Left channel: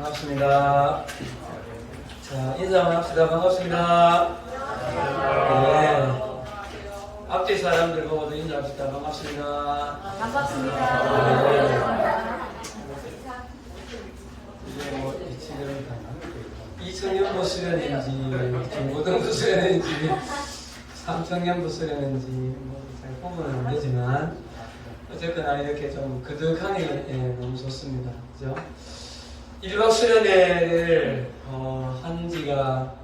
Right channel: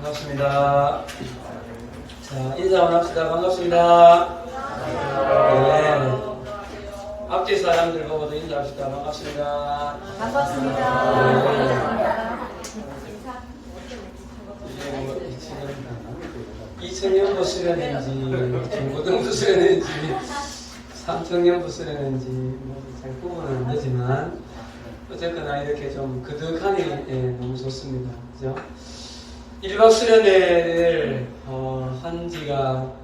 반갑습니다. 자, 인사 한번 합시다. 반갑습니다. 네. 앞뒤 사람들 보고도 인사합시다. 반갑습니다. 반갑습니다. 네. 이게 뭐, 지금 2청년부 수련인지, 중고등부 수련인지, 3청년부 수련인지, 뭐, 잘 구분은 안 되지만, 어쨌거나 이렇게 좀 그득하니 너무 좋습니다. 그죠? 1박 수련회를 한 지가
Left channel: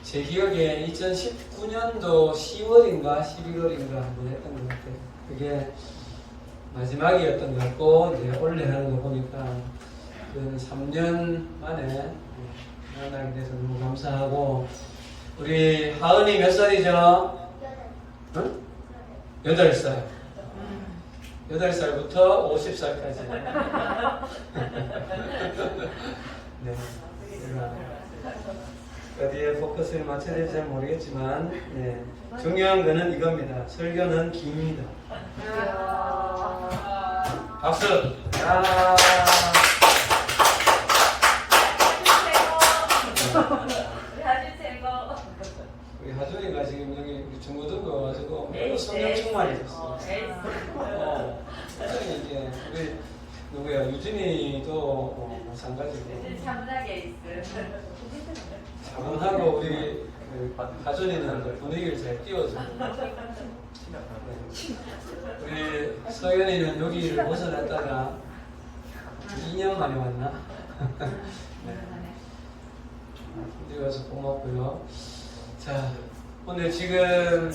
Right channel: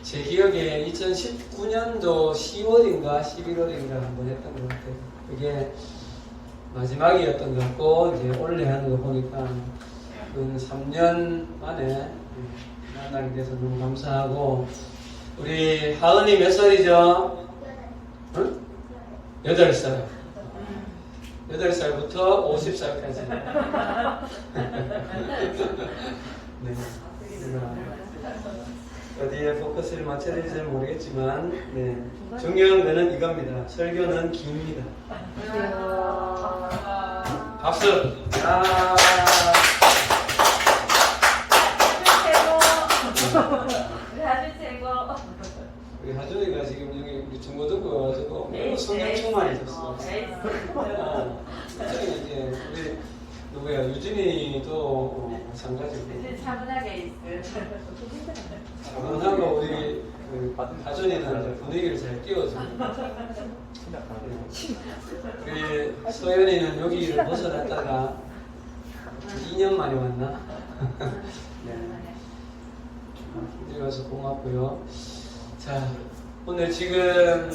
제 기억에 2019년도 10월인가 11월인가 한번 했던 것 같아요. 그게 마지막이었던 것 같고, 이제 올해 하는 거 보니까 3년 만에 만나게 돼서 너무 감사하고, 우리 하은이 몇 살이죠? 응? 8살. 8살부터 50살까지. 네. 제가 어디에 포커스를 맞춰야 될지 모르겠지만, 네. 중요한 거는 이겁니다. 설교는 깁니다. 박수! 아. 우리 하준이가 지금 여기 우리 중고등부 와가지고 매우 성경 충만해졌어. 하준이 이제 우리 누구야 유진이도 마찬가지고. 차분하게 있어. 차분하고 우리 하준이는 분위기를 잘 띄워줘. 우리 소연이는 여기를 벗어났다가 2년 만에 왔나? 네. 우리 가서 고맙고요. 자, 오늘 지금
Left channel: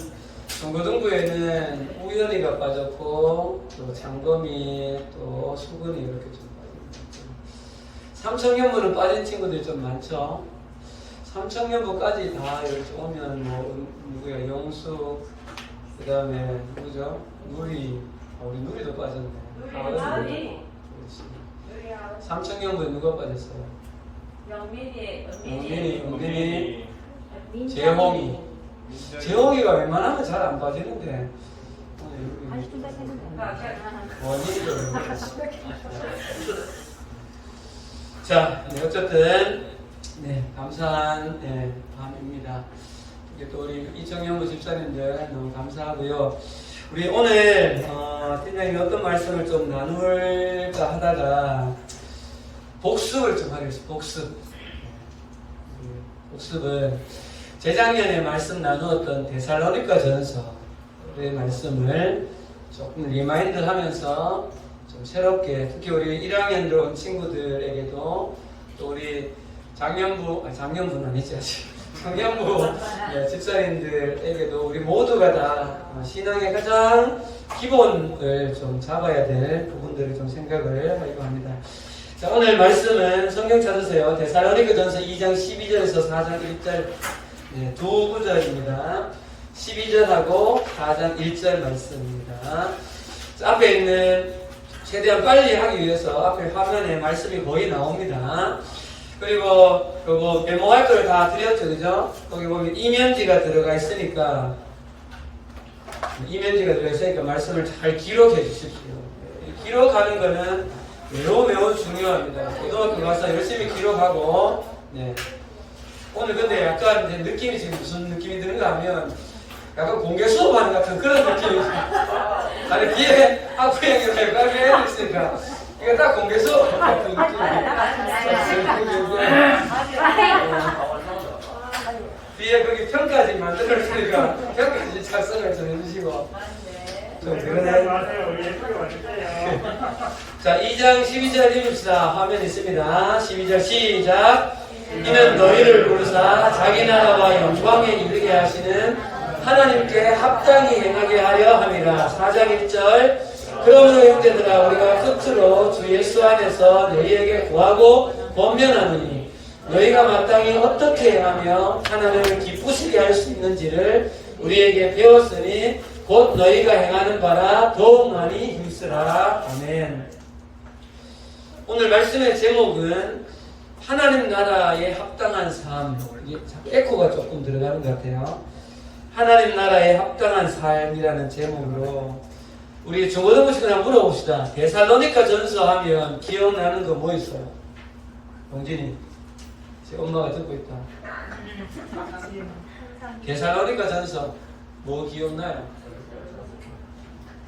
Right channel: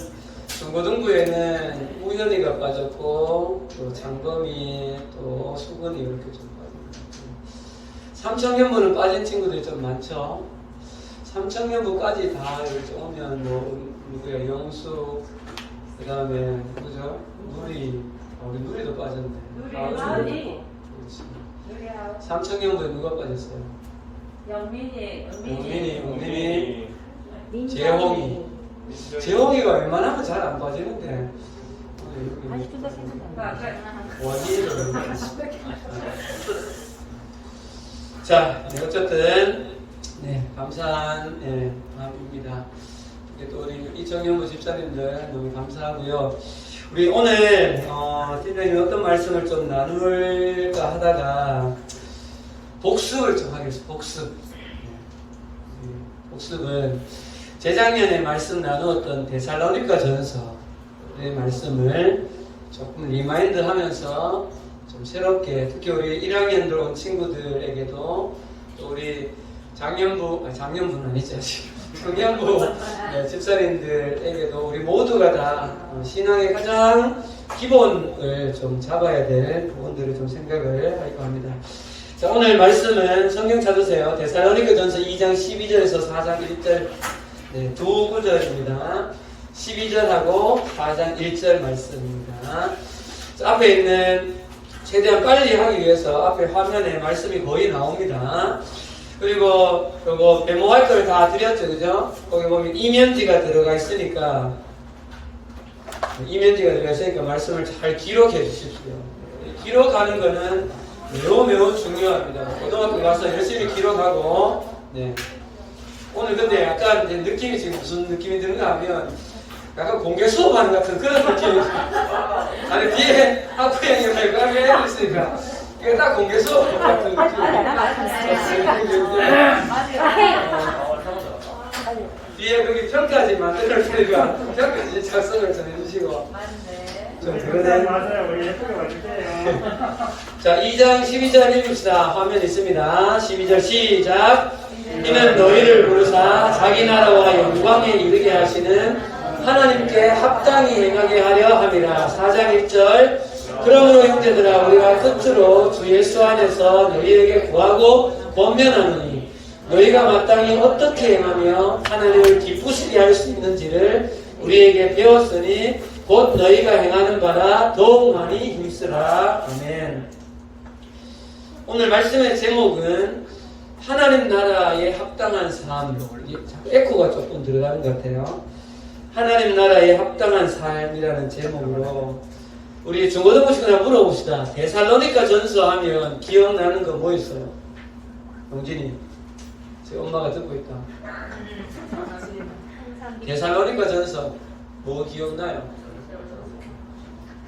중고등부에는 우연이가 빠졌고, 또 장범이, 또 수근이 이렇게 좀 빠지고, 3청년부는 빠진 친구들이 좀 많죠. 3청년부까지 다 이렇게 오면 뭐 누구야, 영수, 그 다음에 누구죠? 누리, 우리 누리도 빠졌네. 누리. 3청년부에 누가 빠졌어요? 영민이. 재홍이가 웬만하면 잘 안 빠지는데 원인을 자, 네, 어쨌든 감사한 밤입니다. 또 우리 이청년부 집사님들 너무 감사하고요. 우리 오늘 팀장님이 어떤 말씀을 좀 나눌까 하다가 복습을 좀 하겠습니다. 복습은 재작년에 말씀 나누었던 데살로니가 전서의 말씀을 조금 리마인드 하면서 좀 새롭게, 특히 우리 1학년 들어온 친구들에게도 또 우리 작년부는 아니지, 청년부 집사님들에게도 우리 모두가 다 신앙의 가장 기본을 좀 잡아야 될 부분들을 좀 생각을 하려고 합니다. 자, 오늘 말씀은 성경 찾으세요. 데살로니가 전서 2장 12절에서 4장 1절, 두 구절입니다. 12절하고 4장 1절 말씀입니다. 자, 앞에 있는, 최대한 빨리 하기 위해서 앞에 화면에 말씀이 거의 나옵니다. 그리고 요거 메모할 걸 다 드렸죠, 그죠? 거기 보면 이면지가 들어가 있으니까 말씀을 잘 기록해 주십시오. 기록하는 거는 매우 중요합니다. 고등학교 가서 열심히 기록하고, 오늘 근데 약간 느낌이 지금 무슨 느낌이 드는가 하면 약간 공개 수업하는 같은 그런 느낌이 아니 뒤에 학부형이랑 깔려 있으니까 이거 딱 공개 수업 같은 느낌이 뒤에 거기 평가지 만들었으니까 평가지 작성을 좀 해주시고 좀 그러네. 맞아요. 우리 예쁘게 와주세요. 자, 2장 12절 읽읍시다. 화면에 있습니다. 12절 시작. 이는 너희를 부르사 자기 나라와 영광에 이르게 하시는 하나님께 합당히 행하게 하려 함이라. 4장 1절. 그러므로 형제들아 우리가 끝으로 주 예수 안에서 너희에게 구하고 권면하노니 너희가 마땅히 어떻게 행하며 하나님을 기쁘시게 할 수 있는지를 우리에게 배웠으니 곧 너희가 행하는 바라 더욱 많이 힘쓰라. 아멘. 오늘 말씀의 제목은 하나님 나라에 합당한 삶. 에코가 조금 들어가는 것 같아요. 하나님 나라에 합당한 삶이라는 제목으로 우리 중고등부 시간에 물어봅시다. 데살로니가 전서 하면 기억나는 거 뭐 있어요? 용진이, 제 엄마가 듣고 있다. 데살로니가 전서 뭐 기억나요?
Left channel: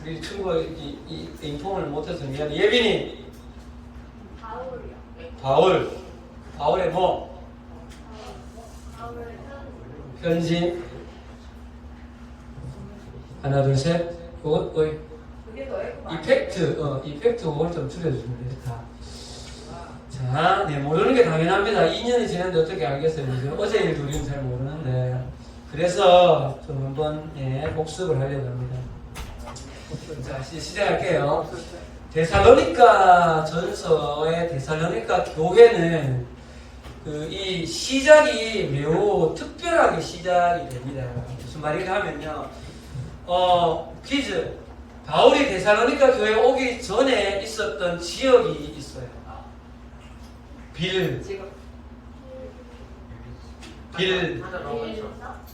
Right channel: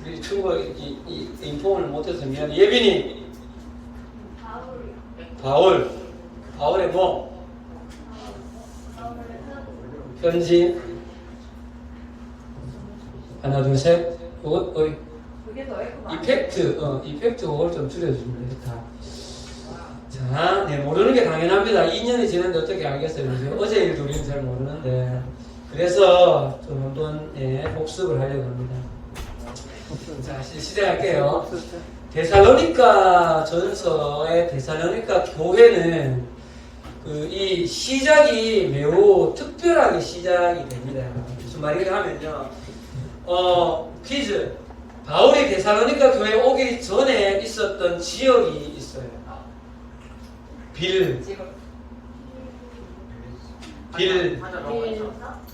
우리 친구가 이 인폼을 못해서 미안. 예빈이. 바울의 뭐? 편지. 하나, 둘, 셋. 이것, 그게 더 예쁘다. 이펙트 그걸 좀 줄여주면 되겠다. 자, 네, 모르는 게 당연합니다. 2년이 지났는데 어떻게 알겠어요? 그죠? 어제 일도 우리는 잘 모르는데. 그래서 좀 한번, 예, 복습을 하려고 합니다. 자, 시작할게요. 데살로니가 전서의 데살로니가 교회는 이 시작이 매우 특별하게 시작이 됩니다. 무슨 말인가 하면요. 퀴즈. 바울이 데살로니가 교회에 오기 전에 있었던 지역이 있어요. 빌.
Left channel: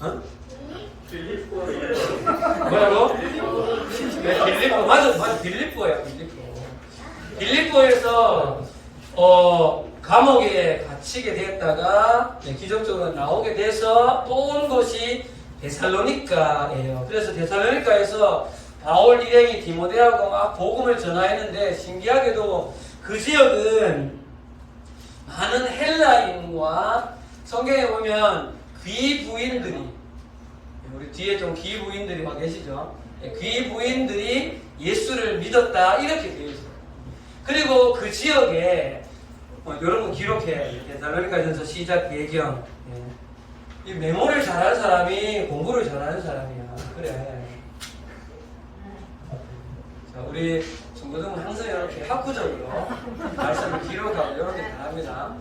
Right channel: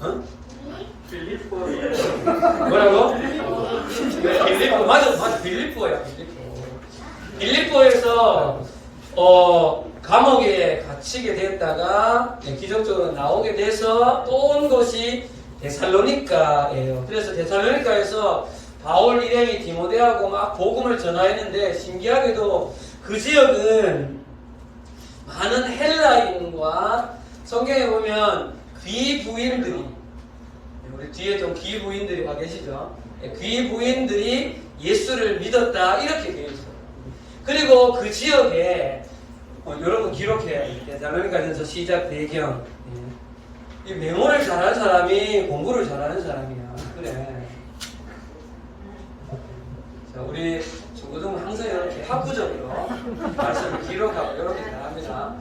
어? 뭐라고? 빌립보. 맞아. 빌립보예요. 빌립보에서 감옥에 갇히게 됐다가 기적적으로 나오게 돼서 또 온 곳이 데살로니가예요. 그래서 데살로니가에서 바울 일행이 디모데하고 막 복음을 전하였는데 신기하게도 그 지역은 많은 헬라인과 성경에 보면 귀부인들이, 우리 뒤에 좀 귀부인들이 와 계시죠? 귀부인들이 예수를 믿었다 이렇게 되어 있어요. 그리고 그 지역에 이런 거 기록해. 데살로니가전서 시작 배경. 이 메모를 잘하는 사람이 공부를 잘하는 사람이야. 그래. 자, 우리 중고등은 항상 이렇게 학구적으로 말씀을 기록하고 이렇게 잘합니다.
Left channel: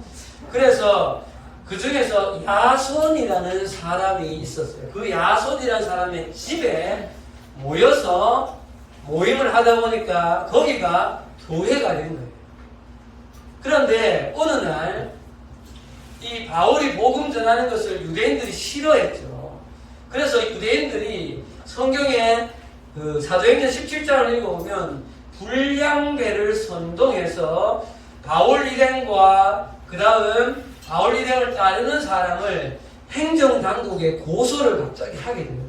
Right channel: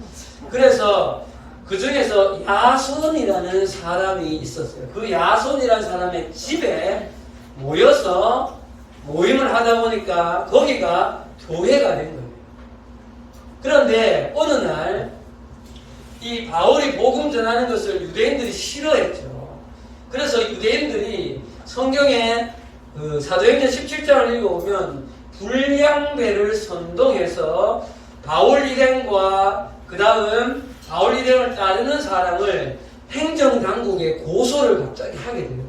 그래서 그 중에서 야손이라는 사람이 있었어요. 그 야손이라는 사람의 집에 모여서 모임을 하다 보니까 거기가 교회가 된 거예요. 그런데 어느 날 이 바울이 복음 전하는 것을 유대인들이 싫어했죠. 그래서 유대인들이 성경에 그 사도행전 17장을 읽어보면 불량배를 선동해서 바울 일행과 그 다음 바울 일행을 따르는 사람을 행정당국에 고소를 갑자기 하게 되었어요.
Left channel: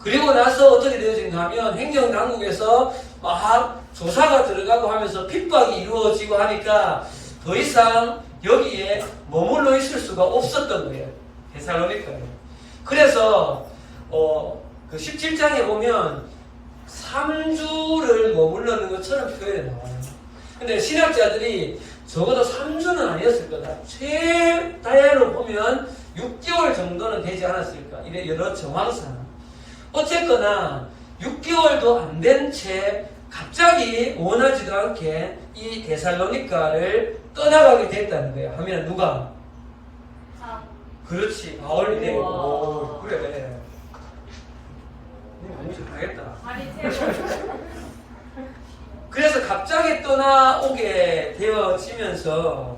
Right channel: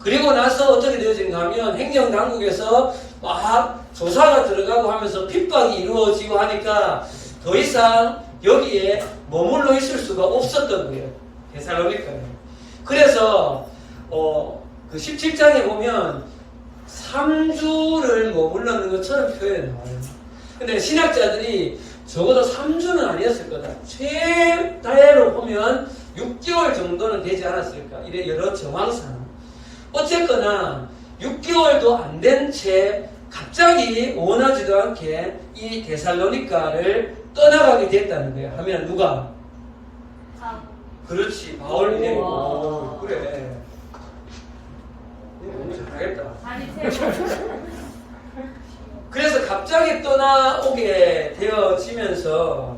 그리고 나서 어떻게 되어진가 하면 행정당국에서 막 조사가 들어가고 하면서 핍박이 이루어지고 하니까 더 이상 여기에 머물러 있을 수가 없었던 거예요. 데살로니가에. 그래서 그 17장에 보면 3주를 머물러는 것처럼 표현이 나와요. 근데 신학자들이 적어도 3주는 아니었을 거다. 최다로 보면 6개월 정도는 되지 않았을까. 이래 여러 정황상. 어쨌거나 6개월도 안 된 채 갑자기 원하지도 않게 이 데살로니가를 떠나가게 됐다는 거예요. 하면 누가? 그렇지. 바울 일행. 그래. 너무 잘하겠다. 그래서 갑자기 떠나오게 되어지면서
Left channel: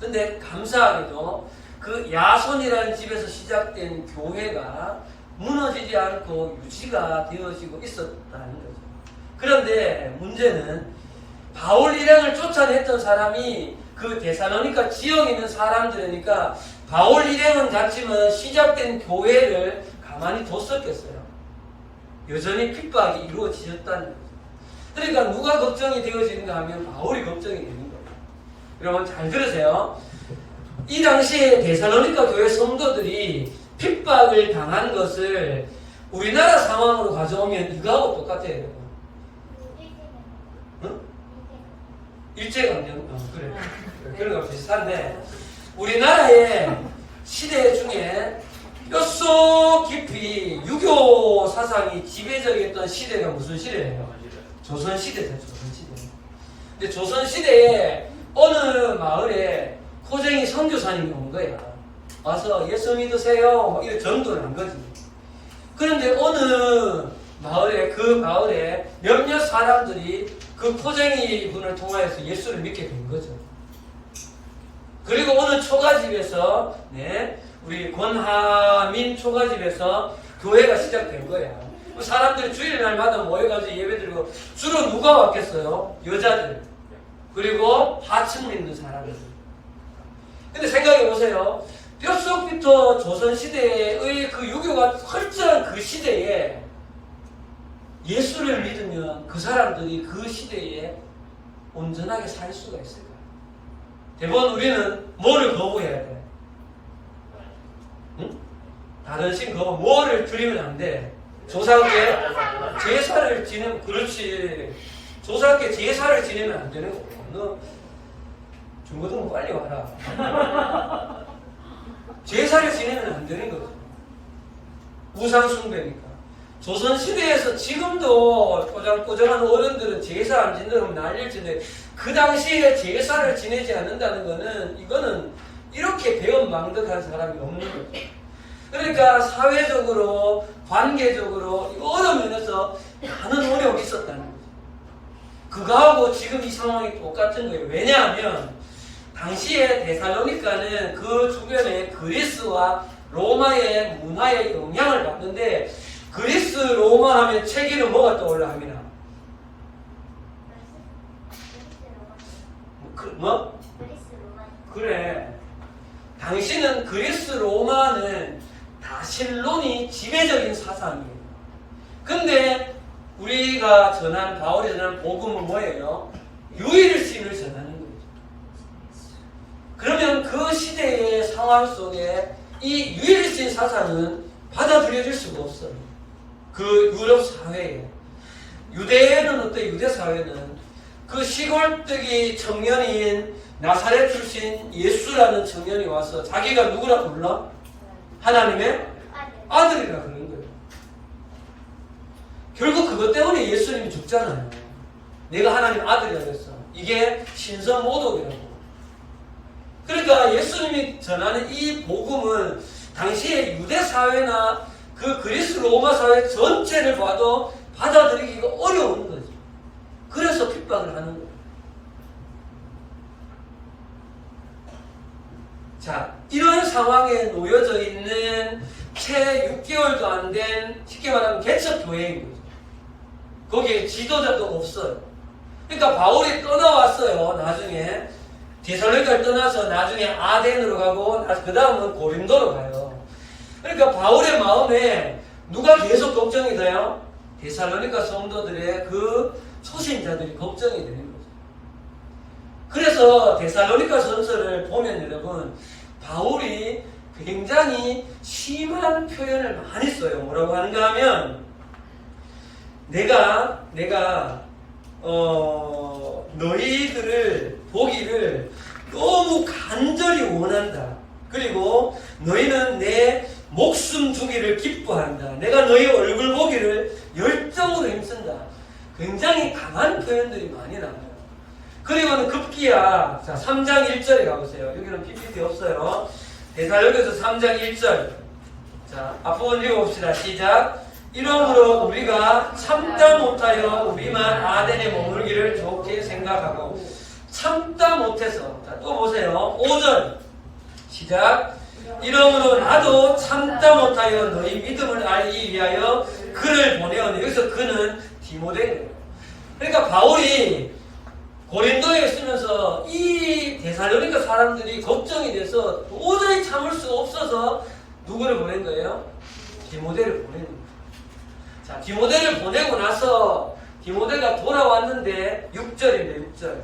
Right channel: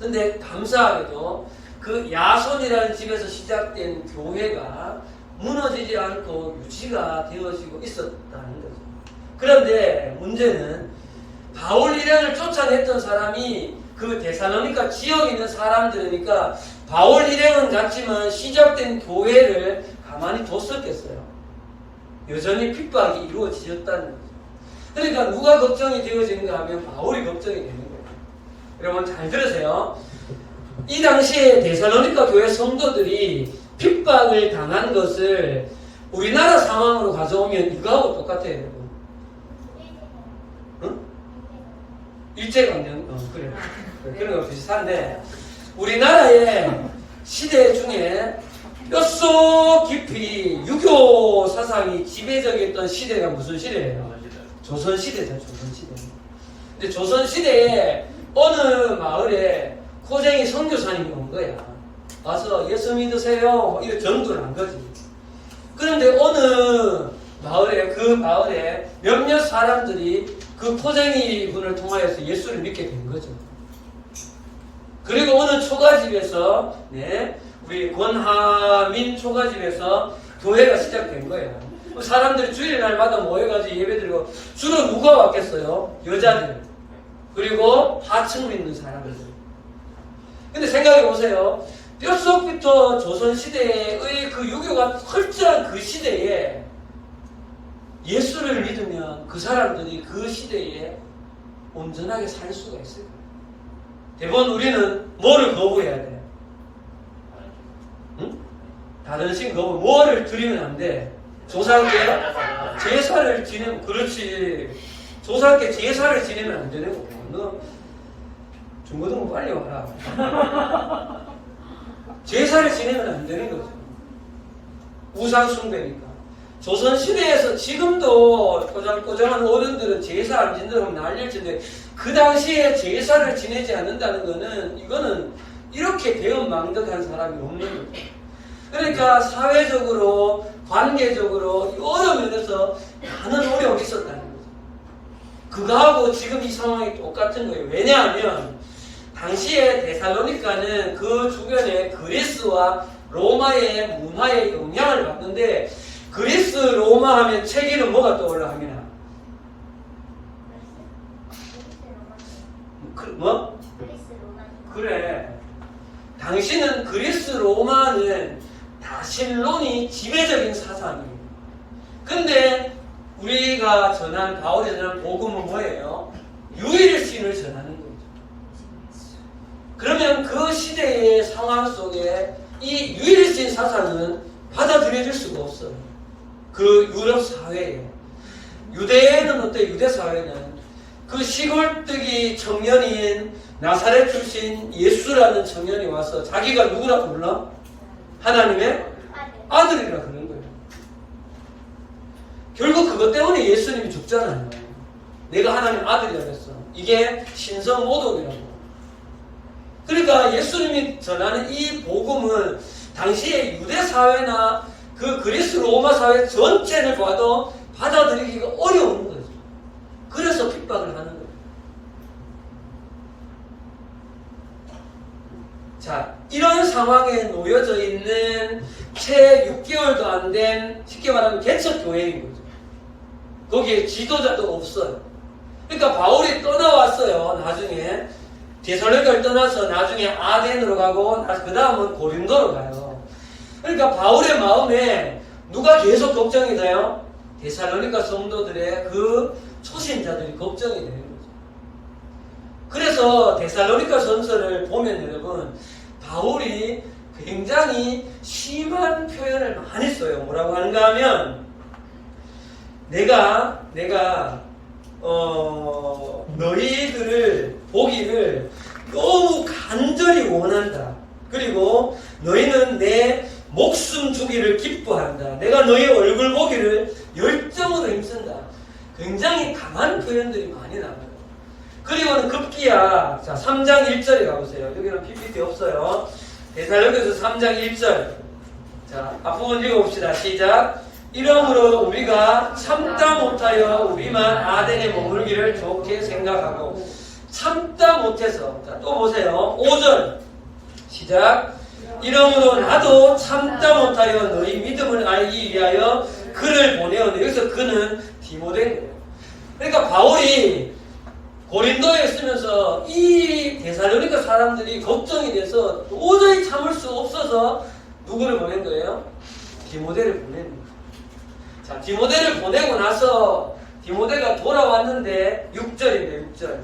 근데 감사하게도 그 야손이라는 집에서 시작된 교회가 무너지지 않고 유지가 되어지고 있었다는 거죠. 그런데 문제는 바울 일행을 쫓아냈던 사람이 그 데살로니가 지역에 있는 사람들이니까 바울 일행은 갔지만 시작된 교회를 가만히 뒀었겠어요. 여전히 핍박이 이루어지셨다는 거죠. 그러니까 누가 걱정이 되어지는가 하면 바울이 걱정이 되는 거예요. 여러분 잘 들으세요. 이 당시에 데살로니가 교회 성도들이 핍박을 당한 것을 우리나라 상황으로 가져오면 이거하고 똑같아요. 여러분. 응? 일제강점 그래. 그런 거 비슷한데 우리나라의 시대 중에 뼛속 깊이 유교 사상이 지배적이었던 시대가 무슨 시대예요? 조선시대죠. 조선시대. 근데 조선시대에 어느 마을에 코쟁이 선교사님이 온 거야. 와서 예수 믿으세요. 뭐 이런 전도를 한 거지. 그런데 어느 마을에 그 마을에 몇몇 사람들이 그 코쟁이 분을 통하여서 예수를 믿게 된 거죠. 그리고 어느 초가집에서 우리 권하민 초가집에서 교회가 시작된 거예요. 사람들이 주일날마다 모여가지고 예배드리고 주로 누가 왔겠어요? 여자들. 그리고 하층 믿는 사람들. 근데 생각해 보세요. 뼛속부터 조선시대의 그 유교가 철저한 그 시대에 예수를 믿으면 그 사람들이 그 시대에 온전하게 살 수가 있을까? 대부분 우리는 뭐를 거부해야 돼? 응? 다른 신 거부, 뭐를 드리면 안 돼? 조상께 제사를 지내면, 그렇지. 조상께 제사를 지내면 안 되는 거고. 너 중고등부 빨리 와라. 제사를 지내면 안 되는 거죠. 우상숭배니까. 조선시대에서 지금도 꼬장꼬장한 어른들은 제사 안 지낸다고 난리를 치는데 그 당시에 제사를 지내지 않는다는 거는 이거는 이렇게 배은망덕한 사람이 없는 거죠. 그러니까 사회적으로 관계적으로 어려운 면에서 많은 어려움이 있었다는 거죠. 그거하고 지금 이 상황이 똑같은 거예요. 왜냐하면 당시에 데살로니가는 그 주변에 그리스와 로마의 문화의 영향을 받는데 그리스 로마 하면 책에는 뭐가 떠올라 합니다. 뭐? 그래. 당시는 그리스 로마는 다 신론이 지배적인 사상이에요. 근데 우리가 전한 바울이 전한 복음은 뭐예요? 유일신을 전하는 거죠. 그러면 그 시대의 상황 속에 이 유일신 사상은 받아들여질 수가 없어요. 그 유럽 사회에. 유대에는 어때? 유대 사회는 그 시골뜨기 청년인 나사렛 출신 예수라는 청년이 와서 자기가 누구라 불러? 하나님의 아들이라 그러는 거예요. 결국 그것 때문에 예수님이 죽잖아요. 내가 하나님 아들이라 그랬어. 이게 신성모독이라고. 그러니까 예수님이 전하는 이 복음은 당시의 유대 사회나 그 그리스 로마 사회 전체를 봐도 받아들이기가 어려운 거죠. 그래서 핍박을 하는 거예요. 자, 이런 상황에 놓여져 있는 채 6개월도 안 된, 쉽게 말하면 개척교회인 거죠. 거기에 지도자도 없어요. 그러니까 바울이 떠나왔어요. 나중에 데살로니가를 떠나서 나중에 아덴으로 가고 그 다음은 고린도로 가요. 그러니까 바울의 마음에 누가 계속 걱정이 돼요? 데살로니가 성도들의 그 초신자들이 걱정이 되는 거죠. 그래서 데살로니가 전서를 보면 여러분 바울이 굉장히 심한 표현을 많이 써요. 뭐라고 하는가 하면 내가 너희들을 보기를 너무 간절히 원한다. 그리고 너희는 내 목숨 주기를 기뻐한다. 내가 너희 얼굴 보기를 열정으로 힘쓴다. 굉장히 강한 표현들이 많이 나와요. 그리고는 급기야, 자, 3장 1절에 가보세요. 여기는 PPT 없어요. 데살로니가서 3장 1절. 자, 앞부분 읽어봅시다. 시작. 이러므로 우리가 참다 못하여 우리만 아덴에 머물기를 좋게 생각하고 참다 못해서, 자, 또 보세요. 5절. 시작. 이러므로 나도 참다 못하여 너희 믿음을 알기 위하여 그를 보내었는데 여기서 그는 디모데예요. 그러니까 바울이 고린도에 있으면서 이 데살로니가 사람들이 걱정이 돼서 도저히 참을 수 없어서 누구를 보낸 거예요? 디모데를 보낸 거예요. 자, 디모데를 보내고 나서 디모데가 돌아왔는데 6절입니다. 6절.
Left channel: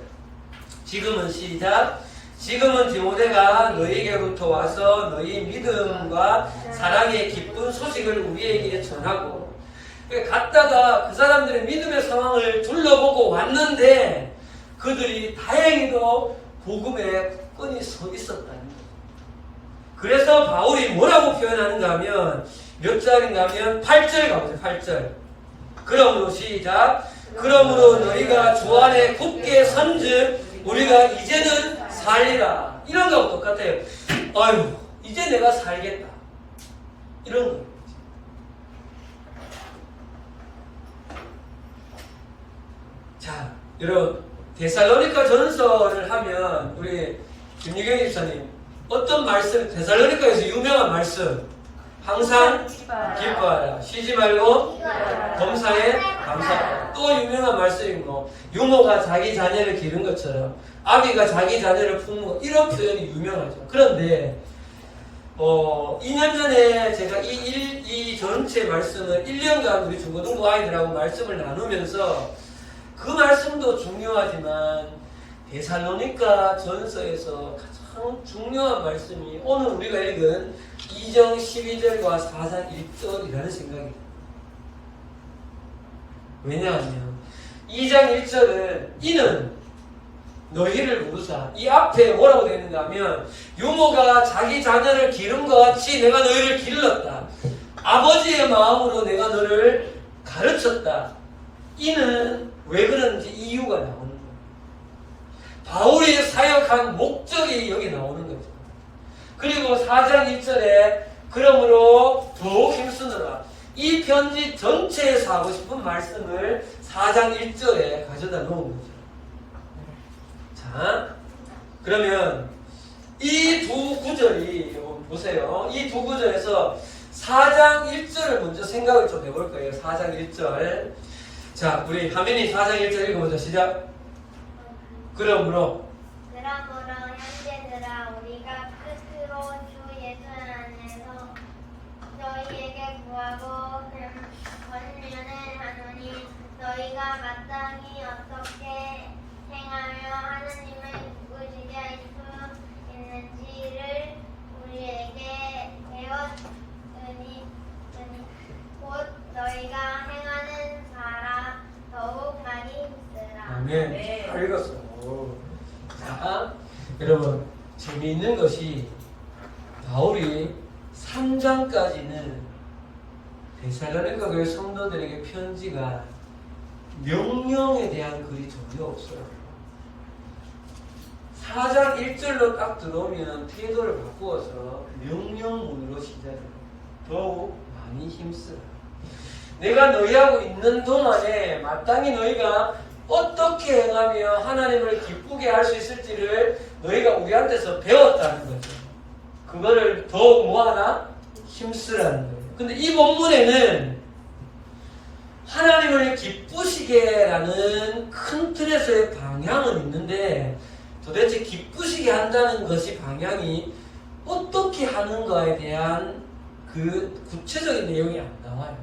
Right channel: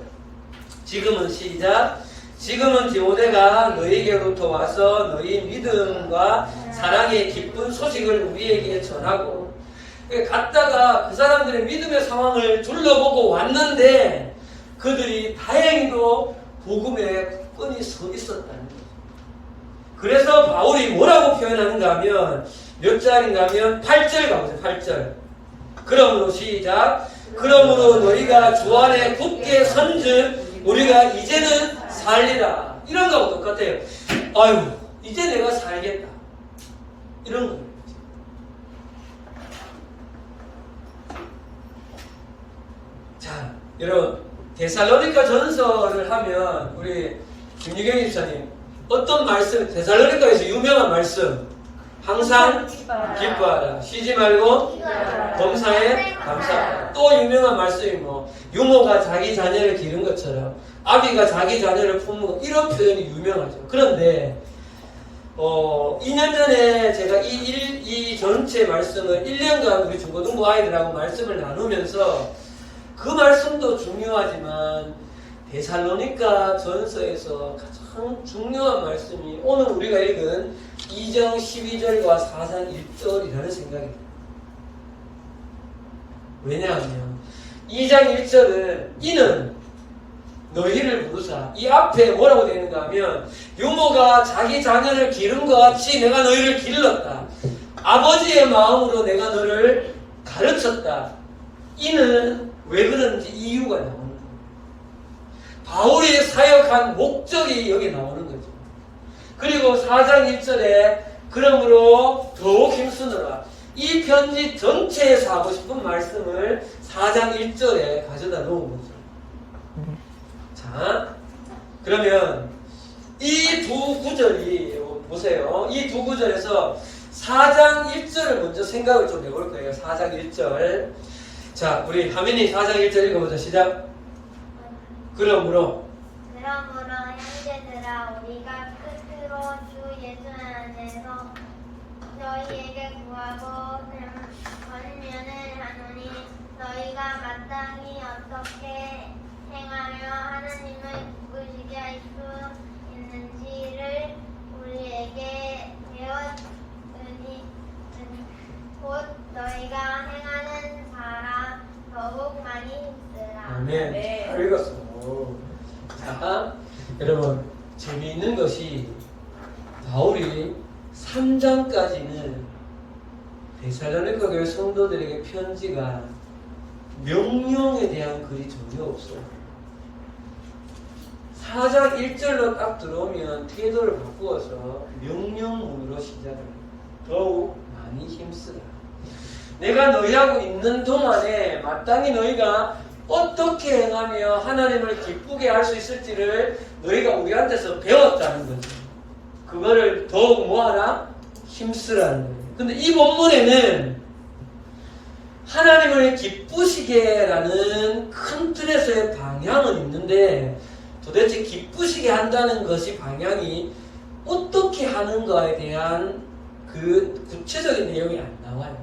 지금은 시작. 지금은 디모데가 너희에게로부터 와서 너희 믿음과 사랑의 기쁜 소식을 우리에게 전하고 갔다가 그 사람들의 믿음의 상황을 둘러보고 왔는데 그들이 다행히도 복음에 끈이 서 있었다는 거죠. 그래서 바울이 뭐라고 표현하는가 하면 몇 절인가 하면 8절 가보세요. 8절. 그러므로 시작. 그러므로 너희가 주 안에 굳게 선즉 우리가 이제는 살리라. 이런 거하고 똑같아요. 아유, 이제 내가 살겠다. 이런 거예요. 자, 여러분, 데살로니가 전서를 하면 우리 김유경 집사님 어떤 말씀, 데살로니가에서 유명한 말씀 항상 기뻐하라. 쉬지 말고 범사에 감사하라. 또 유명한 말씀이 뭐 유모가 자기 자녀를 기른 것처럼 아비가 자기 자녀를 품는 것, 이런 표현이 유명하죠. 그런데 2년 전에 제가 이 전체 말씀을 1년간 우리 중고등부 아이들하고 말씀을 나누면서 그 말씀도 중요하지만 데살로니가 전서에서 가장 중요한 말씀이 오늘 우리가 읽은 2장 12절과 4장 1절이라는 생각이 듭니다. 왜냐하면 2장 1절은 이는 너희를 부르사, 이 앞에 뭐라고 되어 있는가 하면 유모가 자기 자녀를 기른 것 같이 내가 너희를 길렀다. 아버지의 마음으로 내가 너를 가르쳤다. 이는 왜 그런지 이유가 나오는 거예요. 바울이 사역한 목적이 여기 나오는 거죠. 그리고 4장 1절에 그러므로 더욱 힘쓰느라, 이 편지 전체에서 하고 싶은 말씀을 4장 1절에 가져다 놓은 거죠. 자, 그러면 이 두 구절이 보세요. 이 두 구절에서 4장 1절을 먼저 생각을 좀 해볼 거예요. 4장 1절. 자, 우리 하민이 4장 1절 읽어보자. 시작. 그러므로 형제들아, 우리가 끝으로 주 예수 안에서 너희에게 구하고 권면을 하노니, 너희가 마땅히 어떻게 행하며 하나님을 기쁘시게 할 수 있는지를 우리에게 배웠으니 곧 너희가 행하는 바라 더욱 많이 힘쓰라. 아멘. 네. 잘 읽었어. 자, 여러분, 재미있는 것이 바울이 3장까지는 데살로니가 교회 성도들에게 편지가 명령에 대한 글이 전혀 없어요. 4장 1절로 딱 들어오면 태도를 바꾸어서 명령문으로 시작합니다. 더욱 많이 힘쓰라. 내가 너희하고 있는 동안에 마땅히 너희가 어떻게 행하며 하나님을 기쁘게 할 수 있을지를 너희가 우리한테서 배웠다는 거죠. 그거를 더욱 뭐하라? 힘쓰라는 거예요. 근데 이 본문에는 하나님을 기쁘시게라는 큰 틀에서의 방향은 있는데 도대체 기쁘시게 한다는 것이 방향이 어떻게 하는가에 대한 그 구체적인 내용이 안 나와요.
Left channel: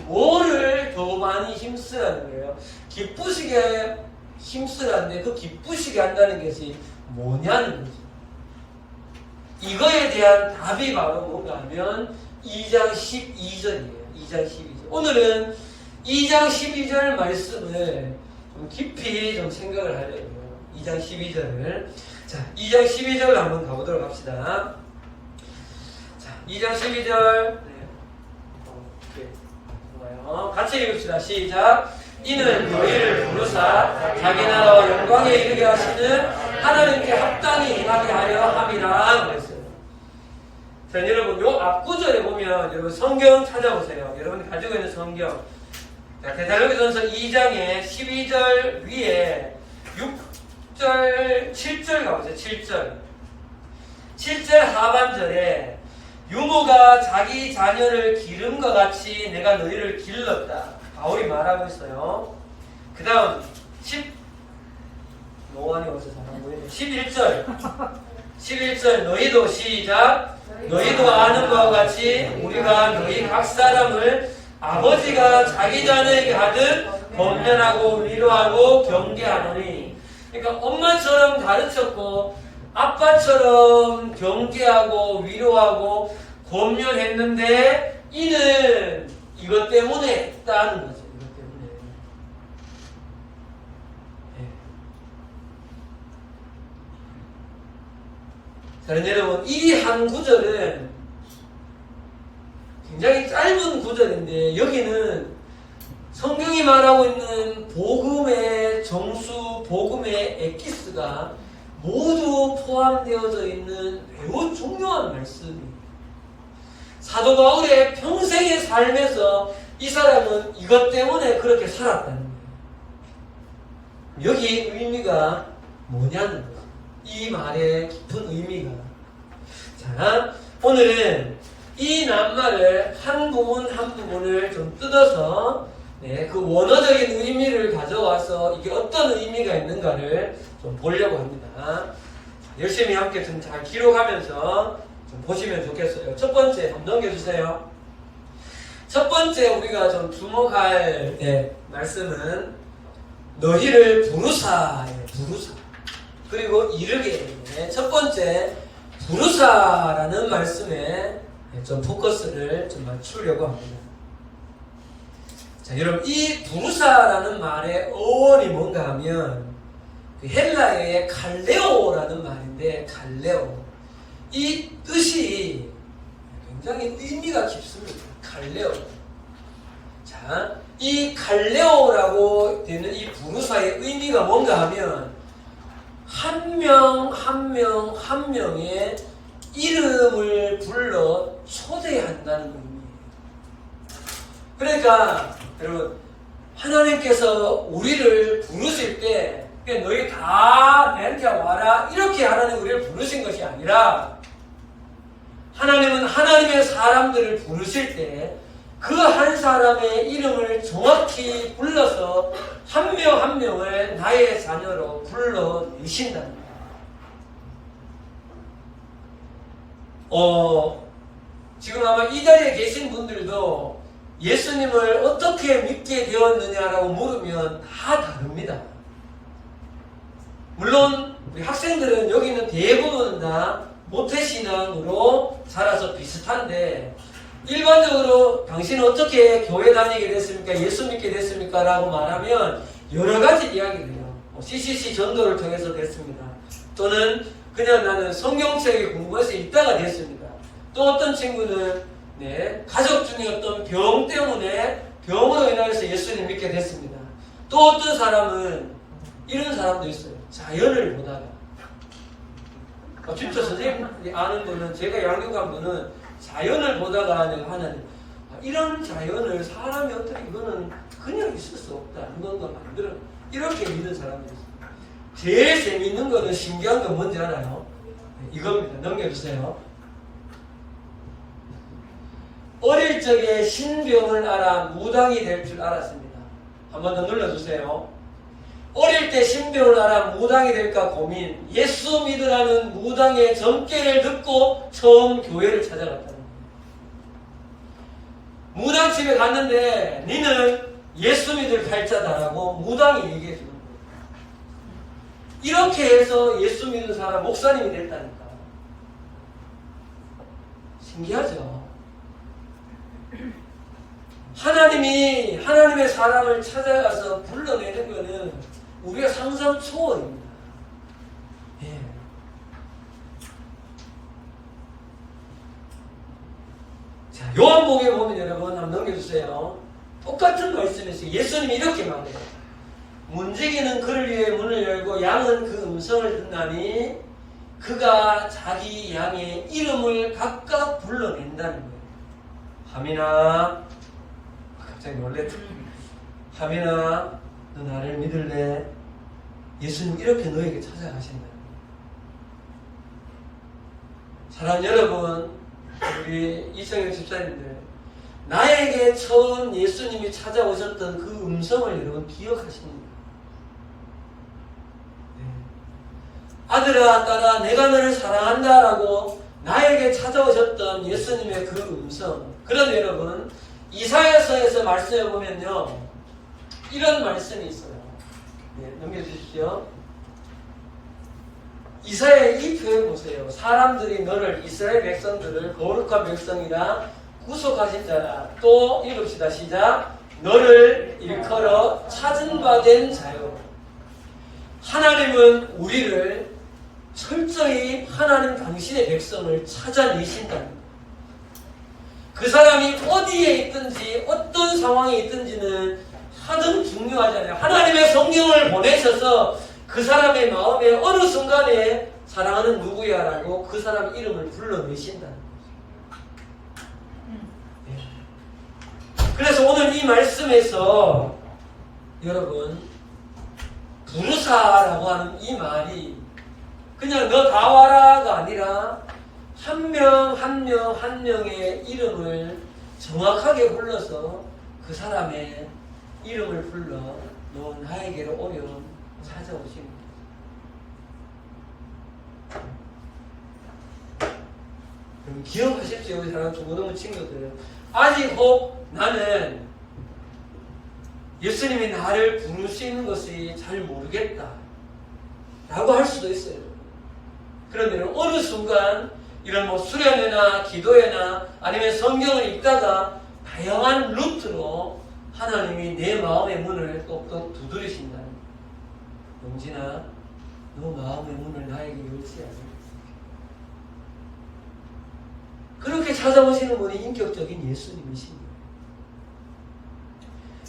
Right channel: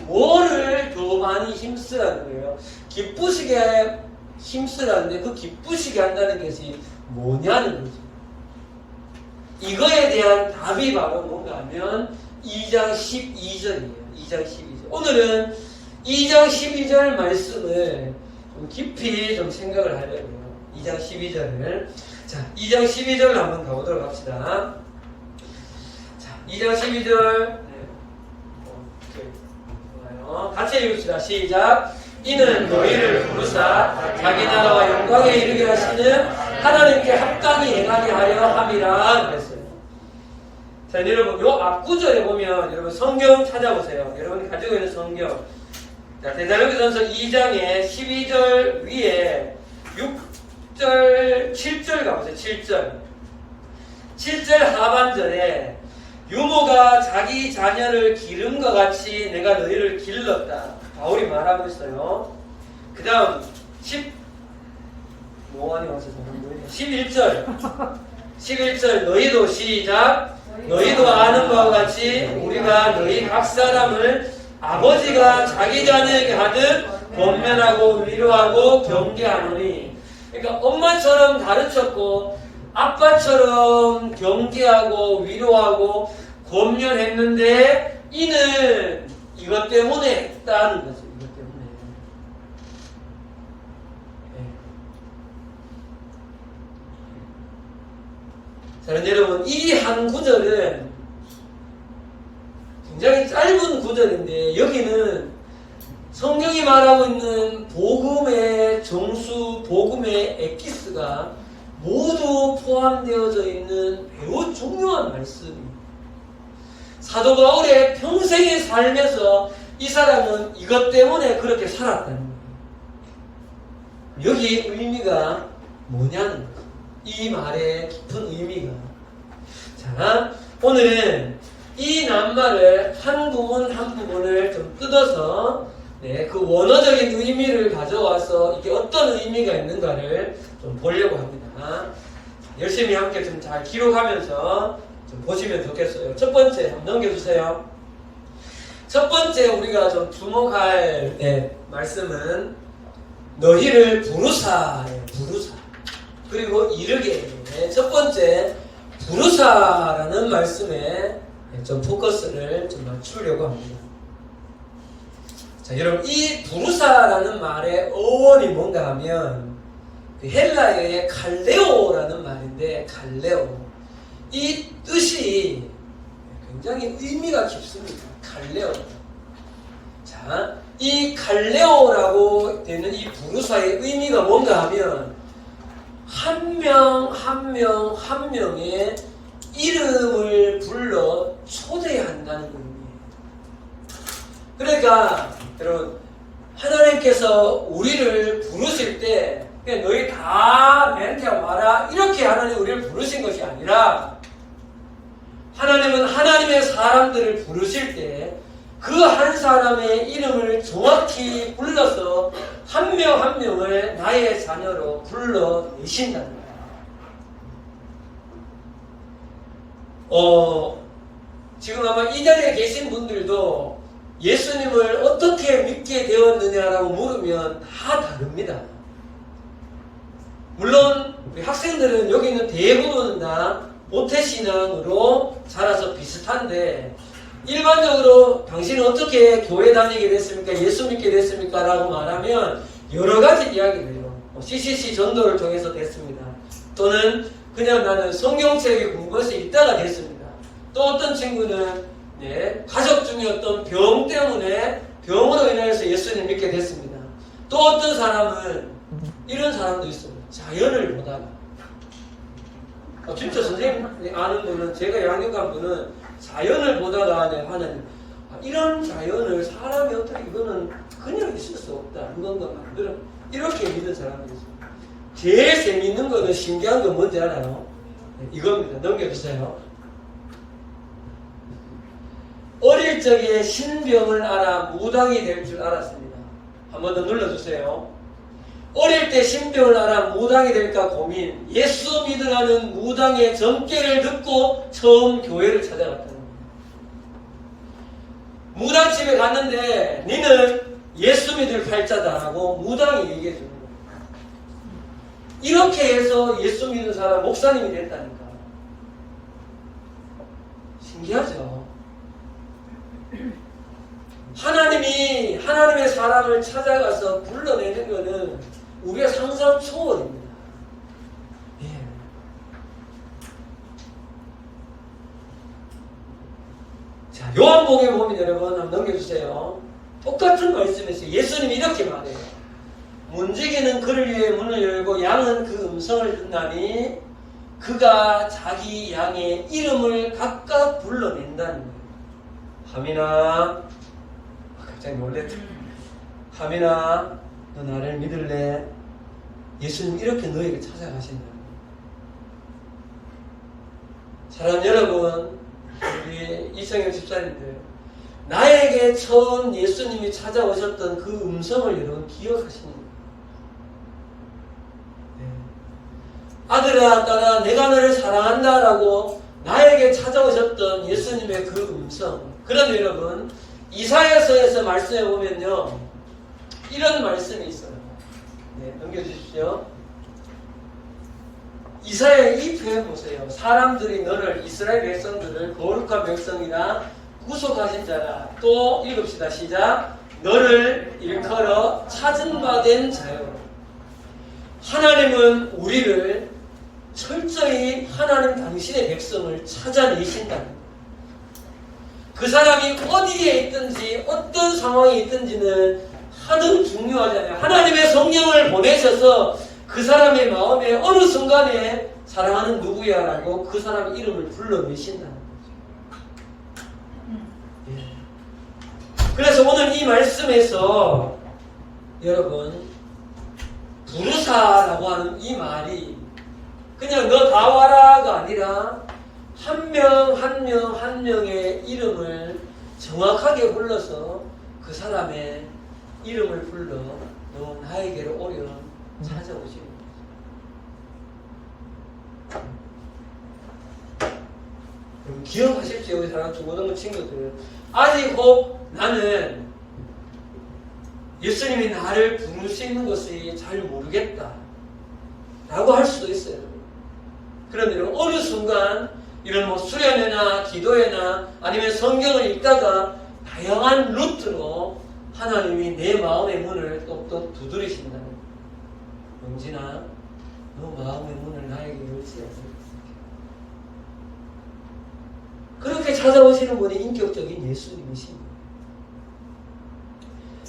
뭐를 더 많이 힘쓰라는 거예요? 기쁘시게 힘쓰라는데 그 기쁘시게 한다는 것이 뭐냐는 거죠. 이거에 대한 답이 바로 뭔가 하면 2장 12절이에요. 2장 12절. 오늘은 2장 12절 말씀을 좀 깊이 좀 생각을 하려고요. 2장 12절을. 자, 2장 12절 한번 가보도록 합시다. 자, 2장 12절. 같이 읽읍시다. 시작. 이는 너희를 부르사 자기 나라와 영광에 이르게 하시는 하나님께 합당히 행하게 하려 함이라 그랬어요. 자, 여러분 요 앞구절에 보면 여러분 성경 찾아보세요. 여러분이 가지고 있는 성경. 데살로니가전서 2장의 12절 위에 6절, 7절 가보세요. 7절. 7절 하반절에 유모가 자기 자녀를 기름과 같이 내가 너희를 길렀다. 바울이 말하고 있어요. 그 다음 11절 너희도 시작. 너희도 아는 바와 같이 우리가 너희 각 사람을 아버지가 자기 자녀에게 하듯 권면하고 위로하고 경계하노니. 그러니까 엄마처럼 가르쳤고 아빠처럼 경계하고 위로하고 권면했는데 이는 이것 때문에 했다는 거죠. 이것 때문에. 자, 여러분 이 한 구절은 굉장히 짧은 구절인데 여기는 성경이 말하고 있는 복음의 정수, 복음의 엑기스가 모두 포함되어져 있는 매우 중요한 말씀입니다. 사도 바울의 평생의 삶에서 이 사람은 이것 때문에 그렇게 살았다는 거예요. 여기 의미가 뭐냐는 거예요. 이 말의 깊은 의미가. 자, 오늘은 이 낱말을 한 부분 한 부분을 좀 뜯어서 네, 그 원어적인 의미를 가져와서 이게 어떤 의미가 있는가를 좀 보려고 합니다. 열심히 함께 좀 잘 기록하면서 좀 보시면 좋겠어요. 첫 번째, 한번 넘겨주세요. 첫 번째 우리가 좀 주목할 말씀은 너희를 부르사예요. 부르사. 그리고 이르게. 첫 번째 부르사라는 말씀에 좀 포커스를 좀 맞추려고 합니다. 자, 여러분 이 부르사라는 말의 어원이 뭔가 하면 그 헬라어의 칼레오라는 말인데 칼레오. 이 뜻이 굉장히 의미가 깊습니다. 칼레오. 자, 이 칼레오라고 되는 이 부르사의 의미가 뭔가 하면 한 명 한 명 한 명의 이름을 불러 초대한다는 의미예요. 그러니까 여러분 하나님께서 우리를 부르실 때 그냥 너희 다 내한테 와라 이렇게 하나님 우리를 부르신 것이 아니라 하나님은 하나님의 사람들을 부르실 때 그 한 사람의 이름을 정확히 불러서 한 명 한 명을 나의 자녀로 불러내신다는 거예요. 지금 아마 이 자리에 계신 분들도 예수님을 어떻게 믿게 되었느냐라고 물으면 다 다릅니다. 물론 우리 학생들은 여기 있는 대부분은 다 모태신앙으로 자라서 비슷한데 일반적으로 당신은 어떻게 교회 다니게 됐습니까? 예수 믿게 됐습니까? 라고 말하면 여러 가지 이야기를 해요. CCC 전도를 통해서 됐습니다. 또는 그냥 나는 성경책에 공부해서 있다가 됐습니다. 또 어떤 친구는 가족 중에 어떤 병 때문에 병으로 인하여서 예수님 믿게 됐습니다. 또 어떤 사람은 이런 사람도 있어요. 자연을 보다가 진짜 선생님 아는 분은 제가 양육한 분은 자연을 보다가 하는 이런 자연을 사람이 어떻게 이거는 그냥 있을 수 없다. 이건가 만들어 이렇게 믿는 사람도 있습니다. 제일 재밌는 거는 신기한 건 뭔지 알아요? 이겁니다. 넘겨주세요. 어릴 적에 신병을 알아 무당이 될 줄 알았습니다. 한 번 더 눌러주세요. 어릴 때 신병을 알아 무당이 될까 고민. 예수 믿으라는 무당의 점괘를 듣고 처음 교회를 찾아갔다는 겁니다. 무당집에 갔는데 니는 예수 믿을 팔자다라고 무당이 얘기해 줍니다. 이렇게 해서 예수 믿는 사람 목사님이 됐다니까. 신기하죠? 하나님이 하나님의 사람을 찾아가서 불러내는 것은 우리가 상상 초월입니다. 예. 자, 요한복음에 보면 여러분 한번 넘겨주세요. 똑같은 말씀에서 예수님이 이렇게 말해요. 문지기는 그를 위해 문을 열고 양은 그 음성을 듣나니 그가 자기 양의 이름을 각각 불러낸다는 거예요. 하민아, 갑자기 놀랬죠. 하민아, 너 나를 믿을래? 예수님 이렇게 너에게 찾아가신다. 사랑하는 여러분, 우리 이성현 집사님들, 나에게 처음 예수님이 찾아오셨던 그 음성을 여러분 기억하십니까? 아들아, 딸아, 내가 너를 사랑한다라고 나에게 찾아오셨던 예수님의 그 음성. 그런데 여러분, 이사야서에서 말씀해 보면요, 이런 말씀이 있어요. 넘겨주십시오. 이사야의 이 표현 보세요. 사람들이 너를, 이스라엘 백성들을 거룩한 백성이라 구속하신 자라. 또 읽읍시다. 시작. 너를 일컬어 찾은 바 된 자요. 하나님은 우리를 철저히 하나님 당신의 백성을 찾아내신다는 거예요. 그 사람이 어디에 있든지 어떤 상황에 있든지는 하등 중요하지 않아요. 하나님의 성령을 보내셔서 그 사람의 마음에 어느 순간에 사랑하는 누구야 라고 그 사람의 이름을 불러내신다는 거죠. 그래서 오늘 이 말씀에서 여러분 부르사라고 하는 이 말이 그냥 너 다 와라가 아니라 한 명 한 명 한 명의 이름을 정확하게 불러서 그 사람의 이름을 불러 너 나에게로 오면 찾아오시는 여러분 기억하십시오. 우리 사랑하는 중고등부 친구들. 아직 혹 나는 예수님이 나를 부르시는 것이 잘 모르겠다 라고 할 수도 있어요. 그런데 어느 순간 이런 뭐 수련회나 기도회나 아니면 성경을 읽다가 다양한 루트로 하나님이 내 마음의 문을 똑똑 두드리신다는 영진아 너 마음의 문을 나에게 열쇠야지. 그렇게 찾아오시는 분이 인격적인 예수님이십니다.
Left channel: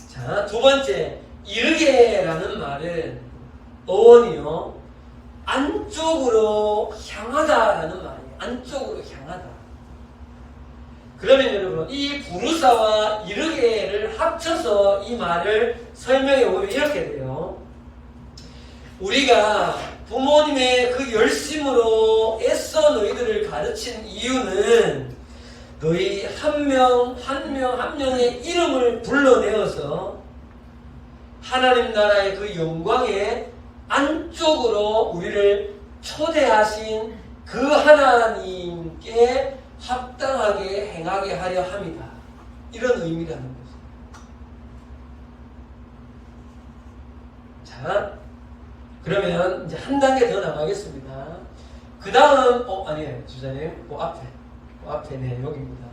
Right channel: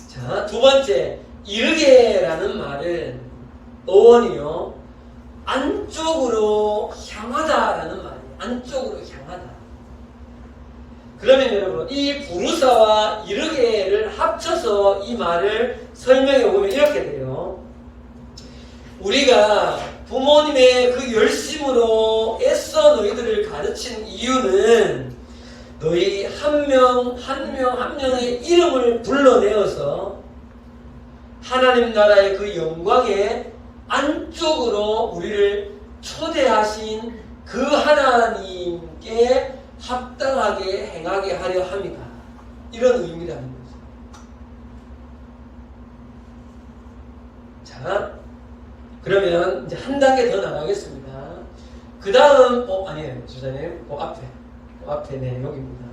자, 두 번째, 이르게라는 말은 어원이요, 안쪽으로 향하다라는 말이에요. 안쪽으로 향하다. 그러면 여러분, 이 부르사와 이르게를 합쳐서 이 말을 설명해 보면 이렇게 돼요. 우리가 부모님의 그 열심으로 애써 너희들을 가르친 이유는 너희 한 명 한 명의 이름을 불러내어서 하나님 나라의 그 영광의 안쪽으로 우리를 초대하신 그 하나님께 합당하게 행하게 하려 합니다. 이런 의미라는 거죠. 자, 그러면 이제 한 단계 더 나가겠습니다. 그 다음, 아니에요, 주자님. 앞에, 네, 여기입니다.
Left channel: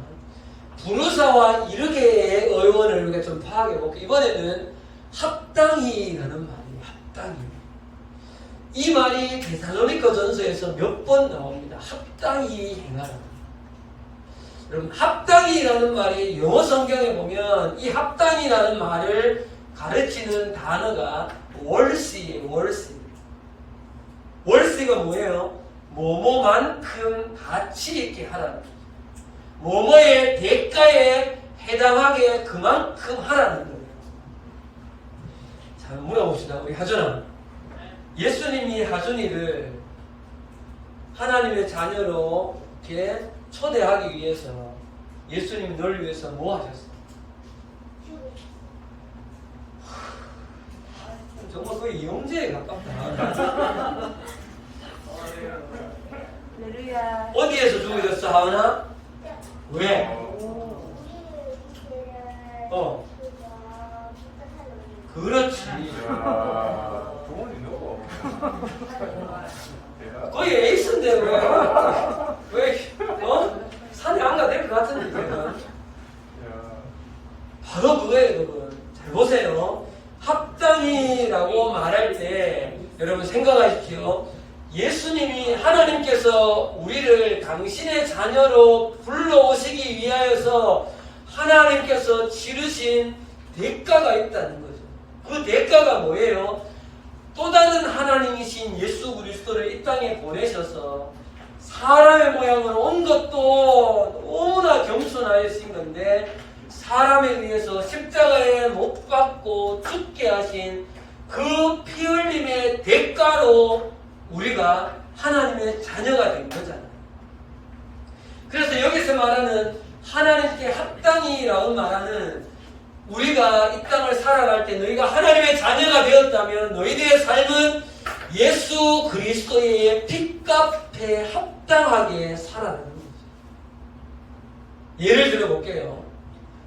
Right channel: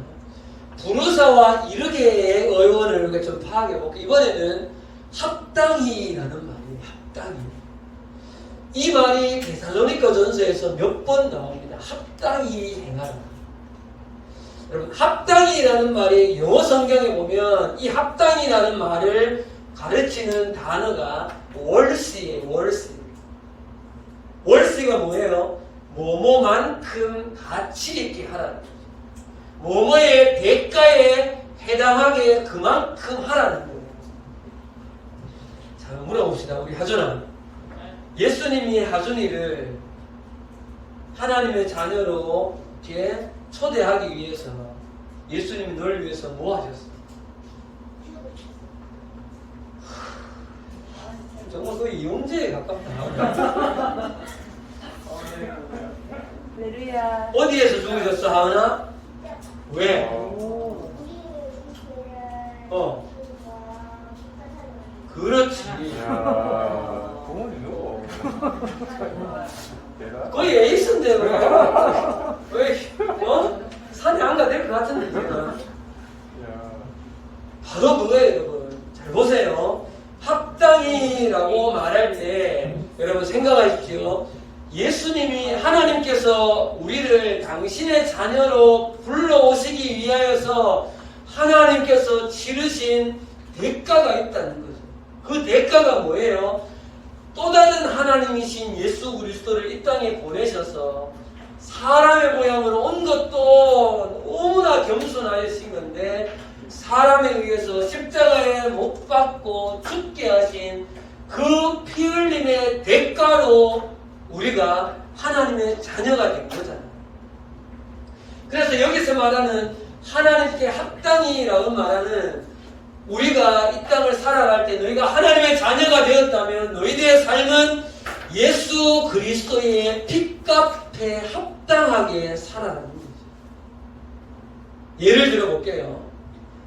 부르사와 이르게의 어원을 우리가 좀 파악해볼게요. 이번에는 합당히라는 말이에요. 합당히. 이 말이 데살로니가 전서에서 몇 번 나옵니다. 합당히 행하라. 여러분, 합당히라는 말이 영어 성경에 보면 이 합당히라는 말을 가르치는 단어가 월시예요. 월시가 뭐예요? 뭐뭐만큼 가치 있게 하라는 거죠. 뭐뭐의 대가에 해당하게 그만큼 하라는 거예요. 자, 물어봅시다. 우리 하준아. 예수님이 하준이를 하나님의 자녀로 이렇게 초대하기 위해서 예수님이 널 위해서 뭐 하셨어? 정말 그 이용제에 가깝다. 할렐루야. 어디에서 죽으셨어, 하은아? 왜? 그렇지. 거의 에이스인데, 왜, 산에 안 가도 될 것 같은데, 제가. 바로 그거예요, 여러분. 잘 보세요. 합당이라고 말할 때, 여러분 생각하십시오. 예수님이 하나님께서 우리를 당신의 자녀로 불러오시기 위하여서 하나님께서 치르신 대가가 있다는 거죠. 그 대가가 뭐예요? 또 다른 하나님이신 예수 그리스도를 이 땅에 보내셔서 사람의 모양으로 온 것도 너무나 겸손하신 건데 사람에 의해서 십자가에 못 박고 죽게 하신 그 피 흘림의 대가로 우리가 하나님의 자녀가 된 거잖아요. 그래서 여기서 말하는 하나님께 합당이라고 말하는 우리가 이 땅을 살아갈 때 너희가 하나님의 자녀가 되었다면 너희들의 삶은 예수 그리스도의 핏값에 합당하게 살아가는 거죠. 예를 들어볼게요.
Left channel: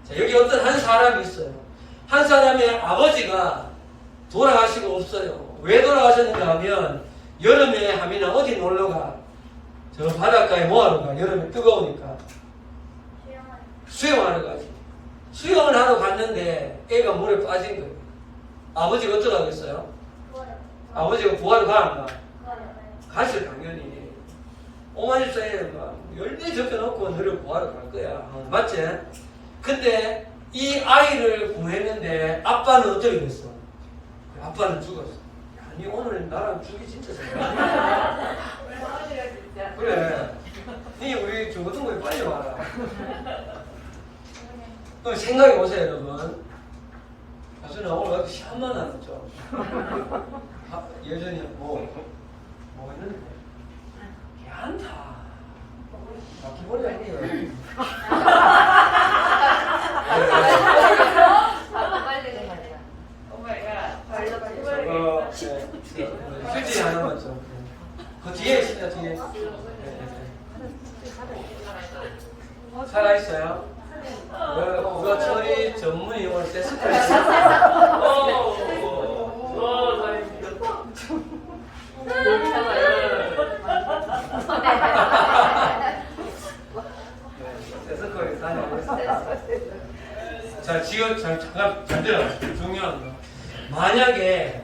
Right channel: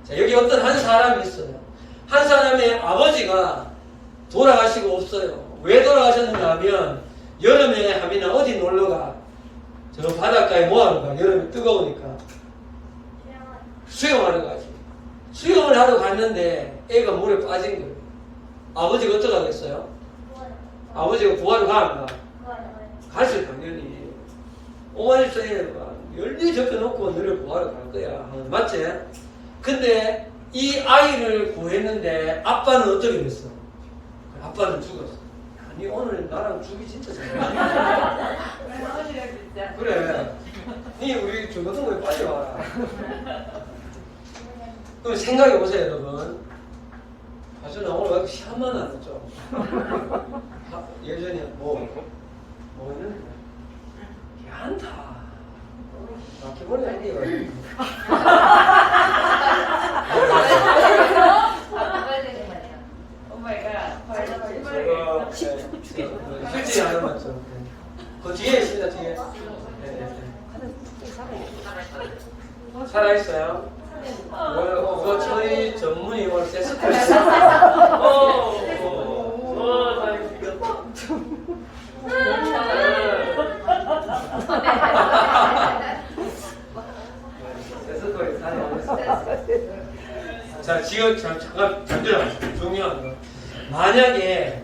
자, 여기 어떤 한 사람이 있어요. 한 사람의 아버지가 돌아가시고 없어요. 왜 돌아가셨는가 하면 여름에 하민아 어디 놀러가? 저 바닷가에 뭐하러 가? 여름에 뜨거우니까 수영하러 가지. 수영을 하러 갔는데 애가 물에 빠진 거예요. 아버지가 어떡하겠어요? 아버지가 구하러 가는가? 가죠 당연히. 어머니도 애가 열대 적혀놓고 너를 구하러 갈 거야. 맞지? 근데 이 아이를 구했는데 아빠는 어떻게 됐어? 아빠는 죽었어. 니 오늘 나랑 죽이 진짜 생각나. 그래. 니 우리 중고등부에 빨리 와라. 그럼 생각해 보세요, 여러분. 아주 나 오늘 왜 이렇게 시간만 안 했죠? 예전에 뭐 있는데? 괜찮다. 막혀버려, 아니에요. 휴지 하나만 좀. 그 뒤에 있습니다, 뒤에. 네, 네. 살아있어요? 오늘 저희 전문이 오늘 테스트를 했어요. 자, 지금 잠깐 들어보세요. 중요한 거. 만약에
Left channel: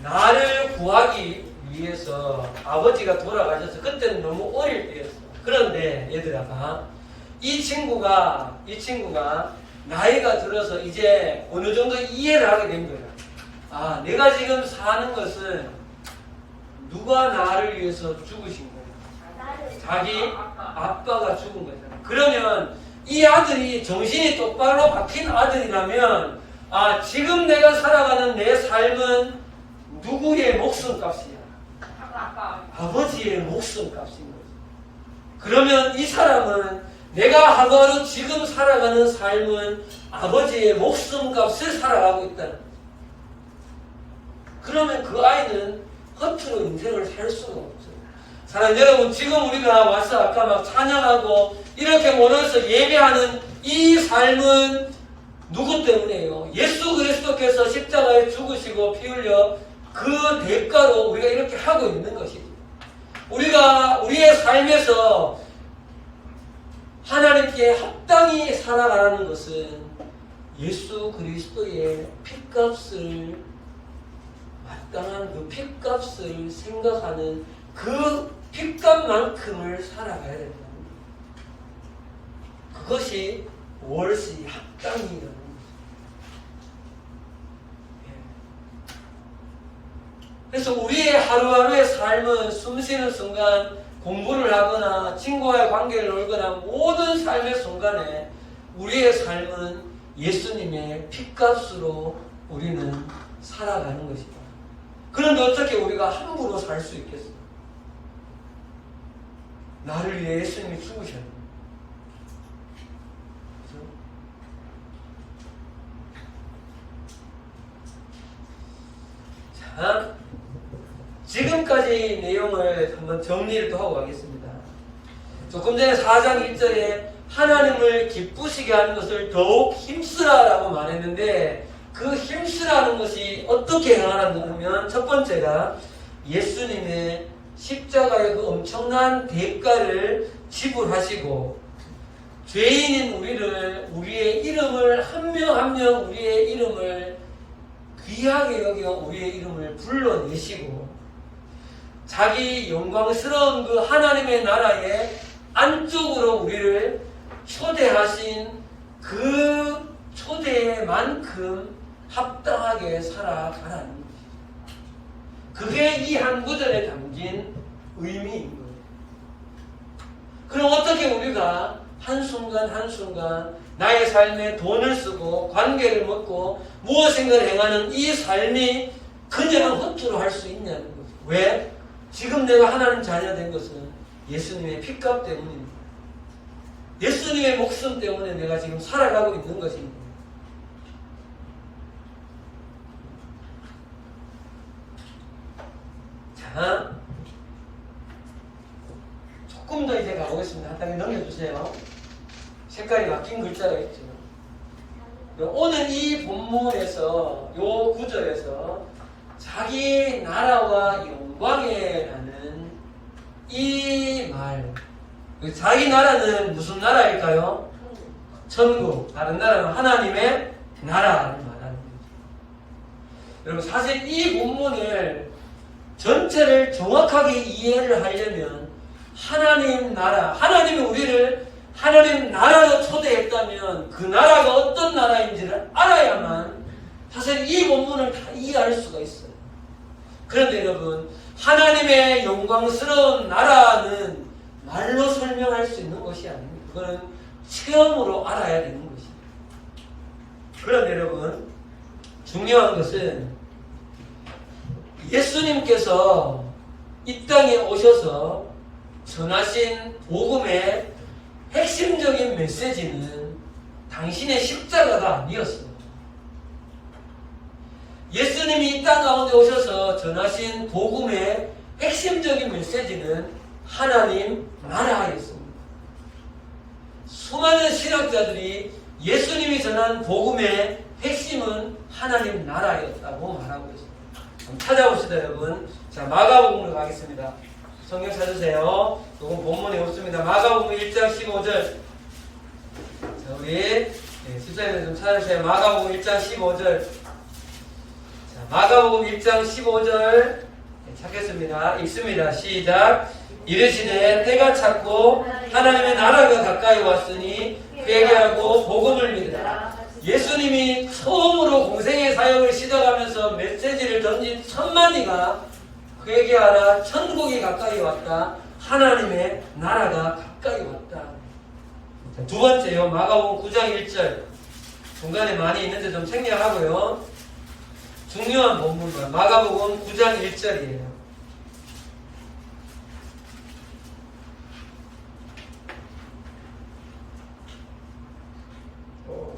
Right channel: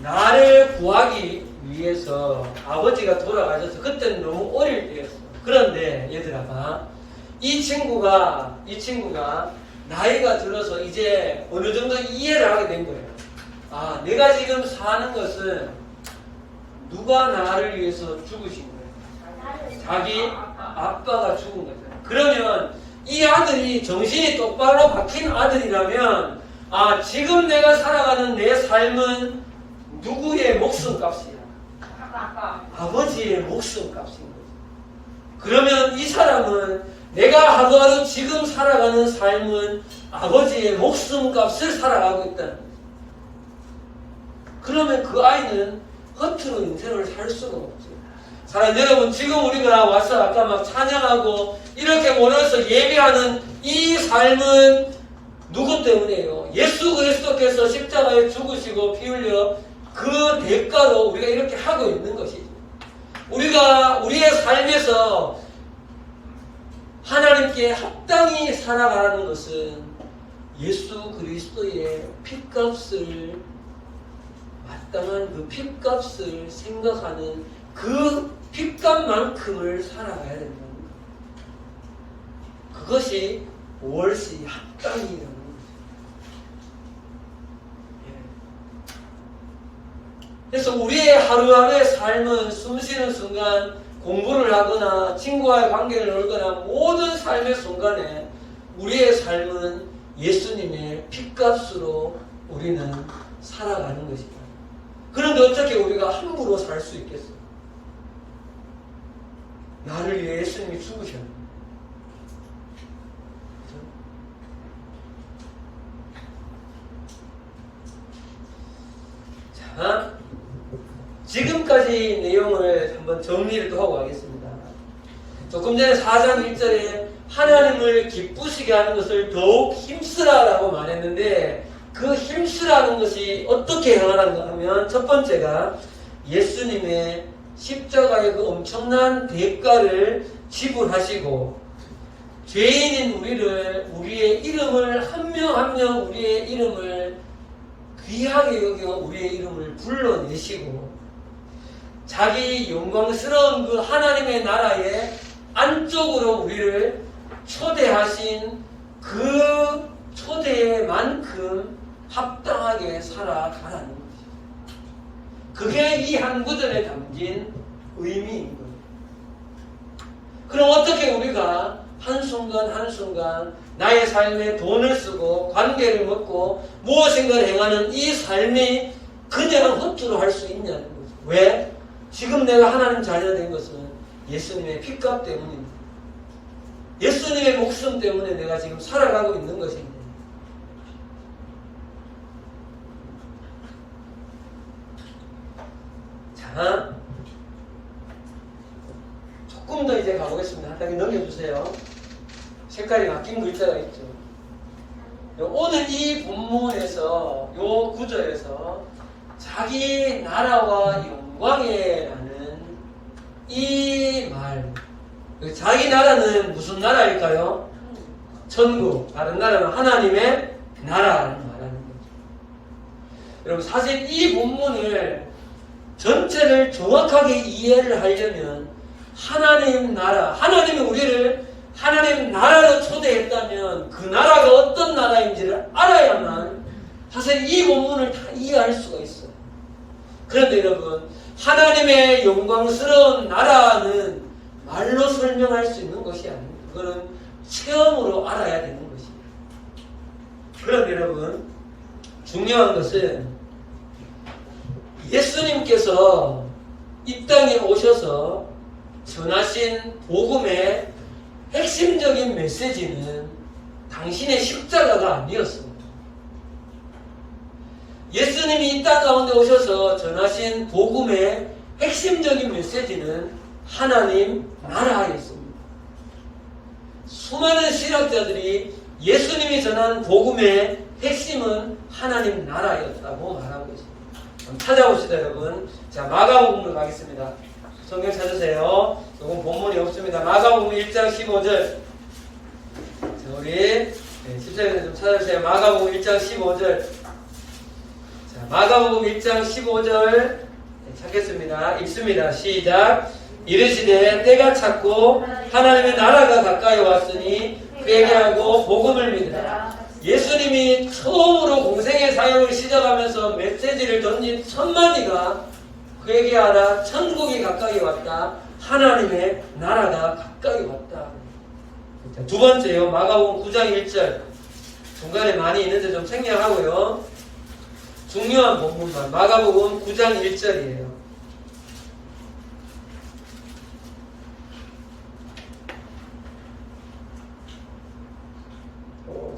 나를 구하기 위해서 아버지가 돌아가셔서 그때는 너무 어릴 때였어. 그런데 얘들아 봐. 이 친구가 나이가 들어서 이제 어느 정도 이해를 하게 된 거야. 아, 내가 지금 사는 것은 누가 나를 위해서 죽으신 거예요? 자기 아빠가 죽은 거죠. 그러면 이 아들이 정신이 똑바로 박힌 아들이라면 아, 지금 내가 살아가는 내 삶은 누구의 목숨값이야? 아버지의 목숨값인 거죠. 그러면 이 사람은 내가 하루하루 지금 살아가는 삶은 아버지의 목숨값을 살아가고 있다는 거죠. 그러면 그 아이는 겉으로 인생을 살 수가 없죠. 사랑하는 여러분, 지금 우리가 와서 아까 막 찬양하고 이렇게 모여서 예배하는 이 삶은 누구 때문이에요? 예수 그리스도께서 십자가에 죽으시고 피 흘려 그 대가로 우리가 이렇게 하고 있는 것이죠. 우리가 우리의 삶에서 하나님께 합당히 살아가라는 것은 예수 그리스도의 핏값을 마땅한 그 핏값을 생각하는 그 핏값만큼을 살아가야 된다는 거예요. 그것이 월시 합당이라는 거죠. 그래서 우리의 하루하루의 삶은 숨쉬는 순간 공부를 하거나 친구와의 관계를 놀거나 모든 삶의 순간에 우리의 삶은 예수님의 핏값으로 우리는 살아가는 것이다. 그런데 어떻게 우리가 함부로 살 수 있겠어? 나를 위해 예수님이 죽으셨네. 그죠? 자, 지금까지 내용을 한번 정리를 또 하고 가겠습니다. 조금 전에 4장 1절에 하나님을 기쁘시게 하는 것을 더욱 힘쓰라라고 말했는데 그 힘쓰라는 것이 어떻게 행하는가 하면 첫 번째가 예수님의 십자가의 그 엄청난 대가를 지불하시고 죄인인 우리의 이름을 한 명 한 명 우리의 이름을 귀하게 여겨 우리의 이름을 불러내시고 자기 영광스러운 그 하나님의 나라의 안쪽으로 우리를 초대하신 그 초대만큼 합당하게 살아가라는 것이죠. 그게 이 한 구절에 담긴 의미인 거예요. 그럼 어떻게 우리가 한순간 한순간 나의 삶에 돈을 쓰고 관계를 먹고 무엇인가를 행하는 이 삶이 그냥 허투루 할 수 있냐는 거죠. 왜? 지금 내가 하나님 자녀 된 것은 예수님의 핏값 때문입니다. 예수님의 목숨 때문에 내가 지금 살아가고 있는 것입니다. 자, 조금 더 이제 가보겠습니다. 한 단계 넘겨주세요. 색깔이 바뀐 글자가 있죠. 오늘 이 본문에서, 요 구절에서 자기 나라와 영광이라는 이 말, 자기 나라는 무슨 나라일까요? 천국. 다른 나라는 하나님의 나라를 말하는 거죠. 여러분, 사실 이 본문을 전체를 정확하게 이해를 하려면 하나님 나라, 하나님이 우리를 하나님 나라로 초대했다면 그 나라가 어떤 나라인지를 알아야만 사실 이 본문을 다 이해할 수가 있어요. 그런데 여러분, 하나님의 영광스러운 나라는 말로 설명할 수 있는 것이 아닙니다. 그건 체험으로 알아야 되는 것입니다. 그런데 여러분, 중요한 것은 예수님께서 이 땅에 오셔서 전하신 복음의 핵심적인 메시지는 당신의 십자가가 아니었습니다. 예수님이 이 땅 가운데 오셔서 전하신 복음의 핵심적인 메시지는 하나님 나라였습니다. 수많은 신학자들이 예수님이 전한 복음의 핵심은 하나님 나라였다고 말하고 있습니다. 한번 찾아봅시다, 여러분. 자, 마가복음으로 가겠습니다. 성경 찾으세요. 이건 본문에 없습니다. 마가복음 1장 15절. 자, 우리 집사님들 좀 찾으세요. 마가복음 1장 15절. 자, 마가복음 1장 15절 찾겠습니다. 읽습니다. 시작. 이르시되 때가 찼고 하나님의 나라가 가까이 왔으니 회개하고 복음을 믿으라. 예수님이 처음으로 공생의 사역을 시작하면서 메시지를 던진 첫 마디가 회개하라, 천국이 가까이 왔다, 하나님의 나라가 가까이 왔다. 두 번째요, 마가복음 9장 1절. 중간에 많이 있는데 좀 생략하고요. 중요한 본문만 마가복음 9장 1절이에요.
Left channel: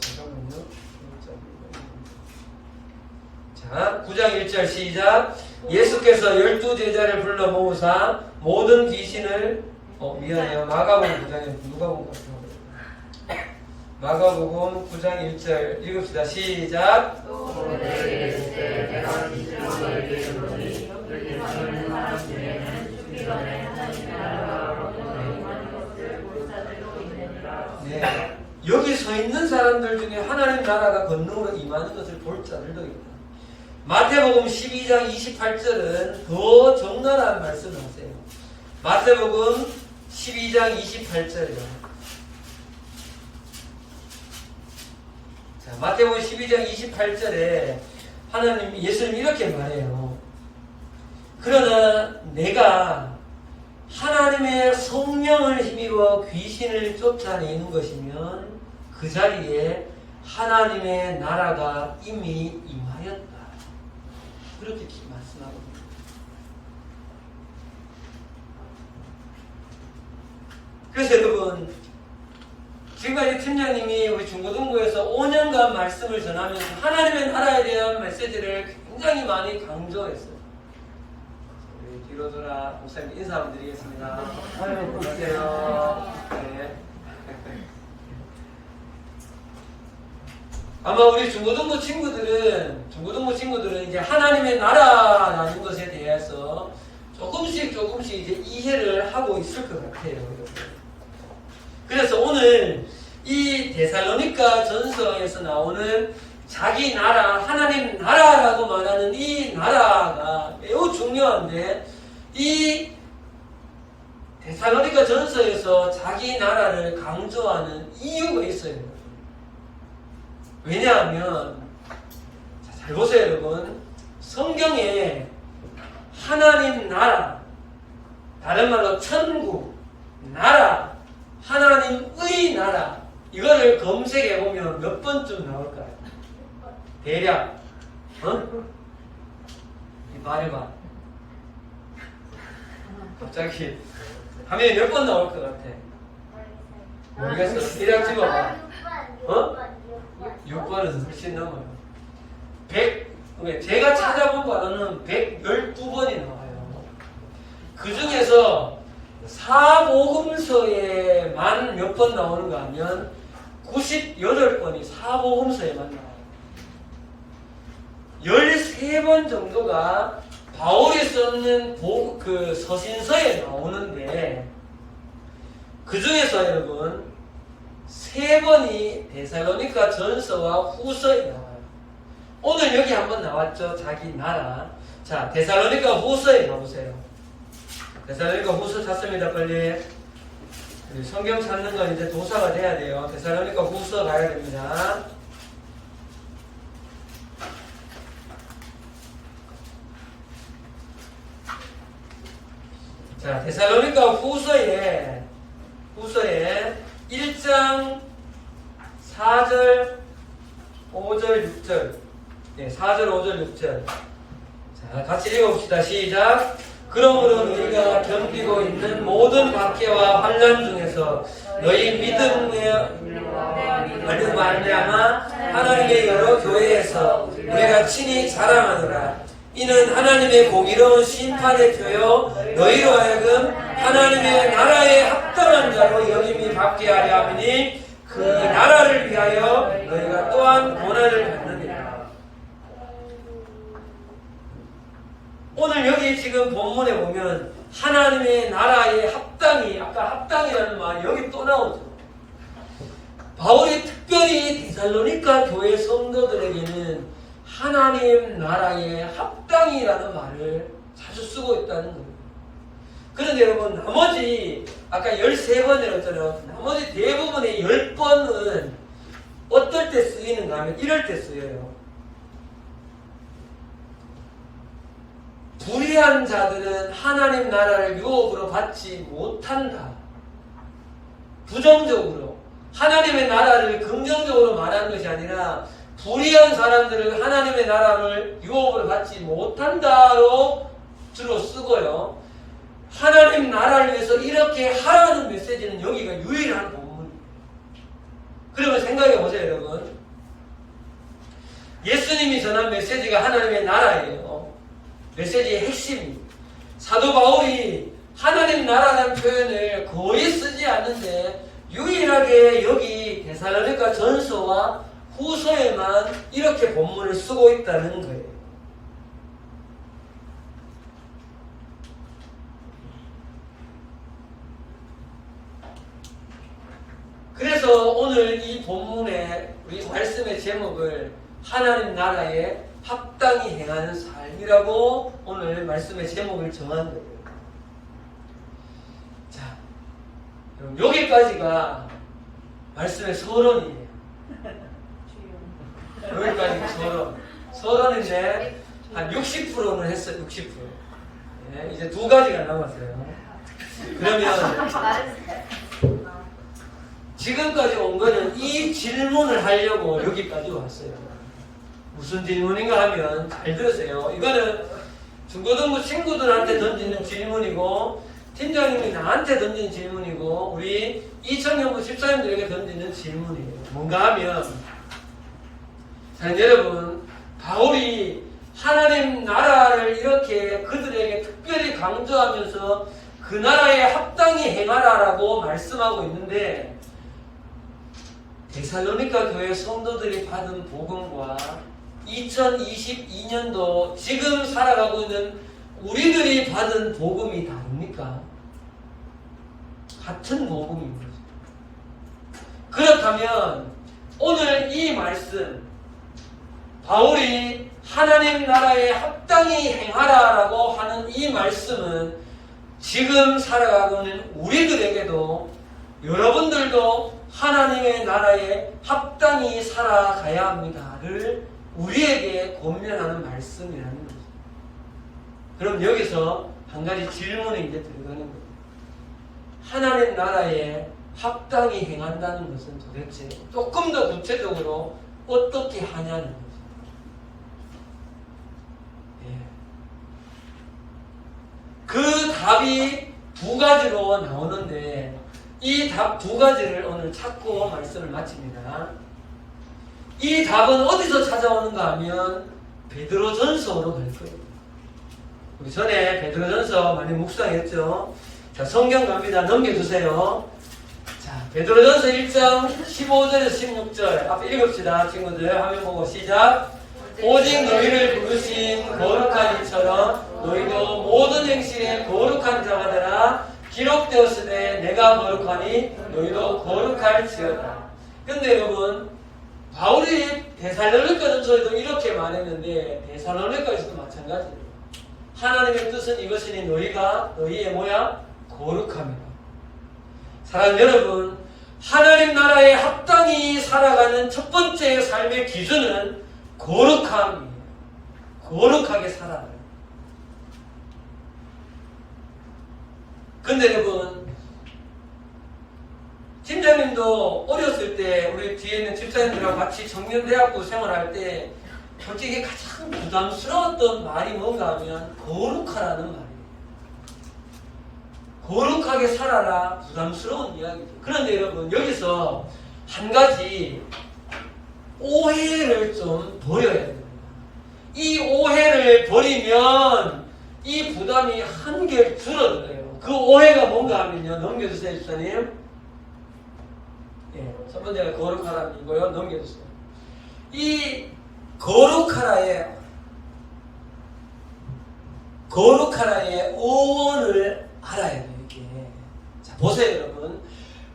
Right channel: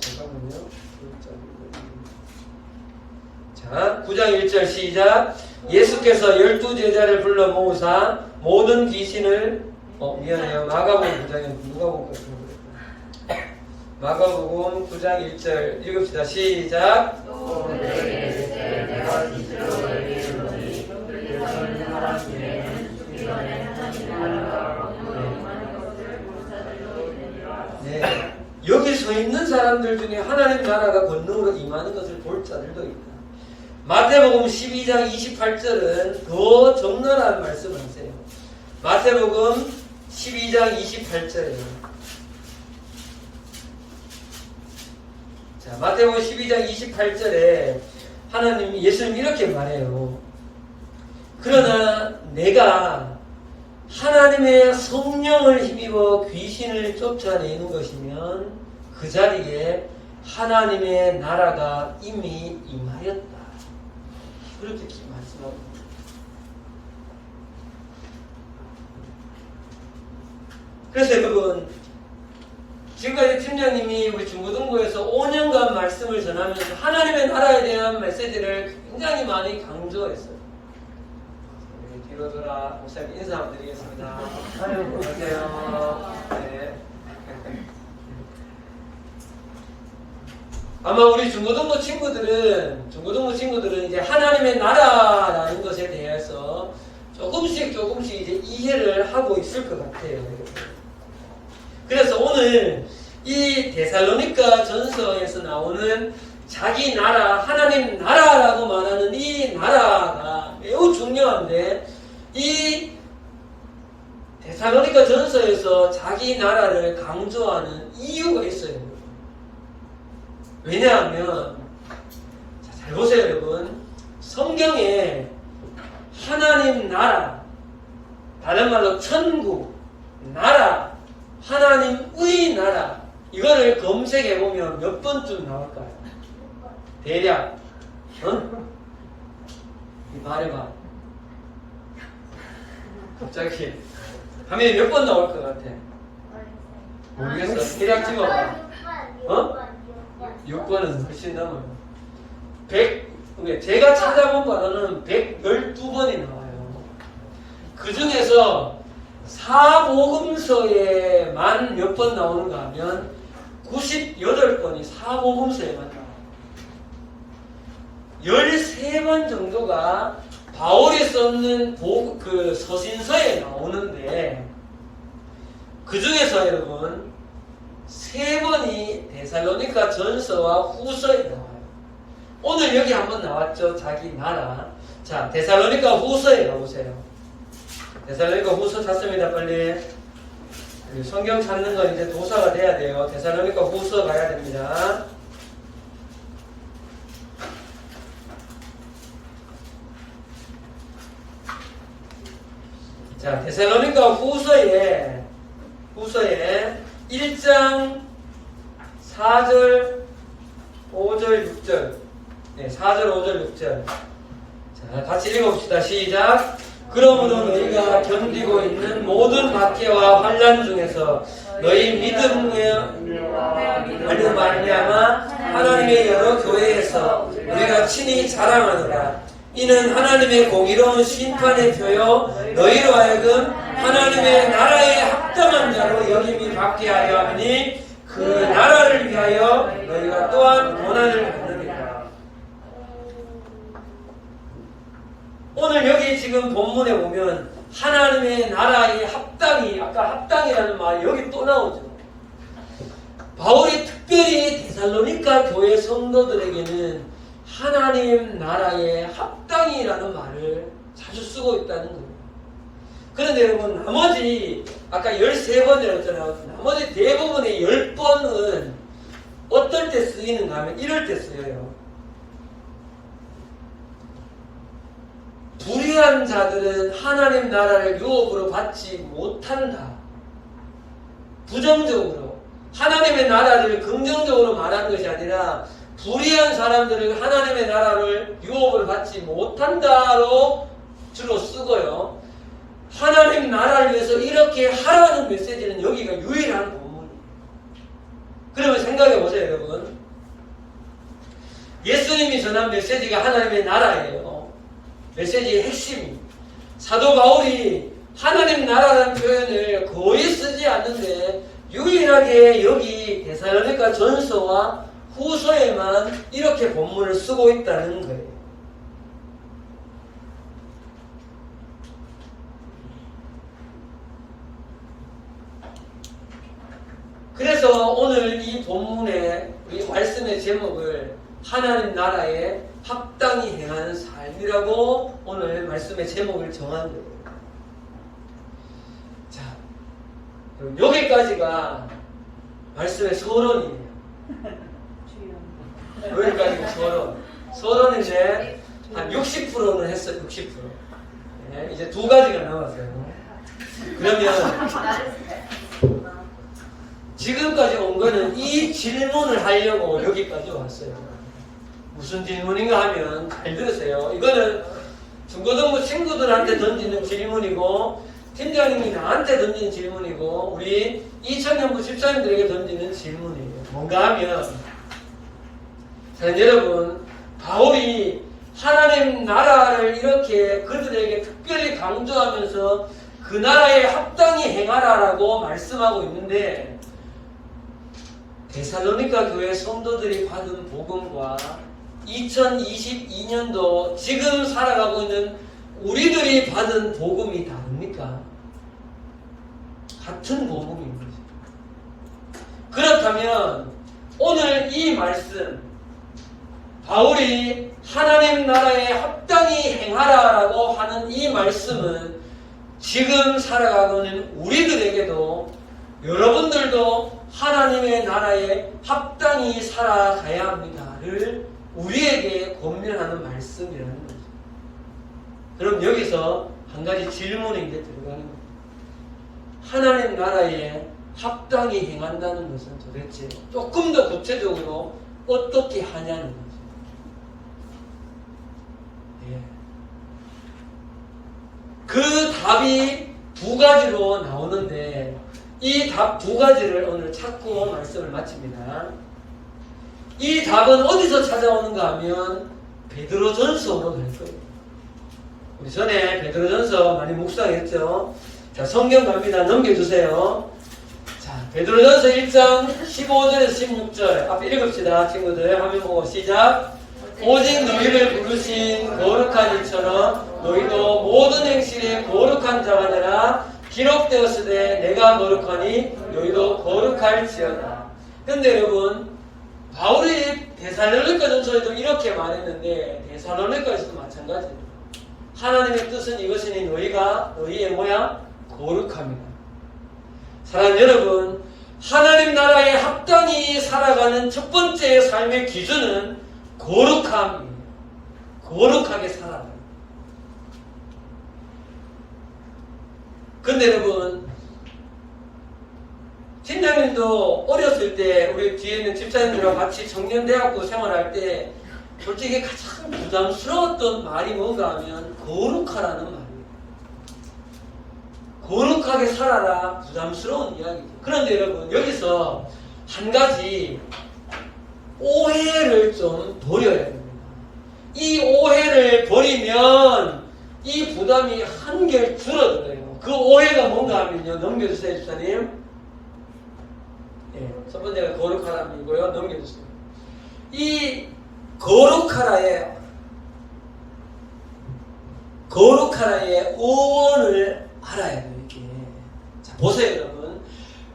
잠깐만요. 자, 9장 1절 시작. 예수께서 12제자를 불러 모으사 모든 귀신을 미안해요. 마가복음 9장에 누가 보고 마가복음 9장 1절 읽읍시다. 시작. 네. 여기 서 있는 사람들 중에 하나님 나라가 권능으로 임하는 것을 볼 자들도 있다. 마태복음 12장 28절은 더 적나라한 말씀을 하세요. 마태복음 12장 28절이에요. 자, 마태복음 12장 28절에 예수님이 이렇게 말해요. 그러나 내가 하나님의 성령을 힘입어 귀신을 쫓아내는 것이면 그 자리에 하나님의 나라가 이미 임하였다. 그렇게 말씀하고 있습니다. 그래서 여러분, 지금까지 팀장님이 우리 중고등부에서 5년간 말씀을 전하면서 하나님의 나라에 대한 메시지를 굉장히 많이 강조했어요. 우리 뒤로 돌아 목사님 인사 한번 드리겠습니다. 안녕하세요. 네. 아마 우리 중고등부 친구들은 이제 하나님의 나라라는 것에 대해서 조금씩 이제 이해를 하고 있을 것 같아요. 그래서 오늘 이 데살로니가 전서에서 나오는 자기 나라, 하나님 나라라고 말하는 이 나라가 매우 중요한데, 이 데살로니가 전서에서 자기 나라를 강조하는 이유가 있어요. 왜냐하면, 잘 보세요, 여러분. 성경에 하나님 나라, 다른 말로 천국, 나라, 하나님의 나라, 이거를 검색해보면 몇 번쯤 나올까요? 대략, 말해봐. 갑자기, 화면에 몇 번 나올 것 같아? 모르겠어. 대략 집어봐. 6번은 훨씬 넘어요. 제가 찾아본 바로는 112번이 나와요. 그 중에서 사복음서에만 몇 번 나오는가 하면 98번이 사복음서에만 나와요. 13번 정도가 바울이 썼는 그 서신서에 나오는데, 그 중에서 여러분 3번이 데살로니가 전서와 후서에 나와요. 오늘 여기 한번 나왔죠. 자기 나라. 자, 데살로니가 후서에 나오세요. 데살로니가 후서 찾습니다. 빨리. 성경 찾는 건 이제 도사가 돼야 돼요. 데살로니가 후서 가야 됩니다. 자, 데살로니가 후서에 1장 4절, 5절, 6절. 네, 4절, 5절, 6절. 자, 같이 읽어봅시다. 시작. 그러므로 너희가 견디고 있는 모든 박해와 환난 중에서 너희 믿음에 말미암아 하나님의 여러 교회에서 우리가 친히 자랑하노라. 이는 하나님의 공의로운 심판의 표요 너희로 하여금 하나님의 나라에 합당한 자로 여김이 받게 하려 하니 그 나라를 위하여 너희가 또한 고난을 받느니라. 오늘 여기 지금 본문에 보면 하나님의 나라에 합당이, 아까 합당이라는 말이 여기 또 나오죠. 바울이 특별히 데살로니가 교회 성도들에게는 하나님 나라의 합당이라는 말을 자주 쓰고 있다는 거예요. 그런데 여러분, 나머지 아까 13번이라고 했잖아요. 나머지 대부분의 10번은 어떨 때 쓰이는가 하면 이럴 때 쓰여요. 불의한 자들은 하나님 나라를 유업으로 받지 못한다. 부정적으로 하나님의 나라를 긍정적으로 말하는 것이 아니라 불의한 사람들은 하나님의 나라를 유업을 받지 못한다로 주로 쓰고요. 하나님 나라를 위해서 이렇게 하라는 메시지는 여기가 유일한 본문이에요. 그러면 생각해 보세요, 여러분. 예수님이 전한 메시지가 하나님의 나라예요. 메시지의 핵심입니다. 사도 바울이 하나님 나라라는 표현을 거의 쓰지 않는데 유일하게 여기 데살로니가 전서와 후서에만 이렇게 본문을 쓰고 있다는 거예요. 그래서 오늘 이 본문의 우리 말씀의 제목을 하나님 나라에 합당히 행하는 삶이라고 오늘 말씀의 제목을 정한 거예요. 자, 여기까지가 말씀의 서론이에요. 여기까지 서론. 서론인데 한 60%는 했어요. 60%. 네, 이제 2가지가 남았어요. 그러면 지금까지 온 거는 이 질문을 하려고 여기까지 왔어요. 무슨 질문인가 하면 잘 들으세요. 이거는 중고등부 친구들한테 던지는 질문이고 팀장님이 나한테 던지는 질문이고 우리 이청년부 집사님들에게 던지는 질문이에요. 뭔가 하면 자, 여러분, 바울이 하나님 나라를 이렇게 그들에게 특별히 강조하면서 그 나라에 합당히 행하라라고 말씀하고 있는데 데살로니가 교회 성도들이 받은 복음과 2022년도 지금 살아가고 있는 우리들이 받은 복음이 다릅니까? 같은 복음입니다. 그렇다면 오늘 이 말씀 바울이 하나님 나라에 합당히 행하라라고 하는 이 말씀은 지금 살아가고 있는 우리들에게도 여러분들도 하나님의 나라에 합당히 살아가야 합니다를 우리에게 권면하는 말씀이라는 거죠. 그럼 여기서 한 가지 질문이 이제 들어가는 거예요. 하나님 나라에 합당히 행한다는 것은 도대체 조금 더 구체적으로 어떻게 하냐는 거죠. 예. 그 답이 2가지로 나오는데 이 답 2가지를 오늘 찾고 말씀을 마칩니다. 이 답은 어디서 찾아오는가 하면 베드로전서로 갈 거예요. 우리 전에 베드로전서 많이 묵상했죠. 자, 성경 갑니다. 넘겨주세요. 자, 베드로전서 1장 15절에서 16절 앞에 읽읍시다. 친구들 화면 보고 시작. 오직 너희를 부르신 거룩한 이처럼 너희도 모든 행실에 거룩한 자가 되라. 기록되었으되 내가 거룩하니 너희도 거룩할지어다. 근데 여러분 바울이 데살로니가전서에도 이렇게 말했는데 데살로니가에서도 마찬가지입니다. 하나님의 뜻은 이것이니 너희가 너희의 뭐야? 거룩함이다. 사랑하는 여러분, 하나님 나라에 합당히 살아가는 첫 번째 삶의 기준은 거룩함입니다. 거룩하게 살아라. 근데 여러분, 팀장님도 어렸을 때 우리 뒤에 있는 집사님들과 같이 청년대학교 생활할 때 솔직히 가장 부담스러웠던 말이 뭔가 하면 거룩하라는 말이에요. 거룩하게 살아라. 부담스러운 이야기죠. 그런데 여러분, 여기서 한 가지 오해를 좀 버려야 됩니다. 이 오해를 버리면 이 부담이 한결 줄어들어요. 그 오해가 뭔가 하면요. 넘겨주세요, 일사님. 예, 첫 번째가 거룩하라이고요. 넘겨주세요. 이 거룩하라의 어원을 알아야 돼요. 이렇게. 자, 보세요, 여러분.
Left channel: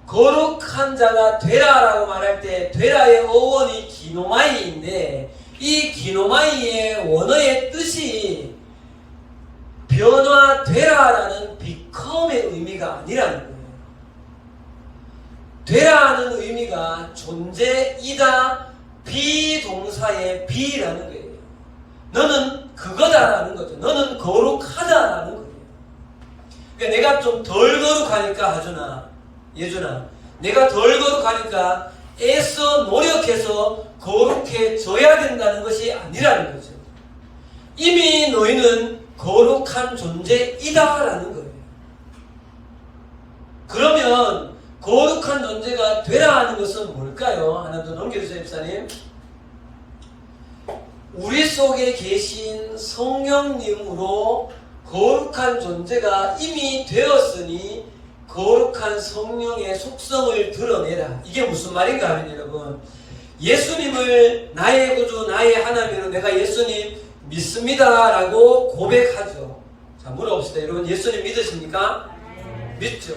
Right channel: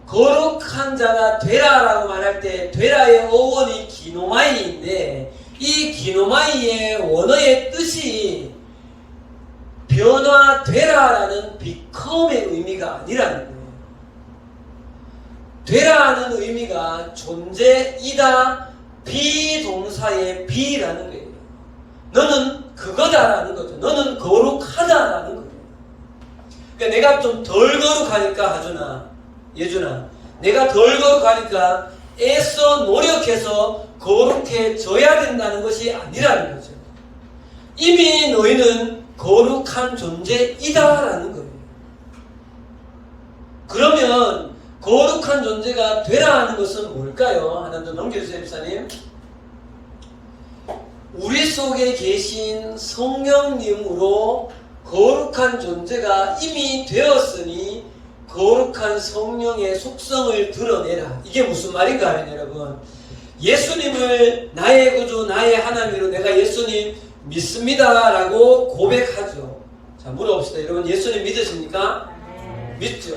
거룩한 자가 되라라고 말할 때 되라의 어원이 기노마이인데 이 기노마이의 원어의 뜻이 변화되라라는 become의 의미가 아니라는 거예요. 되라는 의미가 존재이다 비동사의 be라는 거예요. 너는 그거다라는 거죠. 너는 거룩하다라는 거예요. 그러니까 내가 좀 덜 거룩하니까 하준아, 예준아, 내가 덜 거룩하니까 애써 노력해서 거룩해져야 된다는 것이 아니라는 거죠. 이미 너희는 거룩한 존재이다라는 거예요. 그러면 거룩한 존재가 되라 하는 것은 뭘까요? 하나 더 넘겨주세요, 집사님. 우리 속에 계신 성령님으로 거룩한 존재가 이미 되었으니 거룩한 성령의 속성을 드러내라. 이게 무슨 말인가 하면 여러분, 예수님을 나의 구주, 나의 하나님으로 내가 예수님 믿습니다 라고 고백하죠. 자, 물어봅시다. 여러분, 예수님 믿으십니까? 네. 믿죠.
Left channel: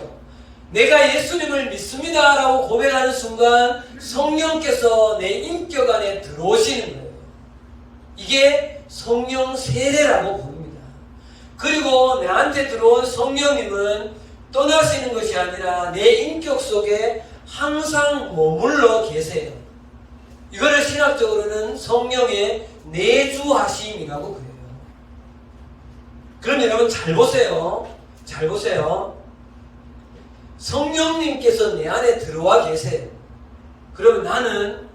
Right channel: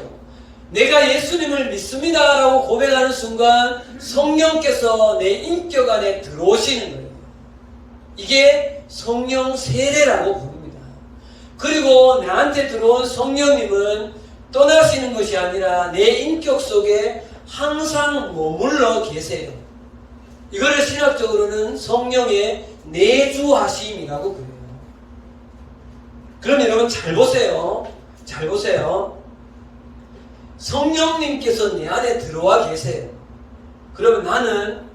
내가 예수님을 믿습니다 라고 고백하는 순간 성령께서 내 인격 안에 들어오시는 거예요. 이게 성령 세례라고 부릅니다. 그리고 나한테 들어온 성령님은 떠나시는 것이 아니라 내 인격 속에 항상 머물러 계세요. 이거를 신학적으로는 성령의 내주하심이라고 그래요. 그럼 여러분 잘 보세요. 잘 보세요. 성령님께서 내 안에 들어와 계세요. 그러면 나는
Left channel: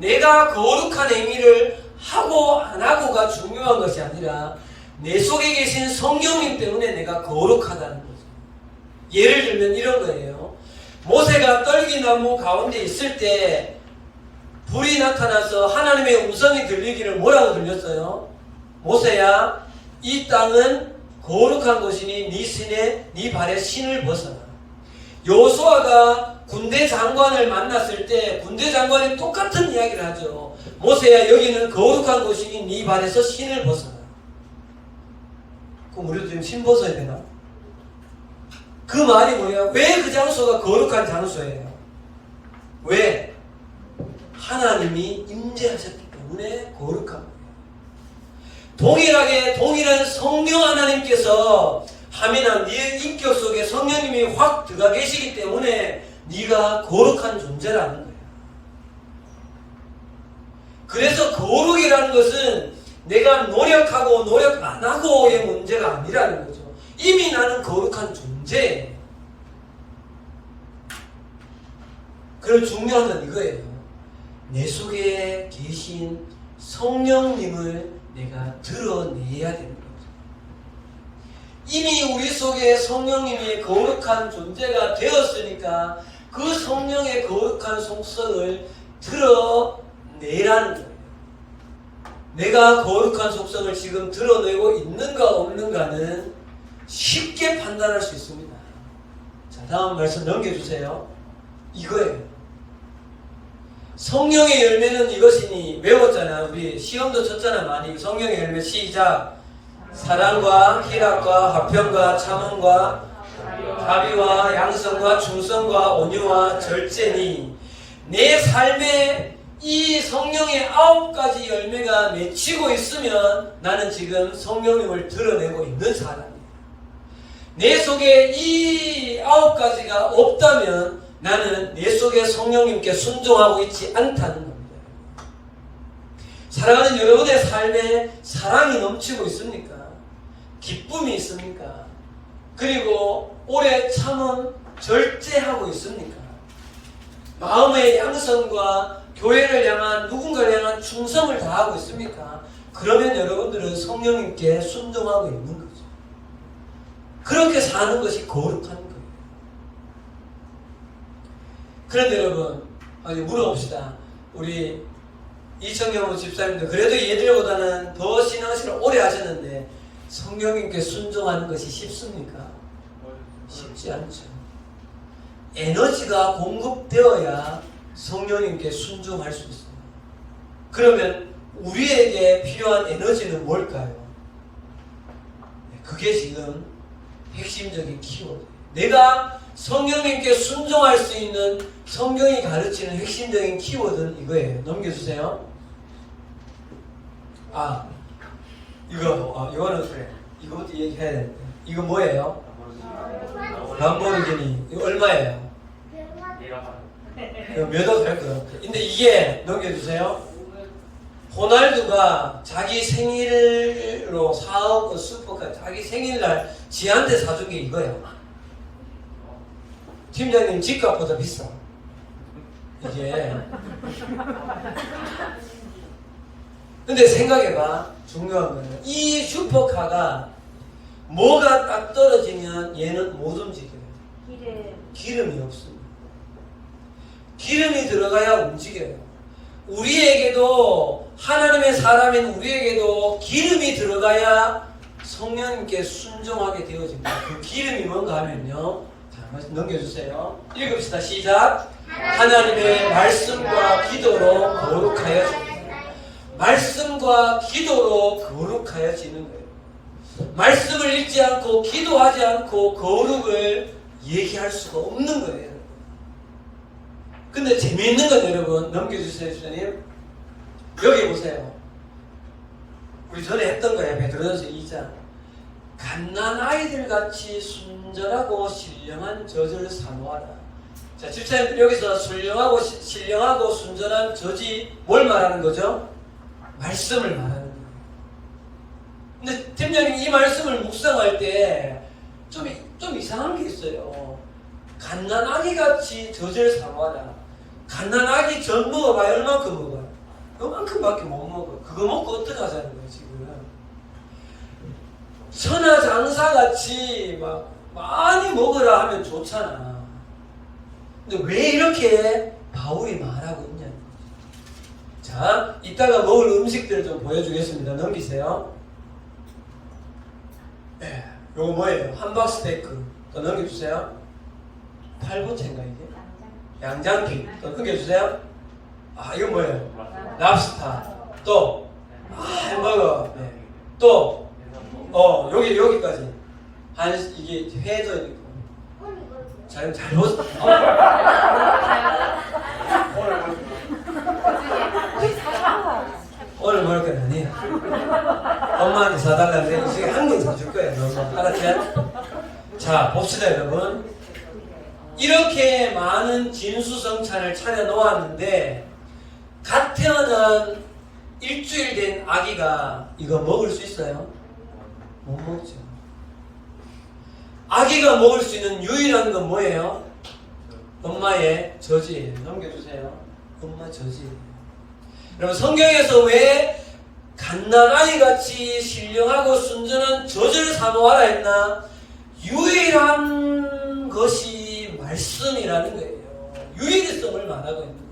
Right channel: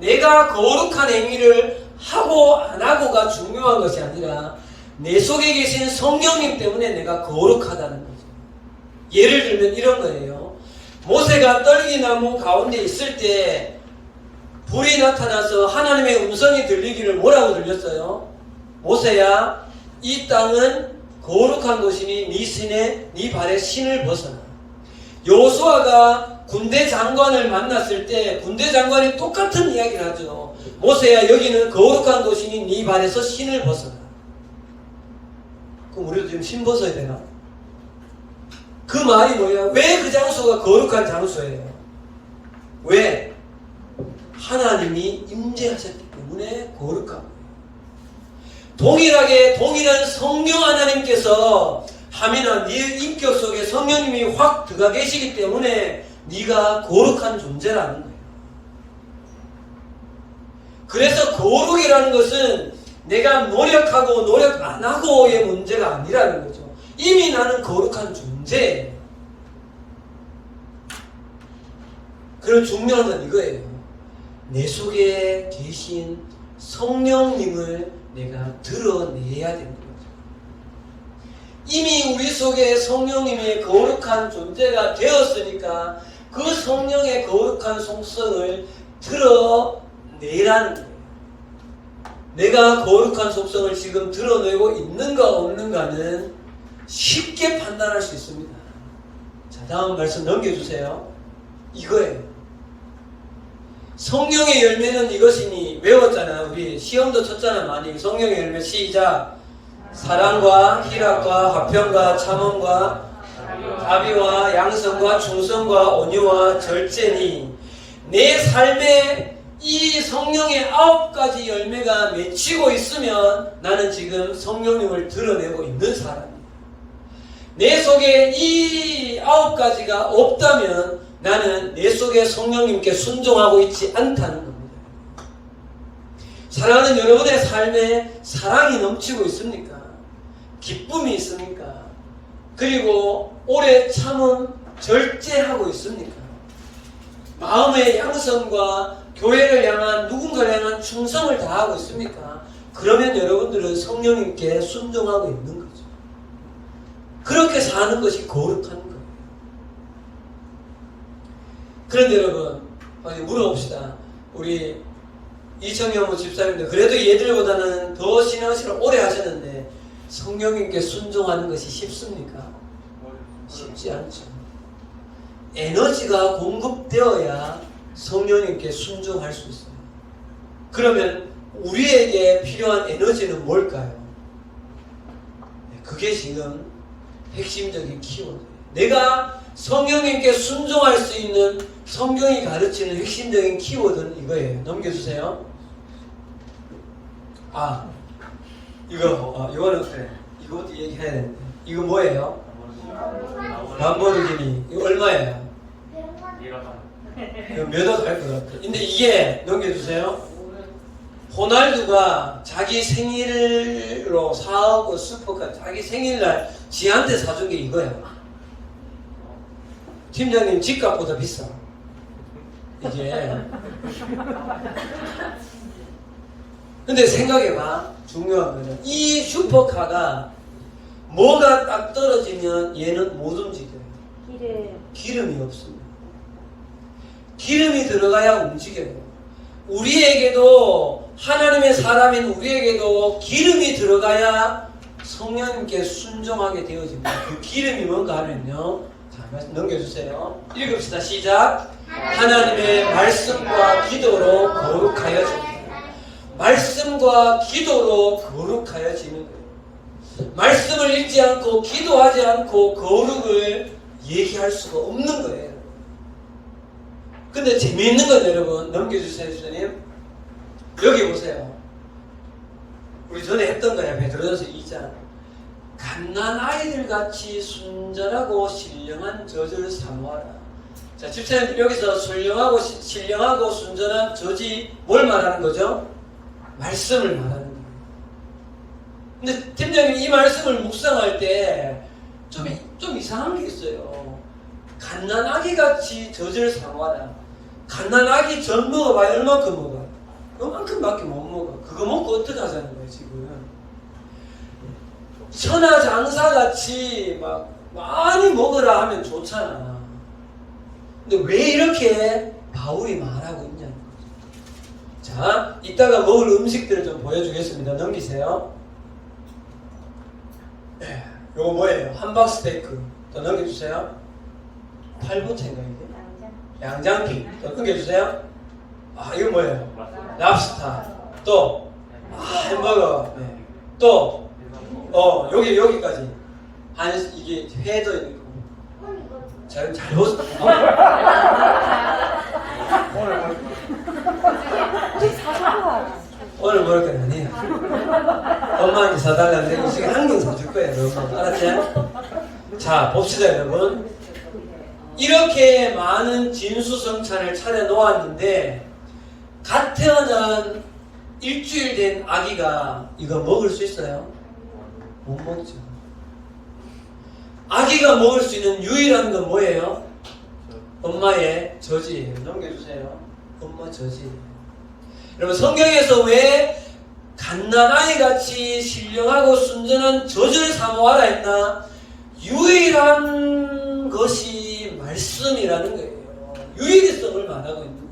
내가 거룩한 행위를 하고 안 하고가 중요한 것이 아니라 내 속에 계신 성령님 때문에 내가 거룩하다는 거죠. 예를 들면 이런 거예요. 모세가 떨기나무 가운데 있을 때 불이 나타나서 하나님의 음성이 들리기를 뭐라고 들렸어요? 모세야, 이 땅은 거룩한 곳이니 네 발에 신을 벗어라. 여호수아가 군대 장관을 만났을 때 군대 장관이 똑같은 이야기를 하죠. 모세야, 여기는 거룩한 곳이니 네 발에서 신을 벗어라. 그럼 우리도 지금 신 벗어야 되나? 그 말이 뭐예요? 왜 그 장소가 거룩한 장소예요? 왜? 하나님이 임재하셨기 때문에 거룩한 거예요. 동일한 성령 하나님께서 하민아, 네 인격 속에 성령님이 확 들어가 계시기 때문에 네가 거룩한 존재라는 거예요. 그래서 거룩이라는 것은 내가 노력하고 노력 안 하고의 문제가 아니라는 거죠. 이미 나는 거룩한 존재예요. 그럼 중요한 건 이거예요. 내 속에 계신 성령님을 내가 드러내야 되는 거죠. 이미 우리 속에 성령님의 거룩한 존재가 되었으니까 그 성령의 거룩한 속성을 드러내라는 거예요. 내가 거룩한 속성을 지금 드러내고 있는가 없는가는 쉽게 판단할 수 있습니다. 자, 다음 말씀 넘겨주세요. 이거예요. 성령의 열매는 이것이니, 외웠잖아. 우리 시험도 쳤잖아 많이. 성령의 열매 시작. 사랑과 희락과 화평과 참음과 자비와 양성과 충성과 온유와 절제니, 내 삶에 이 성령의 9가지 열매가 맺히고 있으면 나는 지금 성령님을 드러내고 있는 사람이에요. 내 속에 이 9가지가 없다면 나는 내 속에 성령님께 순종하고 있지 않다는 겁니다. 사랑하는 여러분의 삶에 사랑이 넘치고 있습니까? 기쁨이 있습니까? 그리고 오래 참음, 절제하고 있습니까? 마음의 양성과 교회를 향한, 누군가를 향한 충성을 다하고 있습니까? 그러면 여러분들은 성령님께 순종하고 있는 거죠. 그렇게 사는 것이 거룩한 거예요. 그런데 여러분, 물어봅시다. 우리 이청용 집사님도 그래도 얘들보다는 더 신앙생활을 오래 하셨는데 성령님께 순종하는 것이 쉽습니까? 쉽지 않죠. 에너지가 공급되어야 성령님께 순종할 수 있어요. 그러면 우리에게 필요한 에너지는 뭘까요? 그게 지금 핵심적인 키워드예요. 내가 성령님께 순종할 수 있는 성경이 가르치는 핵심적인 키워드는 이거예요. 넘겨주세요. 이거는 그래. 이것도 얘기해야 되는데. 이거 뭐예요? 람보르기니. 이거 얼마예요? 이거 몇억 할 것 같아. 근데 이게 넘겨주세요. 호날두가 자기 생일로 사오고 슈퍼카 자기 생일날 지한테 사준 게 이거야. 팀장님 집값보다 비싸. 이게. 근데 생각해봐. 중요한 거는 이 슈퍼카가 뭐가 딱 떨어지면 얘는 못 움직여요. 기름이 없습니다. 기름이 들어가야 움직여요. 우리에게도 하나님의 사람인 우리에게도 기름이 들어가야 성령님께 순종하게 되어집니다. 그 기름이 뭔가 하면요. 자, 넘겨주세요. 읽읍시다. 시작. 하나님의 말씀과 기도로 거룩하여집니다. 말씀과 기도로 거룩하여지는 거예요. 말씀을 읽지 않고 기도하지 않고 거룩을 얘기할 수가 없는 거예요. 근데 재미있는 건 여러분 넘겨주세요. 주님 여기 보세요. 우리 전에 했던 거예요. 베드로전서 2장. 갓난아이들 같이 순전하고 신령한 저지를 사모하라. 자, 집사님 여기서 신령하고 순전한 저지 뭘 말하는 거죠? 말씀을 말하는 거예요. 근데 팀장님 이 말씀을 묵상할 때 좀 이상한 게 있어요. 갓난아기같이 젖을 사모하라. 갓난아기 젖 먹어봐야 얼마큼 먹어요? 그만큼밖에 못 먹어. 그거 먹고 어떻게 하자는 거예요 지금. 선화장사같이 막 많이 먹으라 하면 좋잖아. 근데 왜 이렇게 바울이 말하고 있냐는 거죠. 자, 이따가 먹을 음식들을 좀 보여주겠습니다. 넘기세요. 네, 요거 뭐예요? 함박 스테이크. 더 넘겨주세요. 팔보채인가 이게? 양장피. 더 넘겨주세요. 이거 뭐예요? 랍스타. 또 햄버거. 네. 또 여기까지. 아니 이게 회도 있고. 자, 그럼 잘 보세요. 오늘 먹을 건 아니에요. 엄마한테 사달라는데 이 중에 한 개 사줄 거예요. 여러분. 알았지? 자, 봅시다, 여러분. 이렇게 많은 진수성찬을 차려놓았는데 갓 태어난 일주일 된 아기가 이거 먹을 수 있어요? 못 먹죠. 아기가 먹을 수 있는 유일한 건 뭐예요? 엄마의 젖이에요. 넘겨주세요. 엄마 젖이에요. 여러분 성경에서 왜 갓난아이같이 신령하고 순전한 젖을 사모하라 했나? 유일한 것이 말씀이라는 거예요. 유일성을 말하고 있는 거예요.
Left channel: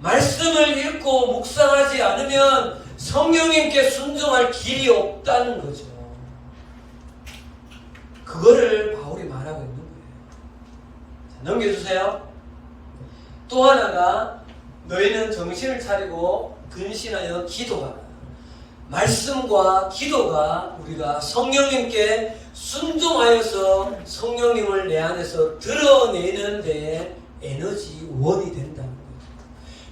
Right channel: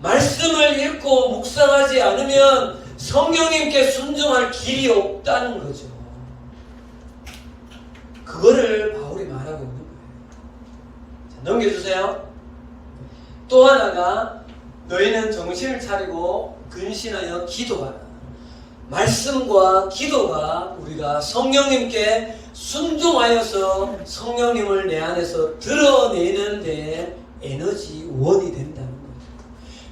말씀을 읽고 묵상하지 않으면 성령님께 순종할 길이 없다는 거죠. 그거를 바울이 말하고 있는 거예요. 자, 넘겨주세요. 또 하나가 너희는 정신을 차리고 근신하여 기도하라. 말씀과 기도가 우리가 성령님께 순종하여서 성령님을 내 안에서 드러내는 데 에너지 원이 된다는 거예요.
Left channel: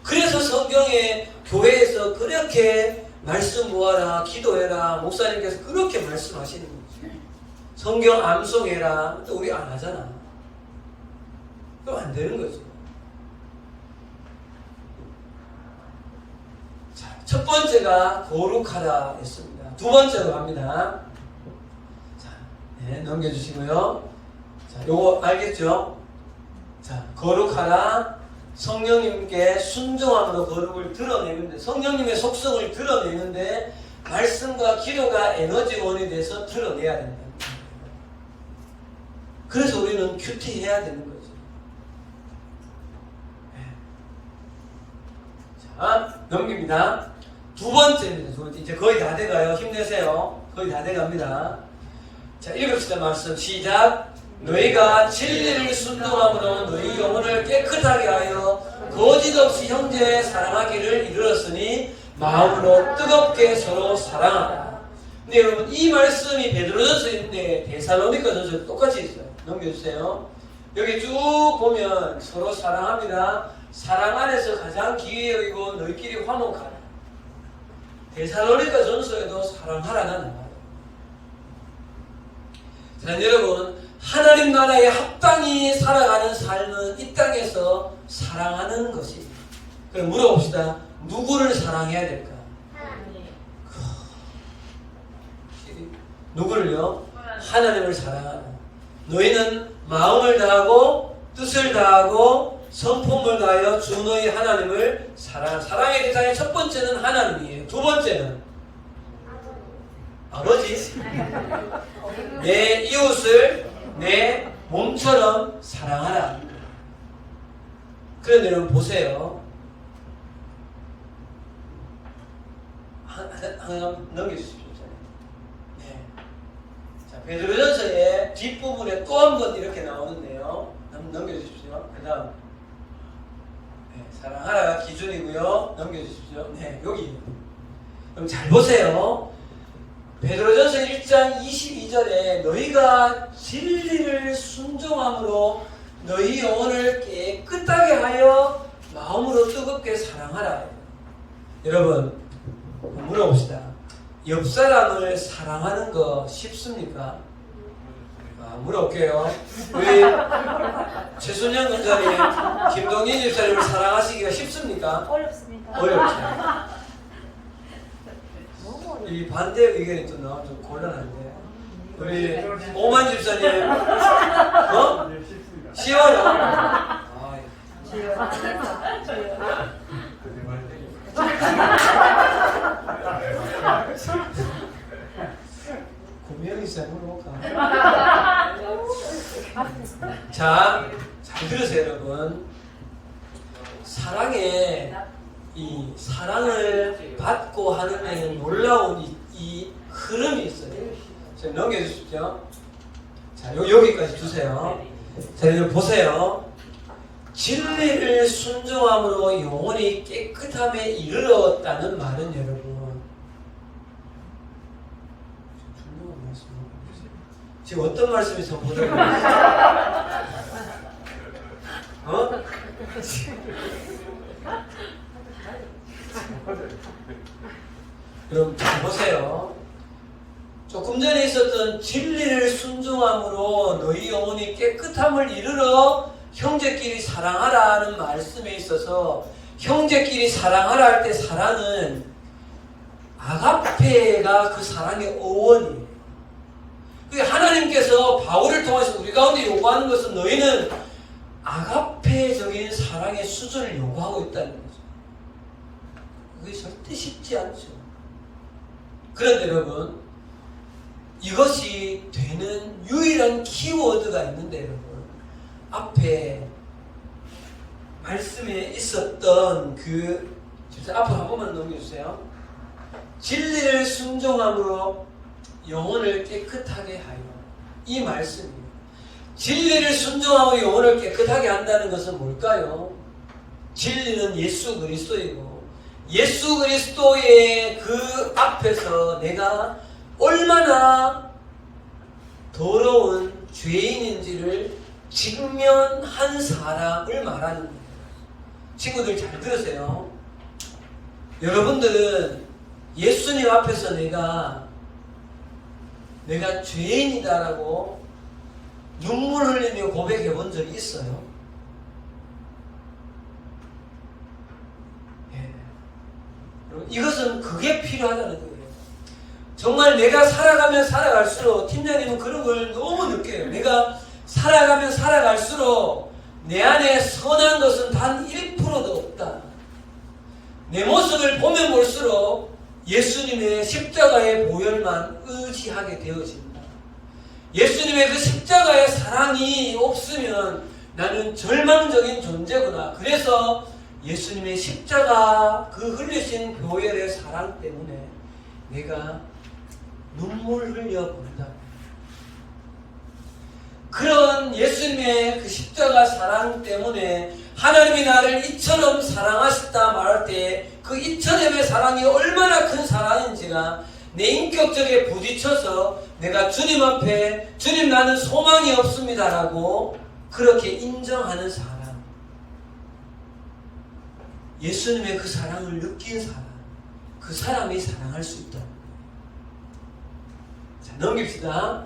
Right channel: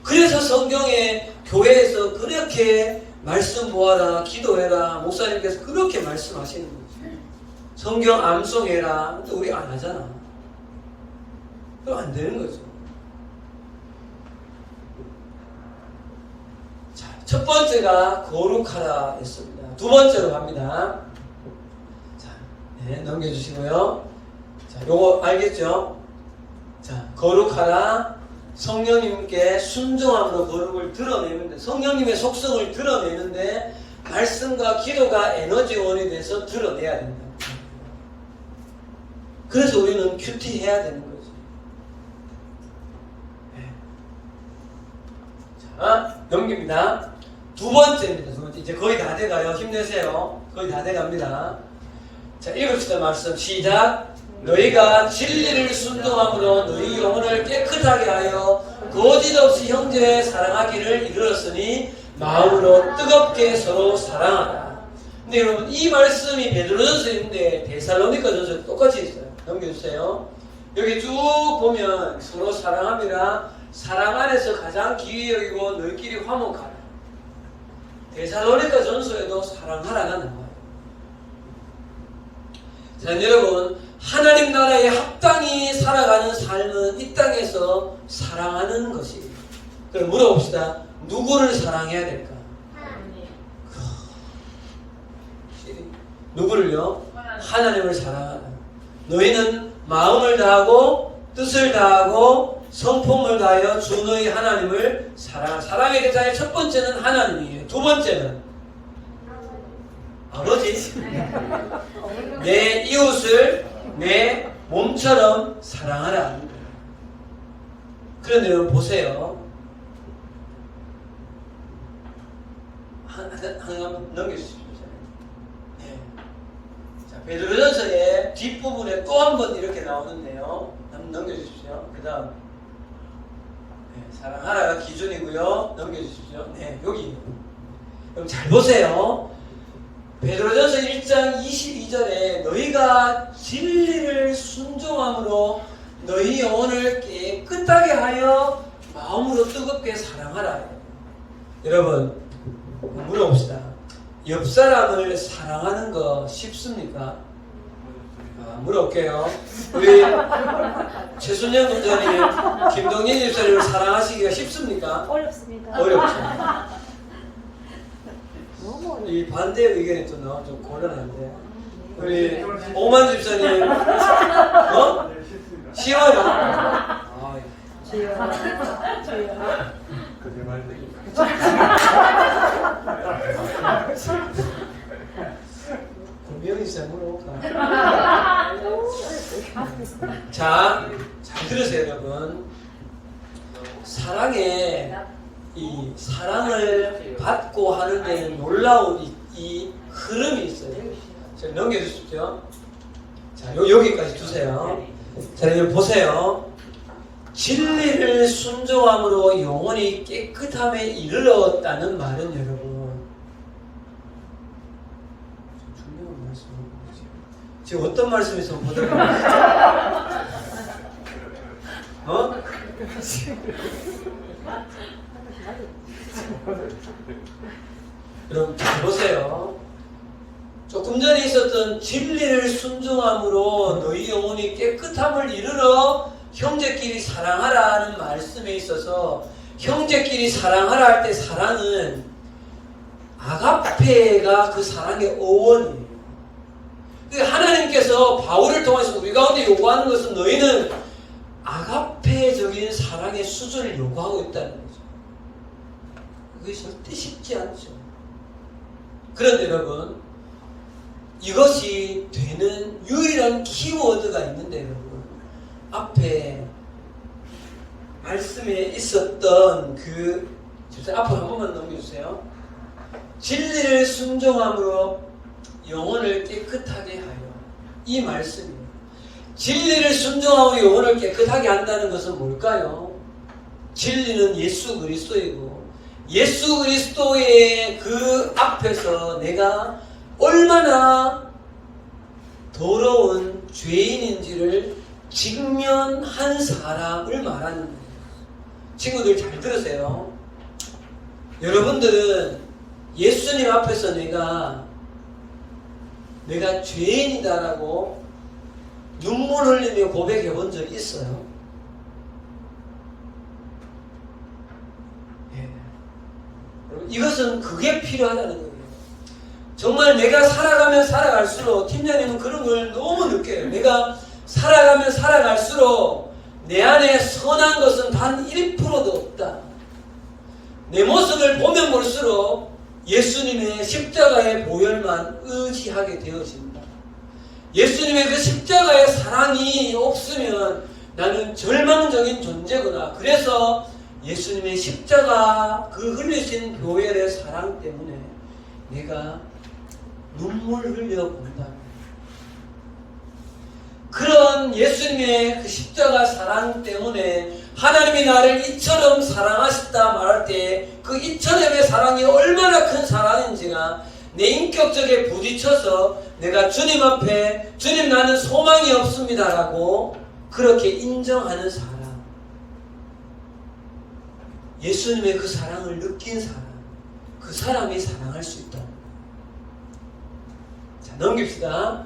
그래서 성경에 교회에서 그렇게 말씀 모아라, 기도해라, 목사님께서 그렇게 말씀하시는 거죠. 성경 암송해라. 또 우리 안 하잖아. 그럼 안 되는 거죠. 자, 첫 번째가 거룩하라 했습니다. 두 번째로 갑니다. 자, 네, 넘겨주시고요. 자, 요거 알겠죠? 자, 거룩하라. 성령님께 순종함으로 거룩을 드러내는데, 성령님의 속성을 드러내는데, 말씀과 기도가 에너지원이 돼서 드러내야 된다. 그래서 우리는 큐티해야 되는 거죠. 네. 자, 자, 넘깁니다. 두 번째입니다. 두 번째. 이제 거의 다 돼가요. 힘내세요. 거의 다 돼갑니다. 자, 읽읍시다. 말씀. 시작. 너희가 진리를 순종함으로 너희 영혼을 깨끗하게 하여 거짓 없이 형제 사랑하기를 이르렀으니 마음으로 뜨겁게 서로 사랑하라. 근데 여러분, 이 말씀이 베드로전서에 있는데 데살로니가전서에 똑같이 있어요. 넘겨주세요. 여기 쭉 보면 서로 사랑함이라 사랑 안에서 가장 귀히 여기고 너희끼리 화목하라. 데살로니가전서에도 사랑하라는 말. 자, 여러분, 하나님 나라에 합당히 살아가는 삶은 이 땅에서 사랑하는 것이. 그럼 물어봅시다. 누구를 사랑해야 될까? 누구를요? 하나님을 사랑하라. 너희는 마음을 다하고 뜻을 다하고 성품을 다하여 주 너희 하나님을 사랑하라. 사랑의 대상의 첫 번째는 하나님이에요. 두 번째는 아버지. 내 이웃을 내 몸처럼 사랑하라. 그런데 여러분 보세요. 하나 넘겨주십시오. 네. 자, 베드로전서의 뒷부분에 또 한 번 이렇게 나오는데요. 한번 넘겨주십시오. 그 다음 네, 사랑하라가 기준이고요. 넘겨주십시오. 네, 여기. 그럼 잘 보세요. 베드로전서 1장 22절에 너희가 진리를 순종함으로 너희 영혼을 깨끗하게 하여 마음으로 뜨겁게 사랑하라. 여러분 물어봅시다. 옆 사람을 사랑하는 거 쉽습니까? 물어볼게요. 우리 최순영 목사님, 김동인 집사님을 사랑하시기가 쉽습니까? 어렵습니다. 어렵죠. 이 반대 의견이 또 나오면 좀 곤란한데 우리 오만 집사님 어? 시원해. 분명히 물어볼까? 자, 잘 들으세요, 여러분. 이 사랑을 받고 하는 데는 놀라운 이 흐름이 있어요. 자, 넘겨주십시오. 자, 여기까지 두세요. 자, 여러분 보세요. 진리를 순종함으로 영혼이 깨끗함에 이르렀다는 말은 여러분. 지금 어떤 말씀이 선포되는 어? 여러분 잘 보세요. 조금 전에 있었던 진리를 순종함으로 너희 영혼이 깨끗함을 이르러 형제끼리 사랑하라는 말씀에 있어서 형제끼리 사랑하라 할 때 사랑은 아가페가 그 사랑의 어원이에요. 하나님께서 바울을 통해서 우리 가운데 요구하는 것은 너희는 아가페적인 사랑의 수준을 요구하고 있다는 거죠. 그게 절대 쉽지 않죠. 그런데 여러분, 이것이 되는 유일한 키워드가 있는데 여러분, 앞에 말씀에 있었던 앞으로 한 번만 넘겨주세요. 진리를 순종함으로 영혼을 깨끗하게 하여. 이 말씀이에요. 진리를 순종하고 영혼을 깨끗하게 한다는 것은 뭘까요? 진리는 예수 그리스도이고 예수 그리스도의 그 앞에서 내가 얼마나 더러운 죄인인지를 직면한 사람을 말하는 거예요. 친구들 잘 들으세요. 여러분들은 예수님 앞에서 내가 죄인이다라고 눈물 흘리며 고백해 본 적이 있어요? 네. 이것은 그게 필요하다는 거예요. 정말 내가 살아가면 살아갈수록, 팀장님은 그런 걸 너무 느껴요. 내가 살아가면 살아갈수록 내 안에 선한 것은 단 1%도 없다. 내 모습을 보면 볼수록 예수님의 십자가의 보혈만 의지하게 되어진다. 예수님의 그 십자가의 사랑이 없으면 나는 절망적인 존재구나. 그래서 예수님의 십자가 그 흘리신 보혈의 사랑 때문에 내가 눈물 흘려 본다. 그런 예수님의 그 십자가 사랑 때문에 하나님이 나를 이처럼 사랑하셨다 말할 때 그 이처럼의 사랑이 얼마나 큰 사랑인지가 내 인격적에 부딪혀서 내가 주님 앞에 주님 나는 소망이 없습니다라고 그렇게 인정하는 사람, 예수님의 그 사랑을 느낀 사람, 그 사람이 사랑할 수 있다. 자, 넘깁시다.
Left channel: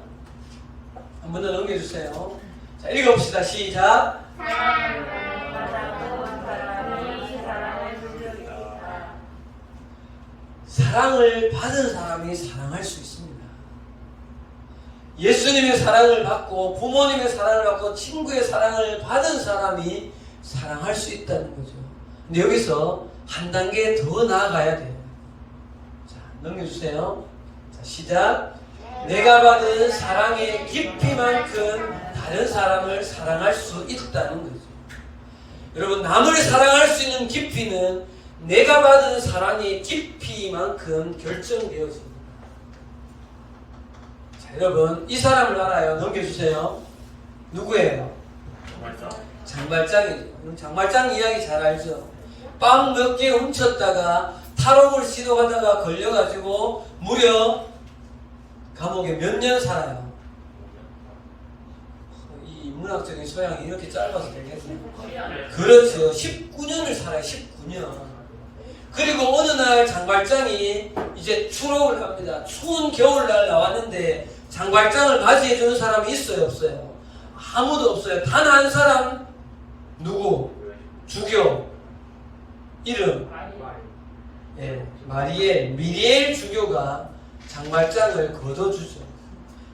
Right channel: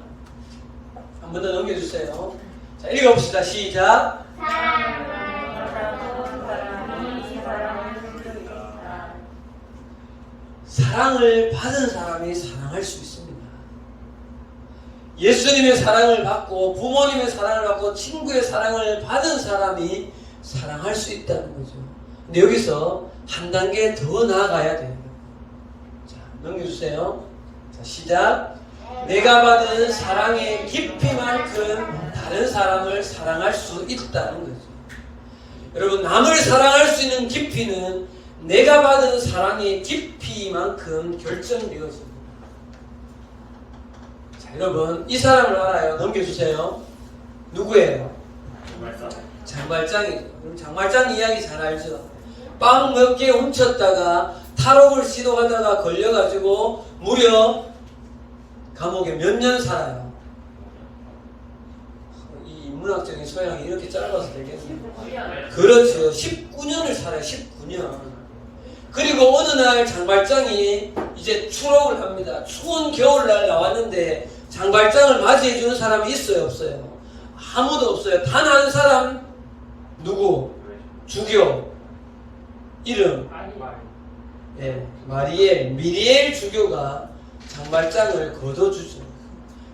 한 번 더 넘겨주세요. 자, 읽어봅시다. 시작. 사랑을 받아본 사람이 사랑할 수 있다. 사랑을 받은 사람이 사랑할 수 있습니다. 예수님의 사랑을 받고 부모님의 사랑을 받고 친구의 사랑을 받은 사람이 사랑할 수 있다는 거죠. 근데 여기서 한 단계 더 나아가야 돼요. 자, 넘겨주세요. 자, 시작. 내가 받은 사랑의 깊이만큼 다른 사람을 사랑할 수 있다는 거죠. 여러분, 남을 사랑할 수 있는 깊이는 내가 받은 사랑의 깊이만큼 결정되어집니다. 자, 여러분, 이 사람을 알아요. 넘겨주세요. 누구예요? 장발장이에요. 장발장 이야기 잘 알죠? 빵 몇 개 훔쳤다가 탈옥을 시도하다가 걸려가지고 무려 감옥에 몇 년 살아요. 이 문학적인 소양이 이렇게 짧아서 되겠네요. 그렇죠. 19년을 살아요. 19년. 그리고 어느 날 장발장이 이제 추록을 합니다. 추운 겨울날 나왔는데 장발장을 맞이해주는 사람이 있어요? 없어요? 아무도 없어요. 단 한 사람. 누구? 주교. 이름. 미리엘 주교가 장발장을 거둬주죠.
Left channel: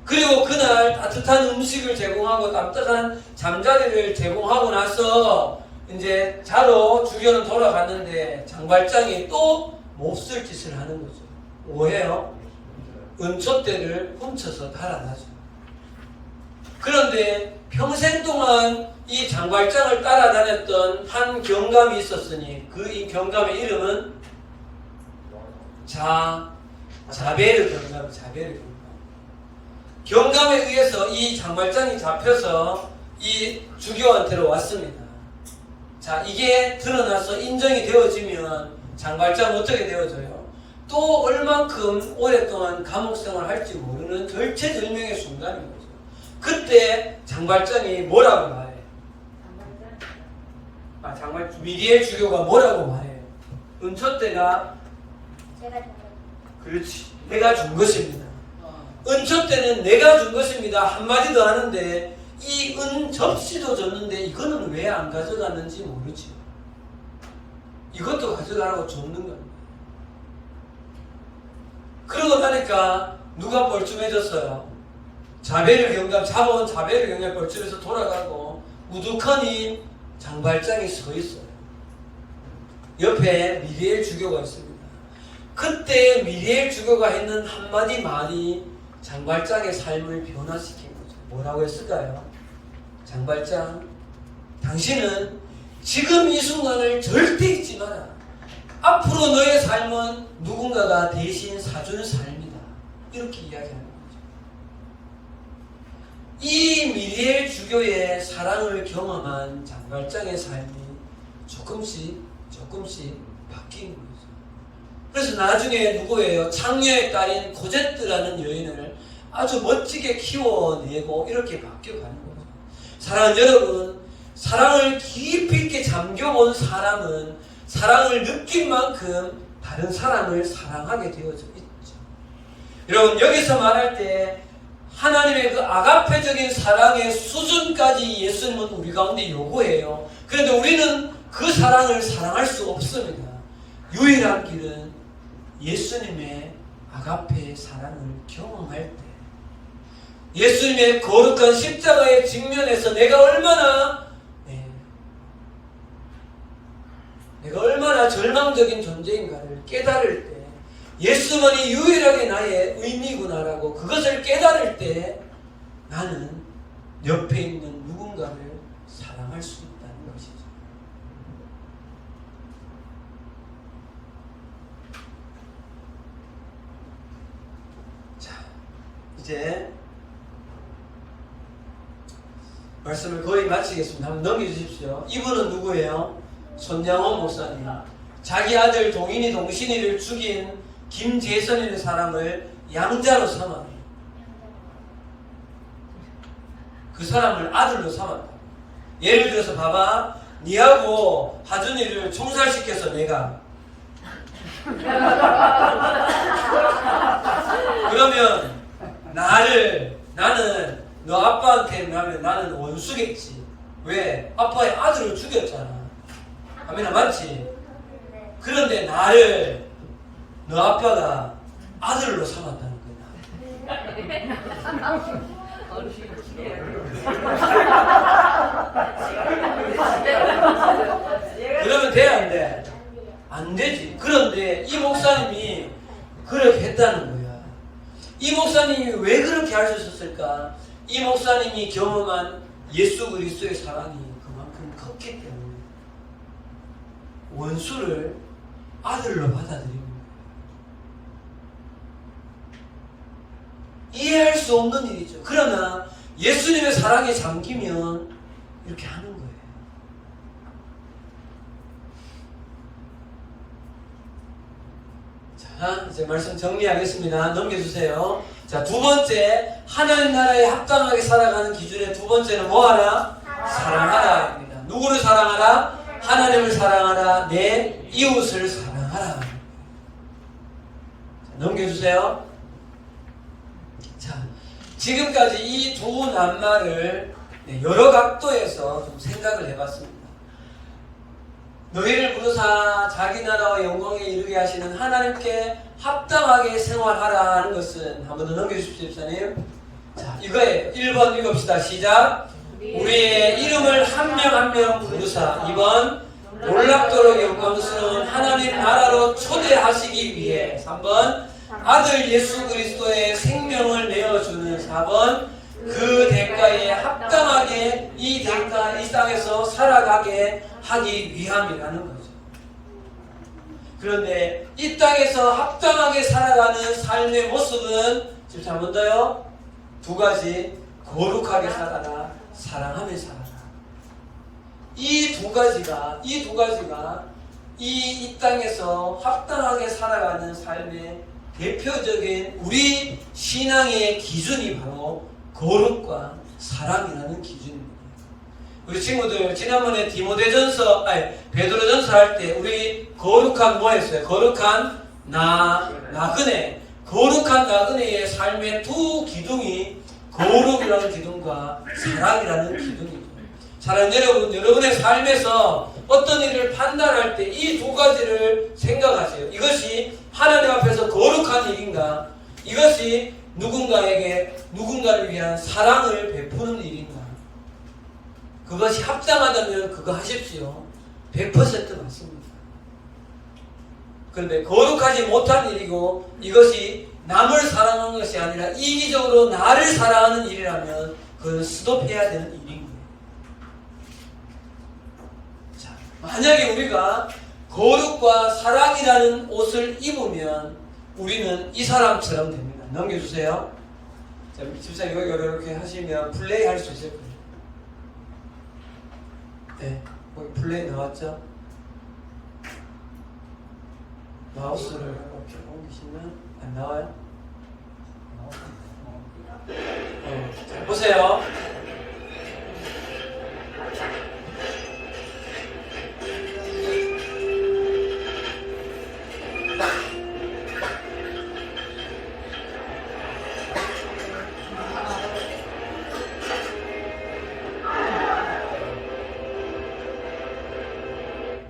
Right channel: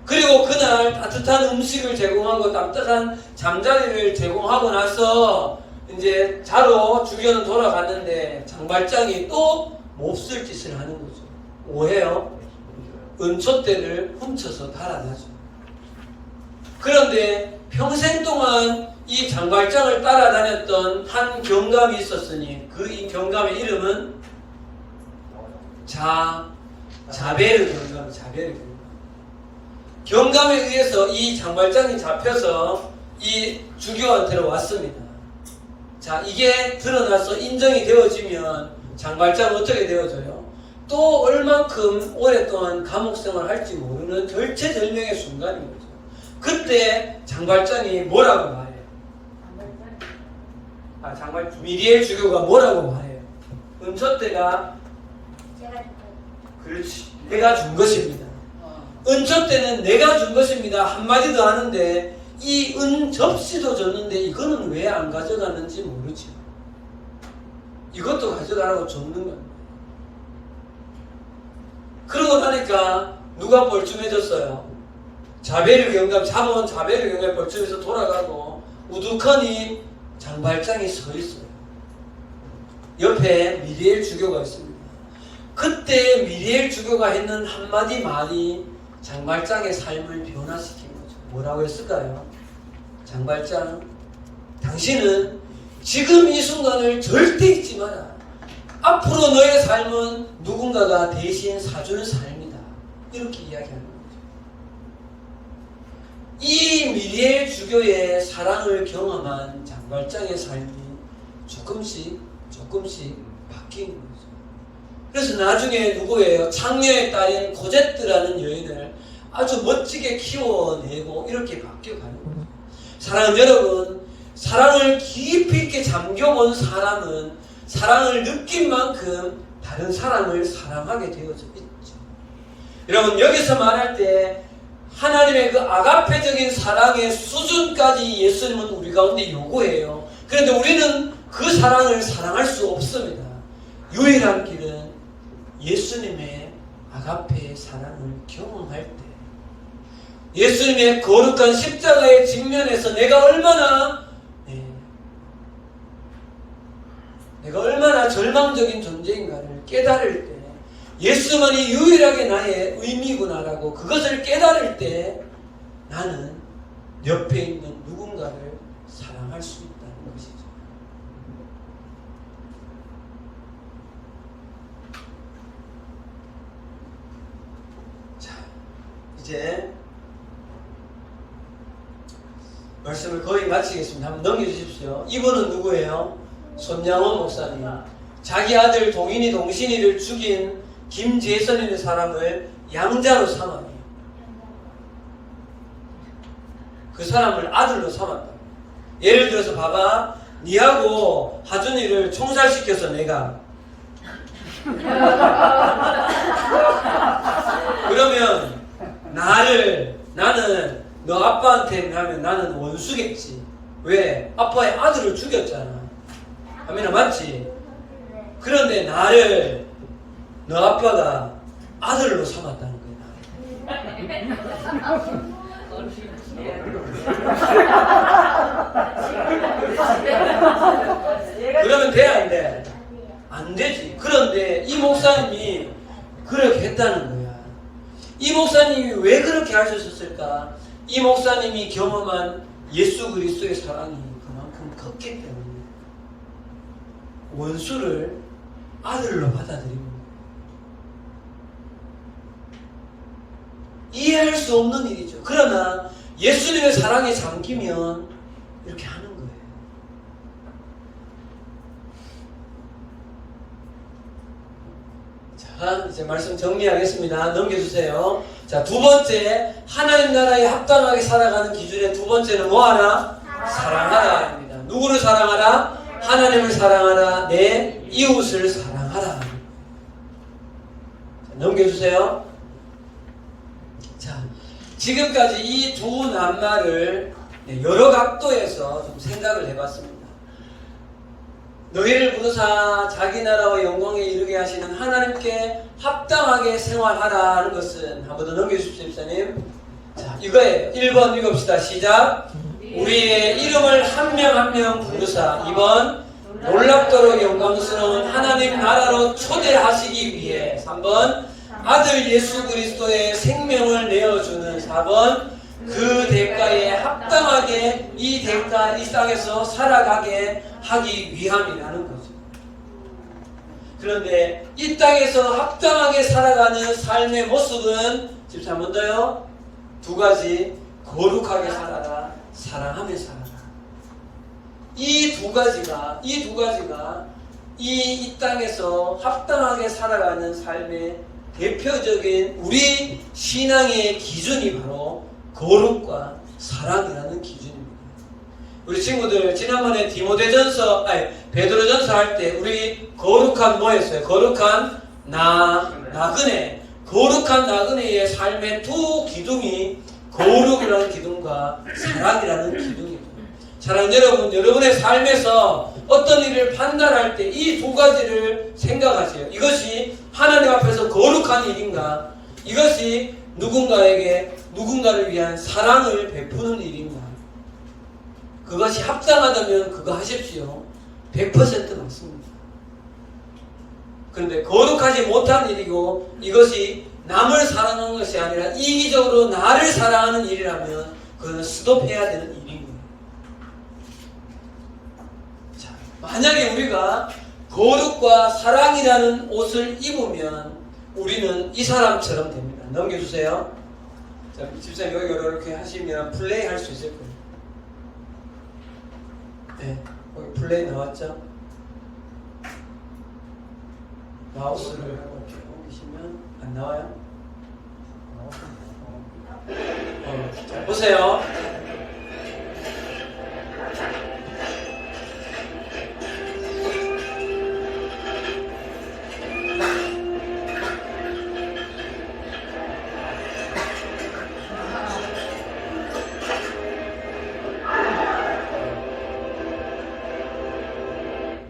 그리고 그날 따뜻한 음식을 제공하고 따뜻한 잠자리를 제공하고 나서 이제 자러 주교는 돌아갔는데 장발장이 또 몹쓸 짓을 하는 거죠. 뭐해요? 은촛대를 훔쳐서 달아나죠. 그런데 평생 동안 이 장발장을 따라다녔던 한 경감이 있었으니 이 경감의 이름은 자베르 경감. 경감에 의해서 이 장발장이 잡혀서 이 주교한테로 왔습니다. 자, 이게 드러나서 인정이 되어지면 장발장은 어떻게 되어져요? 또 얼만큼 오랫동안 감옥 생활을 할지 모르는 절체절명의 순간인 거죠. 그때 장발장이 뭐라고 말해요? 미리엘 주교가 뭐라고 말해요? 은촛대가 그렇지. 내가 준 것입니다. 은촛대는 내가 준 것입니다. 한마디 더 하는데 이 은 접시도 줬는데 이거는 왜 안 가져갔는지 모르지. 이것도 가져가라고 줬는 겁니다. 그러고 나니까 누가 뻘쭘해졌어요? 자베르 경감, 잡아온 자베르 경감 뻘쭘해서 돌아가고 우두커니 장발장이 서 있어요. 옆에 미리엘 주교가 있습니다. 그때 미리엘 주교가 했는 한마디 말이 장발장의 삶을 변화시킨 거죠. 뭐라고 했을까요? 장발장, 당신은 지금 이 순간을 절대 잊지 마라. 앞으로 너의 삶은 누군가가 대신 사주는 삶이다. 이렇게 이야기하는 거죠. 이 미리엘 주교의 사랑을 경험한 장발장의 삶이 조금씩 바뀐 거죠. 그래서 나중에 누구예요? 창녀의 딸인 코제트라는 여인을 아주 멋지게 키워내고 이렇게 바뀌어가는 거죠. 사랑하는 여러분, 사랑을 깊이 있게 잠겨본 사람은 사랑을 느낀 만큼 다른 사람을 사랑하게 되어져 있죠. 여러분, 여기서 말할 때 하나님의 그 아가페적인 사랑의 수준까지 예수님은 우리 가운데 요구해요. 그런데 우리는 그 사랑을 사랑할 수 없습니다. 유일한 길은 예수님의 아가페의 사랑을 경험할 때, 예수님의 거룩한 십자가의 직면에서 내가 얼마나 절망적인 존재인가를 깨달을 때, 예수만이 유일하게 나의 의미구나라고 그것을 깨달을 때 나는 옆에 있는 누군가를 사랑할 수 있다는 것이죠. 이제 말씀을 거의 마치겠습니다. 한번 넘겨주십시오. 이분은 누구예요? 손양호 목사님. 자기 아들 동인이 동신이를 죽인 김재선이라는 사람을 양자로 삼아요. 그 사람을 아들로 삼았다. 예를 들어서 봐봐. 니하고 하준이를 총살시켜서 내가 그러면 나는 너 아빠한테 하면 나는 원수겠지. 왜? 아빠의 아들을 죽였잖아. 아미나 맞지? 그런데 나를 너 아빠가 아들로 삼았다는 거야. 그러면 돼, 안 돼? 안 되지. 그런데 이 목사님이 그렇게 했다는 거야. 이 목사님이 왜 그렇게 할 수 있었을까? 이 목사님이 경험한 예수 그리스도의 사랑이 그만큼 컸기 때문에 원수를 아들로 받아들이는 거야. 이해할 수 없는 일이죠. 그러나 예수님의 사랑에 잠기면 이렇게 하는 거예요. 자, 이제 말씀 정리하겠습니다. 넘겨주세요. 자, 두 번째, 하나님 나라에 합당하게 살아가는 기준의 두 번째는 뭐하라? 사랑하라입니다. 누구를 사랑하라? 하나님을 사랑하라. 내 이웃을 사랑하라. 자, 넘겨주세요. 자, 지금까지 이 두 낱말을 여러 각도에서 좀 생각을 해봤습니다. 너희를 부르사 자기 나라와 영광에 이르게 하시는 하나님께 합당하게 생활하라 하는 것은 한 번 더 넘겨주십시오, 집사님. 자, 이거예요. 1번 읽읍시다. 시작. 우리의 이름을 한 명 한 명 부르사. 2번 놀랍도록 영광스러운 하나님 나라로 초대하시기 위해. 3번 아들 예수 그리스도의 생명을 내어주는. 4번 그 대가에 합당하게 이 땅에서 살아가게 하기 위함이라는 거죠. 그런데 이 땅에서 합당하게 살아가는 삶의 모습은 지금 잘 먼저요. 두 가지. 거룩하게 살아라. 사랑하며 살아라. 이 두 가지가 이 땅에서 합당하게 살아가는 삶의 대표적인 우리 신앙의 기준이 바로 거룩과 사랑이라는 기준입니다. 우리 친구들 지난번에 베드로전서 할 때 우리 거룩한 뭐 했어요? 거룩한 나그네. 거룩한 나그네의 삶의 두 기둥이 거룩이라는 기둥과 사랑이라는 기둥이죠. 사랑하는 여러분, 여러분의 삶에서 어떤 일을 판단할 때 이 두 가지를 생각하세요. 이것이 하나님 앞에서 거룩한 일인가? 이것이 누군가를 위한 사랑을 베푸는 일인가? 그것이 합당하다면 그거 하십시오. 100% 맞습니다. 그런데 거룩하지 못한 일이고 이것이 남을 사랑하는 것이 아니라 이기적으로 나를 사랑하는 일이라면 그거는 스톱해야 되는 일인 거예요. 자, 만약에 우리가 거룩과 사랑이라는 옷을 입으면 우리는 이 사람처럼 됩니다. 넘겨주세요. 자, 집사님 여기 이렇게 하시면 플레이 할 수 있을 거예요. 네, 거기 플레이 나왔죠? 마우스를 이렇게 옮기시면 안 나와요? 자, 보세요.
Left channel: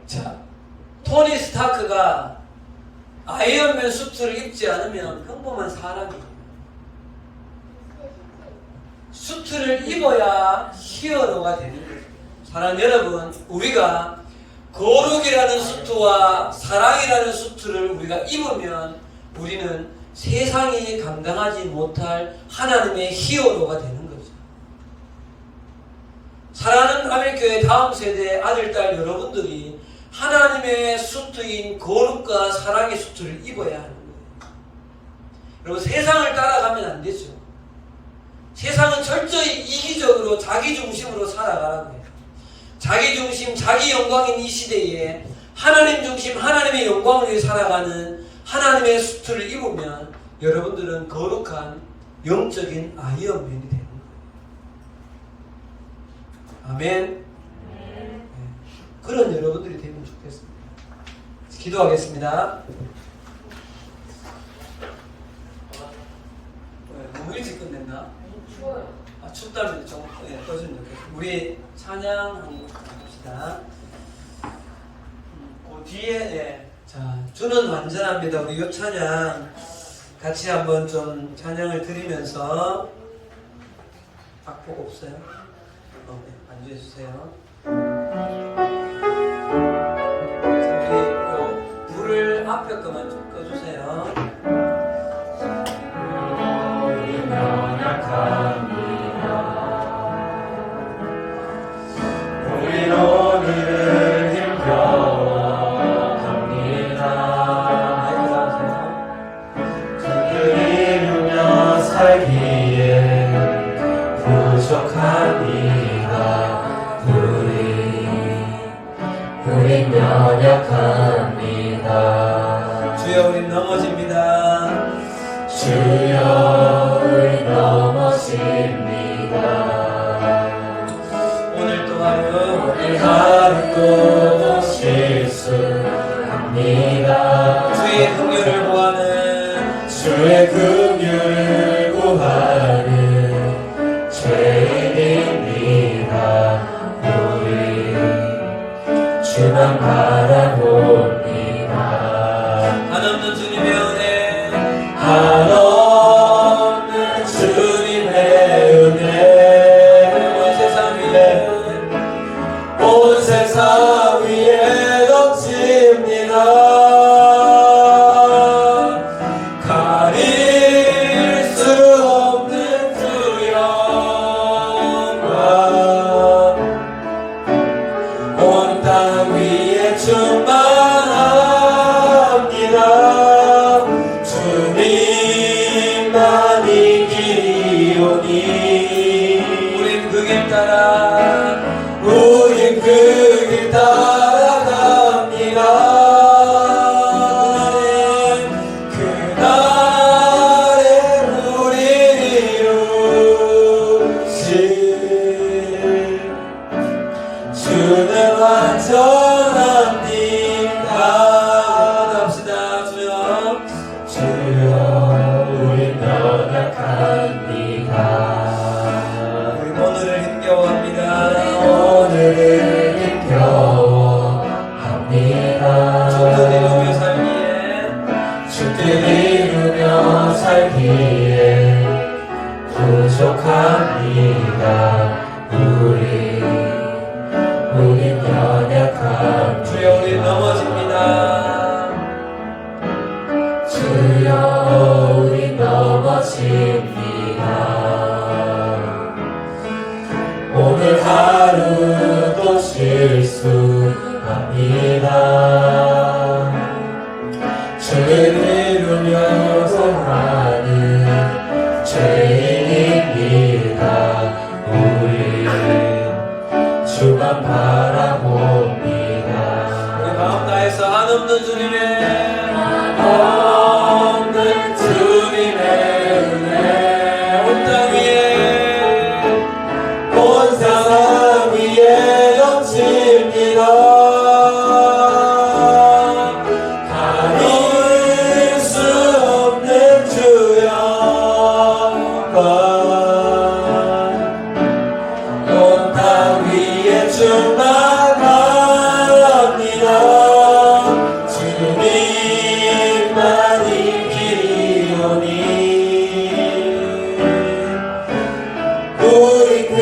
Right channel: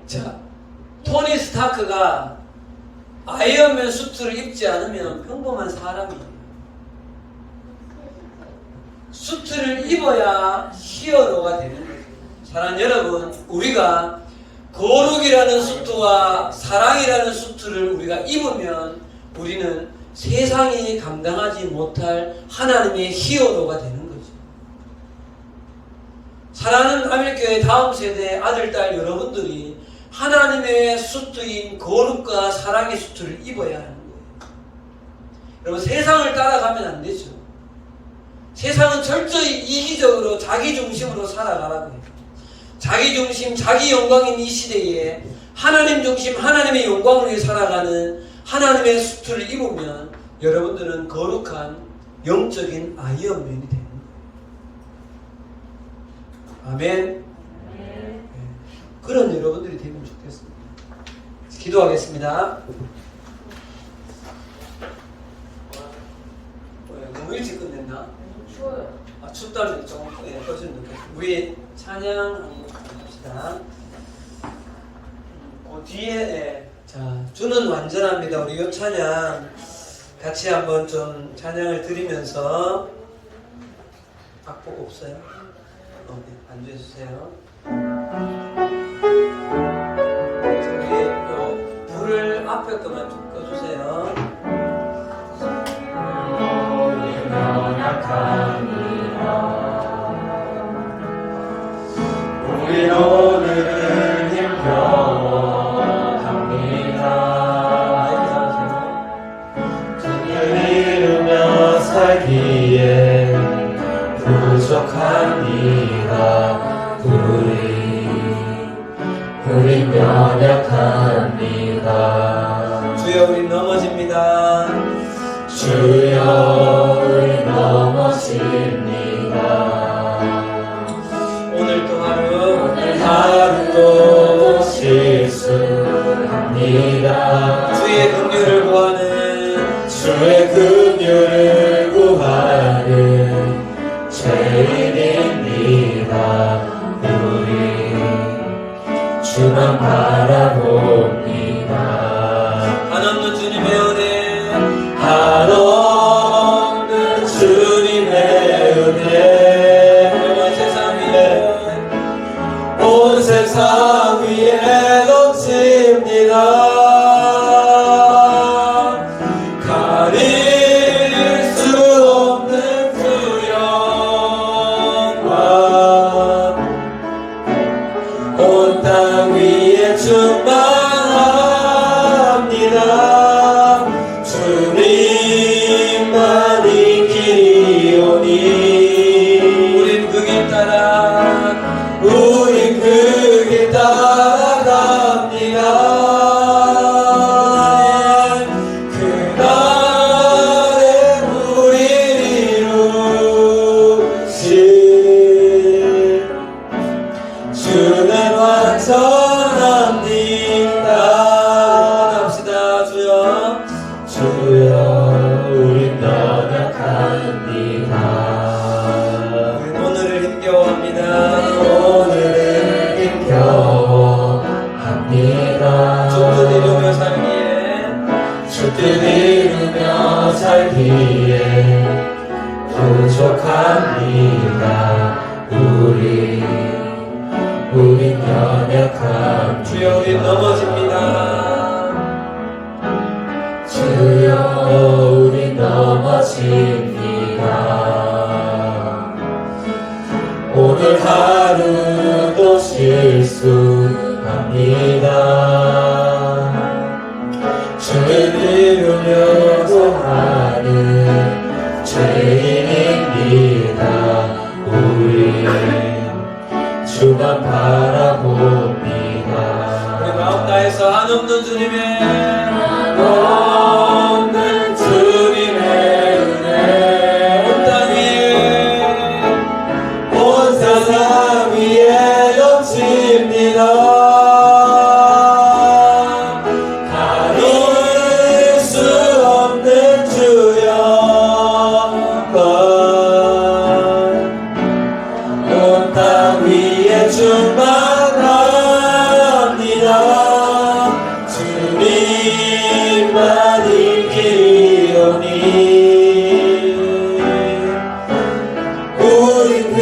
자, 토니 스타크가 아이언맨 수트를 입지 않으면 평범한 사람이에요. 수트를 입어야 히어로가 되는 거예요. 사랑하는 여러분, 우리가 거룩이라는 수트와 사랑이라는 수트를 우리가 입으면 우리는 세상이 감당하지 못할 하나님의 히어로가 되는 거죠. 사랑하는 하늘교회 다음 세대 아들, 딸 여러분들이 하나님의 수트인 거룩과 사랑의 수트를 입어야 하는 거예요. 여러분, 세상을 따라가면 안 되죠. 세상은 철저히 이기적으로 자기 중심으로 살아가라고 해요. 자기 중심, 자기 영광인 이 시대에 하나님 중심, 하나님의 영광을 위해 살아가는 하나님의 수트를 입으면 여러분들은 거룩한 영적인 아이언맨이 되는 거예요. 아멘. 네. 그런 여러분들이 되면 좋겠습니다. 기도하겠습니다. 너무 일찍 끝냈나? 추워요. 춥다면 조금 꺼지면 좋겠습니다. 우리 찬양 합시다. 그 뒤에 자 주는 완전합니다. 우리 이 찬양 같이 한번 좀 찬양을 드리면서 악보가 없어요? 네, 앉아주세요. 저기 불을 앞에 거만 좀 꺼주세요. 우리 오늘을 힘겨워합니다. 주를 이루며 살기에 부족합니다. 우린 연약합니다. 주여 우리 넘어집니다. 주여 우리 넘어집니다. 오늘 또 하루 하루도 실수합니다. 주의 긍휼을 구하는 주의 긍휼을 구하는 죄인입니다. 우리 주만 바라봅니다. 한없는 주님의 은혜 한없는 주님의 은혜 온 세상 위에 온 세상 위에 넘칩니다. 가릴 수 없는 주 영광 온 땅 위에 충만합니다. 주님만 이기오니 우린 그 길 따라 우린 그 길 따라갑니다. 그날에 우리 이루실 주는 완전합니다. 합시다. 주여 주여 우린 연약합니다. 우리 오늘을 힘겨워합니다. 오늘을 힘겨워합니다. 주를 이루며 살기에 주를 이루며 살기에 부족합니다. 우린 연약합니다. 주여 우리 넘어집니다. 주여 우리 넘어집니다. 오늘 하루도 실수합니다. 주를 이루며 살아가는 죄인입니다. 우리 주만 바라봅니다. 우리 마음 다해서 한없는 주님의 없는 주님의 은혜 온 땅 위에 온 세상 위에 넘칩니다. 가릴 수 없는 주 영광 온 땅 위에 충만합니다. 주님만 이기오니 우린 그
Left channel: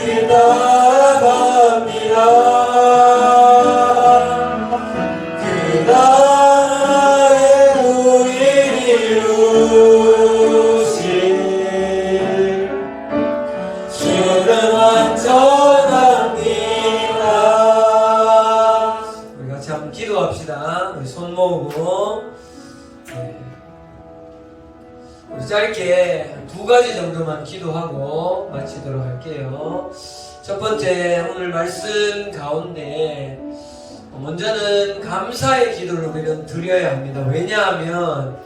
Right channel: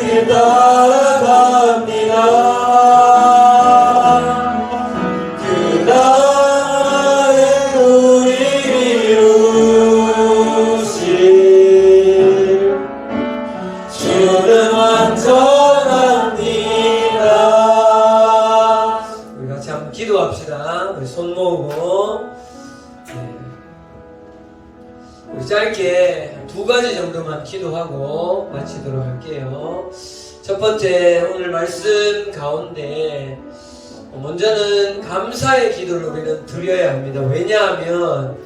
길 따라갑니다. 그날에 우리 이루실 주는 완전합니다. 우리 같이 한번 기도합시다. 우리 손 모으고 우리 짧게 한 두 가지 정도만 기도하고 마치도록 할게요. 첫 번째, 오늘 말씀 가운데 먼저는 감사의 기도를 우리는 드려야 합니다. 왜냐하면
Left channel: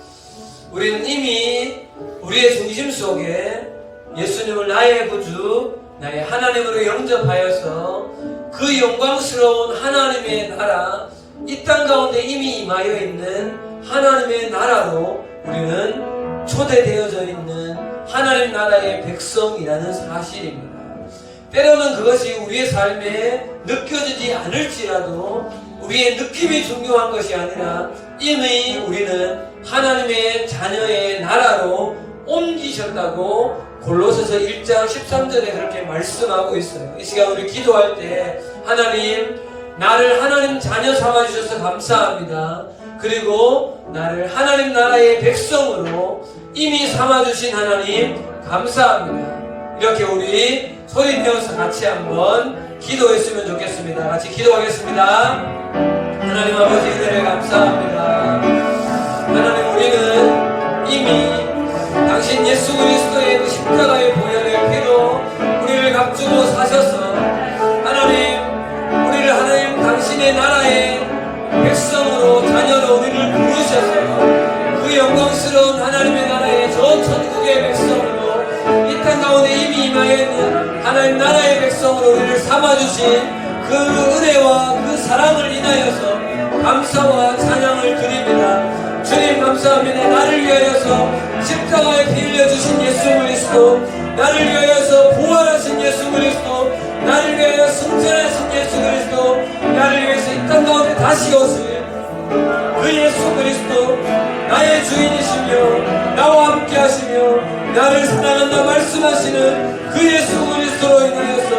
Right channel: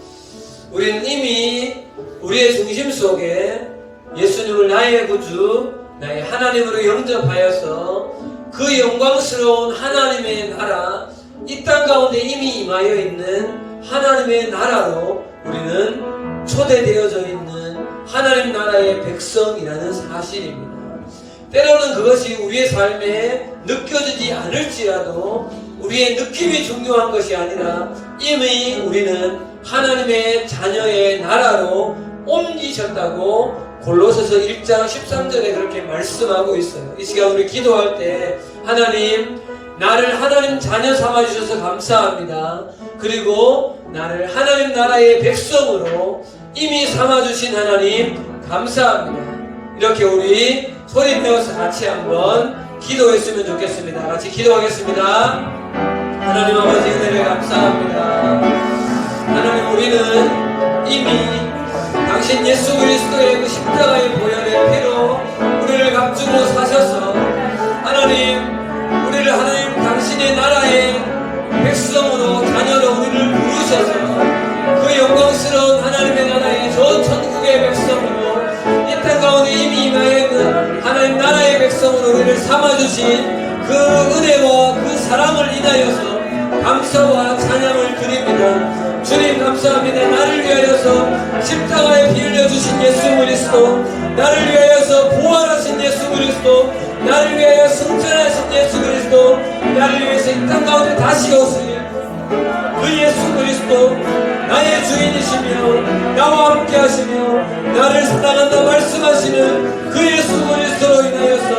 우리는 이미 우리의 중심 속에 예수님을 나의 구주, 나의 하나님으로 영접하여서 그 영광스러운 하나님의 나라, 이 땅 가운데 이미 임하여 있는 하나님의 나라로 우리는 초대되어져 있는 하나님 나라의 백성이라는 사실입니다. 때로는 그것이 우리의 삶에 느껴지지 않을지라도 우리의 느낌이 중요한 것이 아니라 이미 우리는 하나님의 자녀의 나라로 옮기셨다고 골로새서 1장 13절에 그렇게 말씀하고 있어요. 이 시간 우리 기도할 때 하나님, 나를 하나님 자녀 삼아주셔서 감사합니다. 그리고 나를 하나님 나라의 백성으로 이미 삼아주신 하나님 감사합니다. 이렇게 우리 소리 내어서 같이 한번 기도했으면 좋겠습니다. 같이 기도하겠습니다. 하나님 아버지, 은혜를 감사합니다. 하나님, 우리는 이미 당신 예수 그리스도의 그 십자가의 보혈의 피로 우리를 감추고 사셔서 하나님, 우리를 하나님 당신의 나라의 백성으로 자녀로 우리를 부르셔서 그 영광스러운 하나님의 나라의 저 천국의 백성으로 이 땅 가운데 이미 임하여 있는 하나님 나라의 백성으로 우리를 삼아주신 그 은혜와 그 사랑을 인하여서 감사와 찬양을 드립니다. 주님 감사합니다. 나를 위하여서 십자가에 피 흘려주신 예수 그리스도, 나를 위하여서 부활하신 예수 그리스도, 나를 위하여 승천하신 예수 그리스도, 나를 위해서 이 땅 가운데 다시 오실 그 예수 그리스도, 나의 주인이시며 나와 함께 하시며 나를 사랑한다 말씀하시는 그 예수 그리스도로 인하여서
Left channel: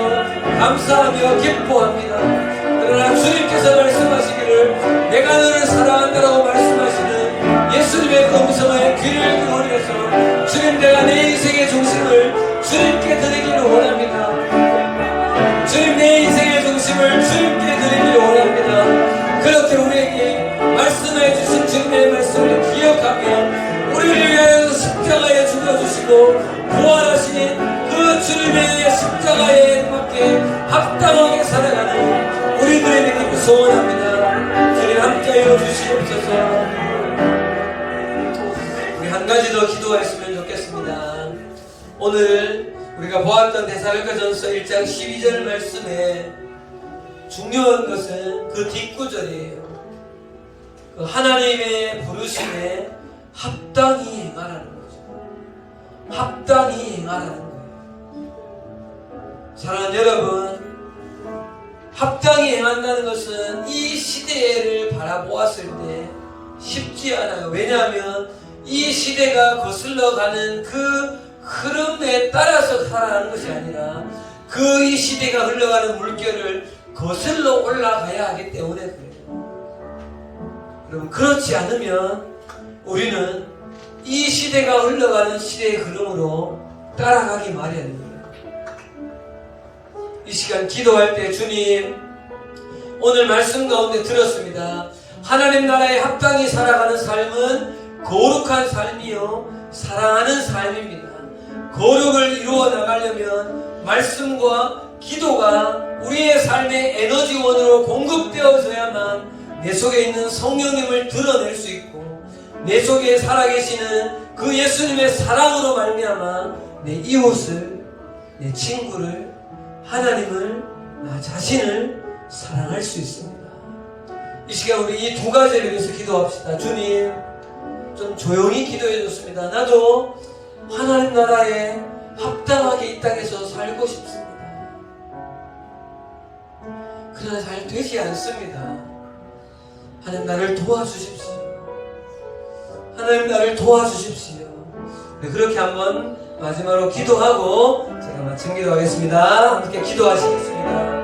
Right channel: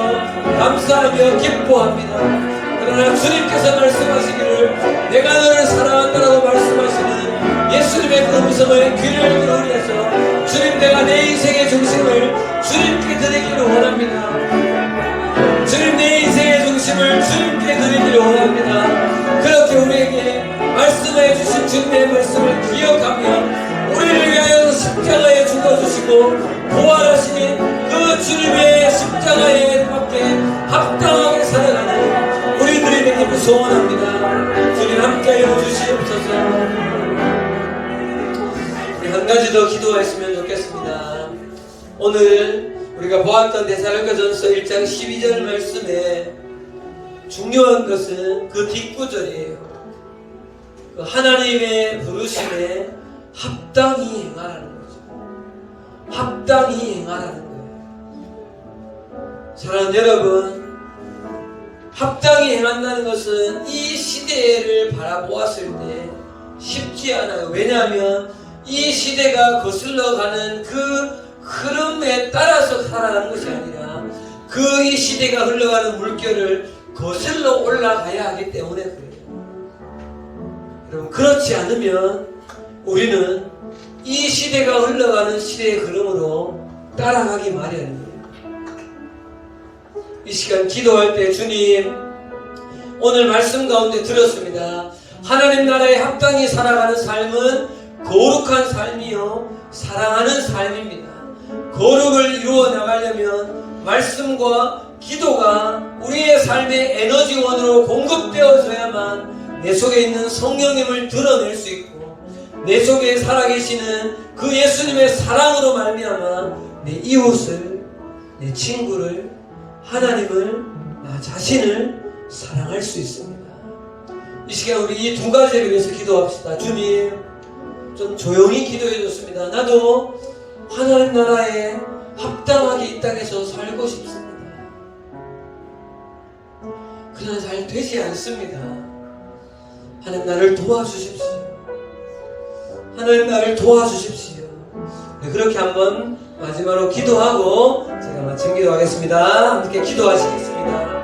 감사하며 기뻐합니다. 그러나 주님께서 말씀하시기를 내가 너를 사랑한다라고 말씀하시는 예수님의 그 음성을 귀를 기울여서 주님, 내가 내 인생의 중심을 주님께 드리기를 원합니다. 주님, 내 인생의 중심을 주님께 드리기를 원합니다. 그렇게 우리에게 말씀해 주신 주님의 말씀을 기억하며 우리를 위하여 십자가에 죽어주시고 부활하시니 그 주님의 십자가에 함께 합당하게 살아가고 우리들이 되기를 소원합니다. 주님 함께하여 주시옵소서. 우리 한 가지 더 기도했으면 좋겠습니다. 오늘 우리가 보았던 데살로니가전서 1장 12절 말씀에 중요한 것은 그 뒷구절이에요. 그 하나님의 부르심에 합당히 행하라는 거죠. 합당히 행하라는 거예요. 사랑하는 여러분, 합당히 행한다는 것은 이 시대를 바라보았을 때 쉽지 않아요. 왜냐하면 이 시대가 거슬러가는 그 흐름에 따라서 살아가는 것이 아니라 그 이 시대가 흘러가는 물결을 거슬러 올라가야 하기 때문에 그래요. 여러분, 그렇지 않으면 우리는 이 시대가 흘러가는 시대의 흐름으로 따라가기 마련이에요. 이 시간 기도할 때 주님, 오늘 말씀 가운데 들었습니다. 하나님 나라에 합당히 살아가는 삶은 거룩한 삶이요 사랑하는 삶입니다. 거룩을 이루어 나가려면 말씀과 기도가 우리의 삶의 에너지원으로 공급되어져야만 내 속에 있는 성령님을 드러낼 수 있고 내 속에 살아계시는 그 예수님의 사랑으로 말미암아 내 이웃을, 내 친구를, 하나님을, 나 자신을 사랑할 수 있습니다. 이 시간 우리 이 두 가지를 위해서 기도합시다. 주님, 좀 조용히 기도해 줬습니다. 나도 하나님 나라에 합당하게 이 땅에서 살고 싶습니다. 그러나 잘 되지 않습니다. 하나님 나를 도와주십시오. 하나님 나를 도와주십시오. 그렇게 한번 마지막으로 기도하고 제가 마침 기도하겠습니다. 함께 기도하시겠습니다. 하나님,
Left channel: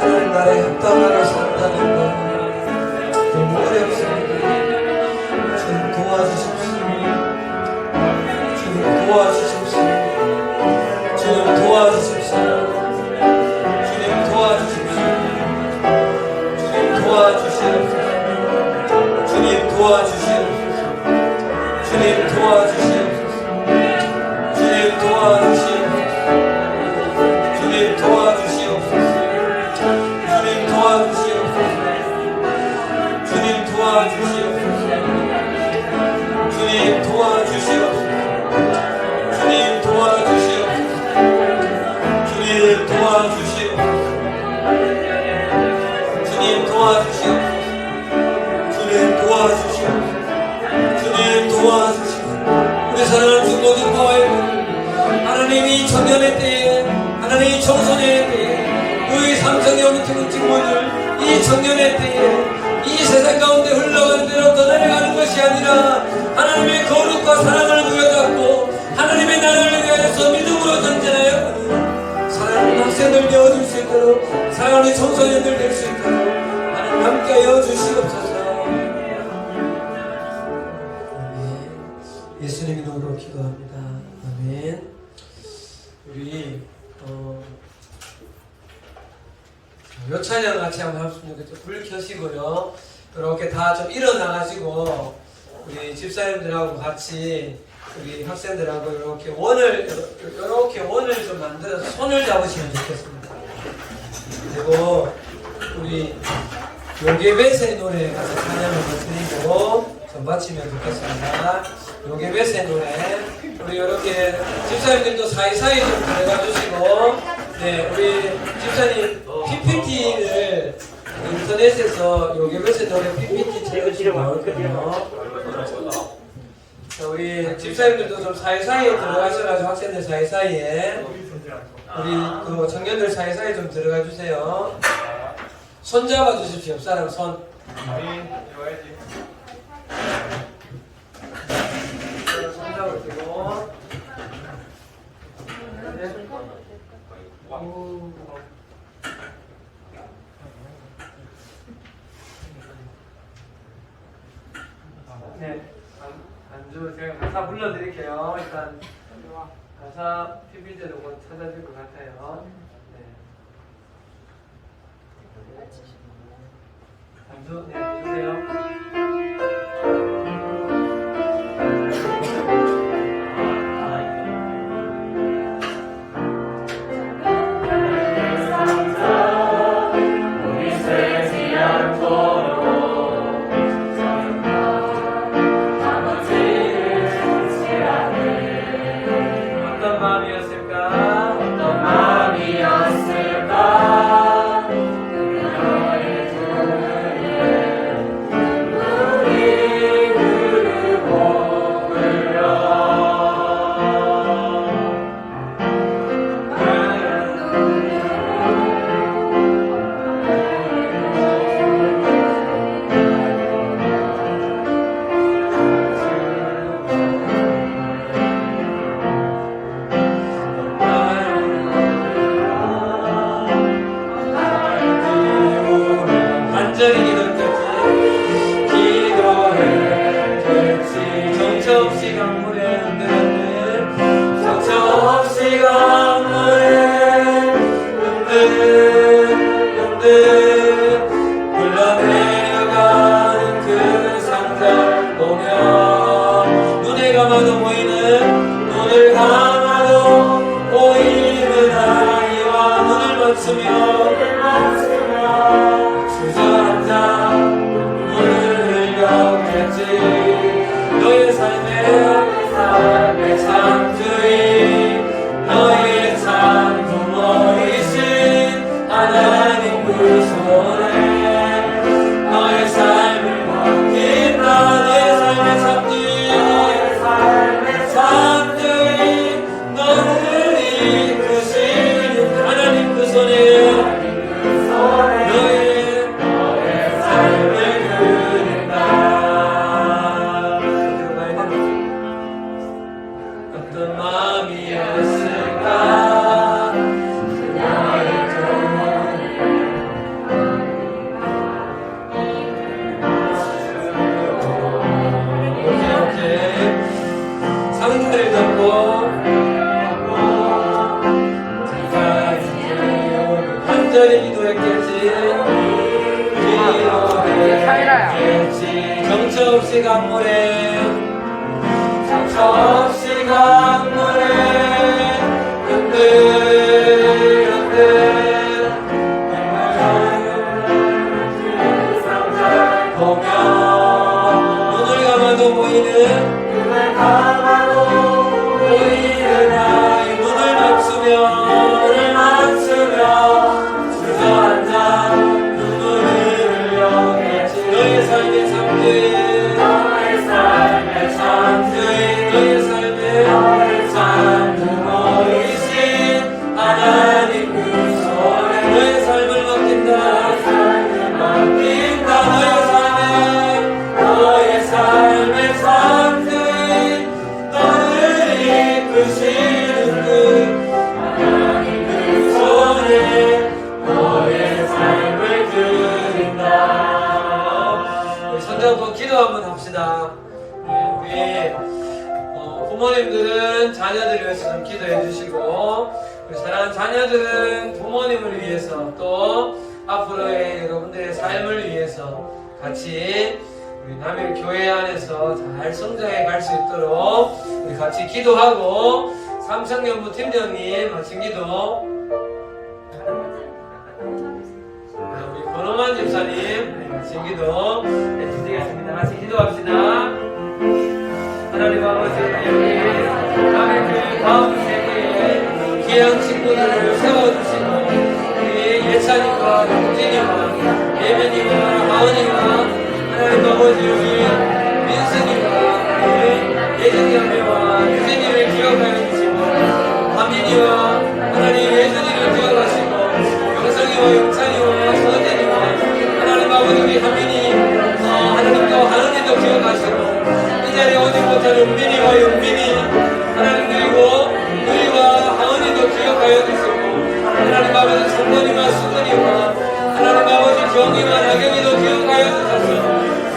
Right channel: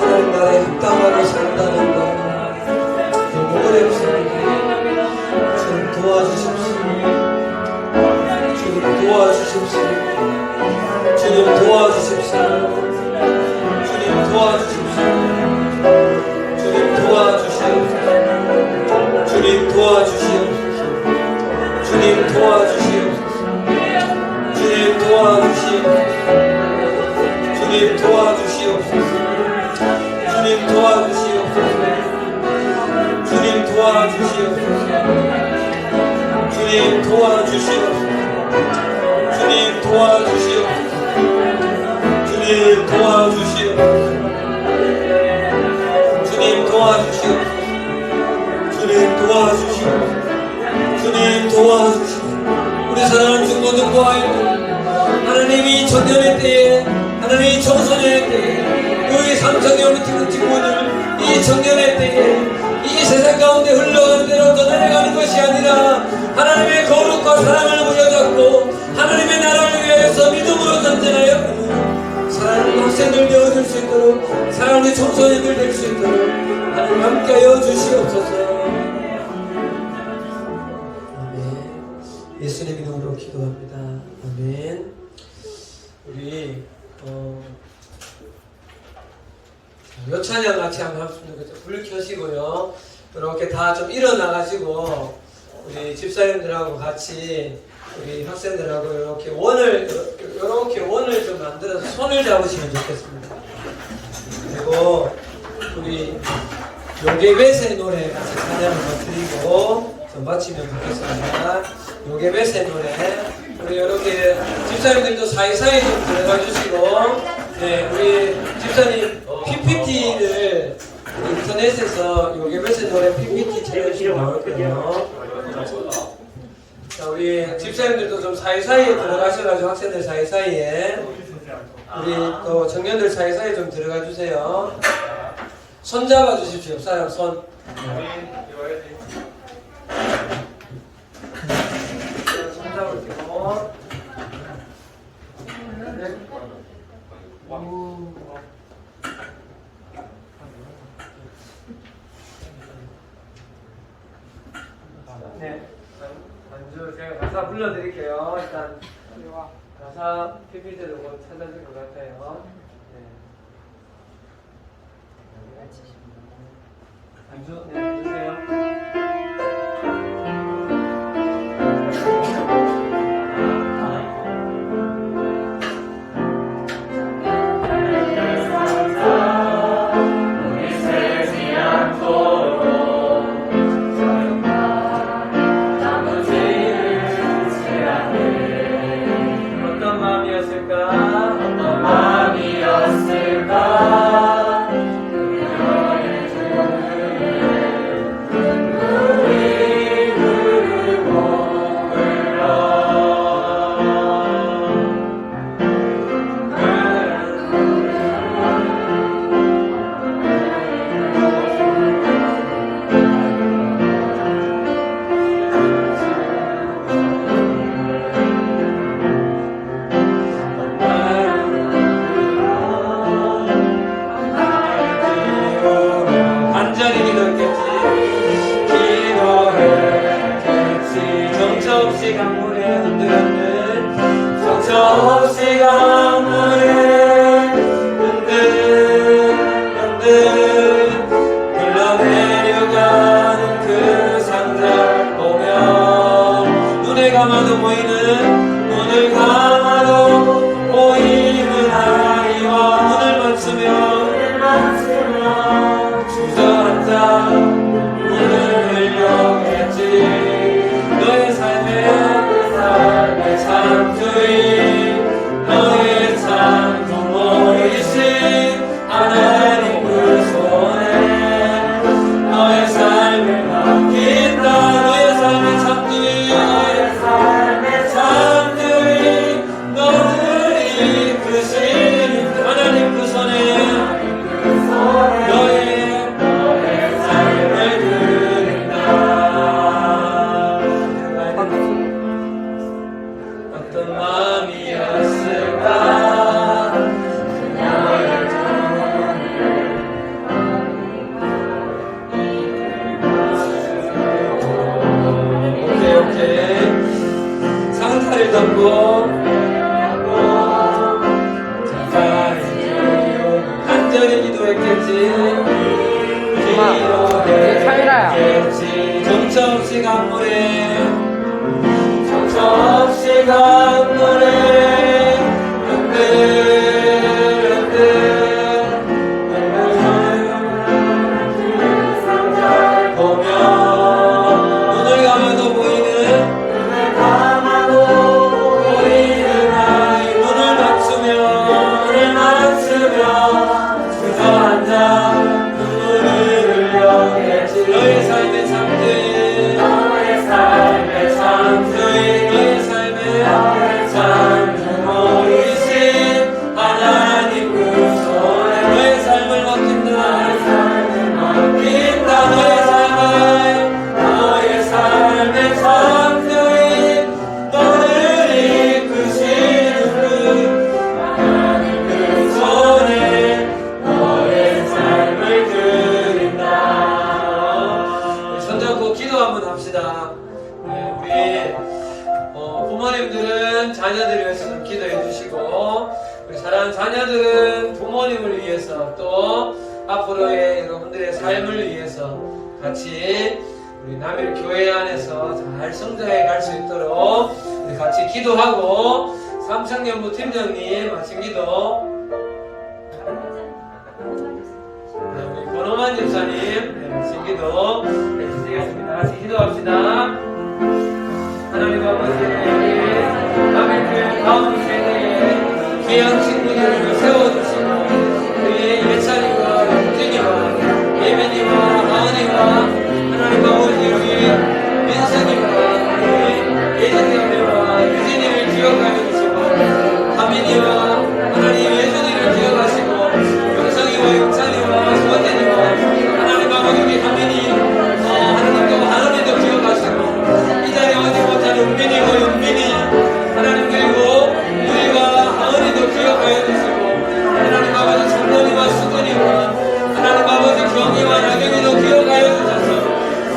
하나님 나라에 합당하게 산다는 것 너무 어렵습니다. 주님 도와주십시오. 주님 도와주십시오. 주님 도와주십시오. 주님 도와주십시오. 주님 도와주십시오. 도와주시옵소서. 주님 도와주시옵소서. 주님 도와주시옵소서. 주님 도와주시옵소서. 주님 도와주시옵소서. 주님 도와주시옵소서. 주님 도와주시옵소서. 주님 도와주시옵소서. 주님 도와주시옵소서. 주님 도와주시옵소서. 주님 도와주시옵소서. 주님 도와주시옵소서. 우리 사랑하는 중고등 보아이고 하나님이 청년의 때에 하나님이 청소년의 때에 너희 삼성의 엄청난 친구들 이 청년의 때에 이 세상 가운데 흘러가는 대로 떠나가는 것이 아니라 하나님의 거룩과 사랑을 부여잡고 하나님의 나라를 위하여서 믿음으로 전진하여 사랑하는 학생들 되어줄 수 있도록 사랑하는 청소년들 될 수 있도록 하나님 함께하여 주시옵소서. 아멘. 예수님 이름으로 기도합니다. 아멘. 우리 요 찬양 같이 한번 하십니다. 불 켜시고요. 이렇게 다 좀 일어나가지고 우리 집사님들하고 같이 우리 학생들하고 이렇게 원을 좀 만들어서 손을 잡으시면 좋겠습니다. 그리고 우리 요게벳의 노래 같이 찬양 한번 드리고 좀 마치면 좋겠습니다. 요게벳의 노래 우리 이렇게 집사님들도 사이사이 좀 들어가 주시고 네 우리 집사님 PPT를 인터넷에서 요게벳의 노래 PPT 찾으시면 나올거든요. 자, 우리 집사님들도 좀 사이사이에 들어가셔가지고 학생들 사이사이에 우리 또 청년들 사이사이에 좀 들어가 주세요. 손 잡아 주십시오. 사람 손. 손 잡을게요. 네. 네. 반주 제가 가사 불러드릴게요. 일단 가사 PPT도 곧 찾아질 것 같아요. 네. 반주 네 주세요. 없이 강물에 상처 없이 강물에 흔들흔들 보면 눈을 감아도 보이는 아이 눈을 맞추며 주저앉아 눈물을 흘려 너의 삶의 삶들 너의 삶의 모이신 하나님 그 손에 너의 삶을 맡긴다 너의 삶의 선두인 너를 이끄시는 분 하나님 그 손에 너의 삶을 드린다. 우리 손잡고 기도 한번 합시다. 네, 우리 부모님들은 자녀들을 위해서 좀 기도해 주시고 우리 사랑하는 자녀들은 부모님을 위해서 또 앞으로의 여러분들의 삶을 위해서 같이 우리 남일교회 안에서 잘 성장해 갈 수 있도록 우리 같이 기도하고 삼청년부 팀장님 마친 기도 우리 권호만 집사님 마친 기도 해주시겠습니다. 같이 기도합시다. 하나님 아버지 우리 남일교회 다음 세대에 귀한 친구들을 세워주시고 우리 예찬이와 영진이와 예빈이와 마은이와 하나님 아버지 우리 민승이와 우리 예정경비와 유진이를 기억하여 주시고 하민이와 하나님 예준이를 기억하시고 영성이와 용창이와 서진이와 하나님 아버지 우리 하민이 하나님도 하은이도 기억하시고 이 자리에 오지 못한 은빈이와 용빈이 하나님 그리고 우리와 하은이도 기억하여 주시고 하나님 아버지 장모니와 수근이와 하나님 아버지 경이와 나경이도 기억하여 주셔서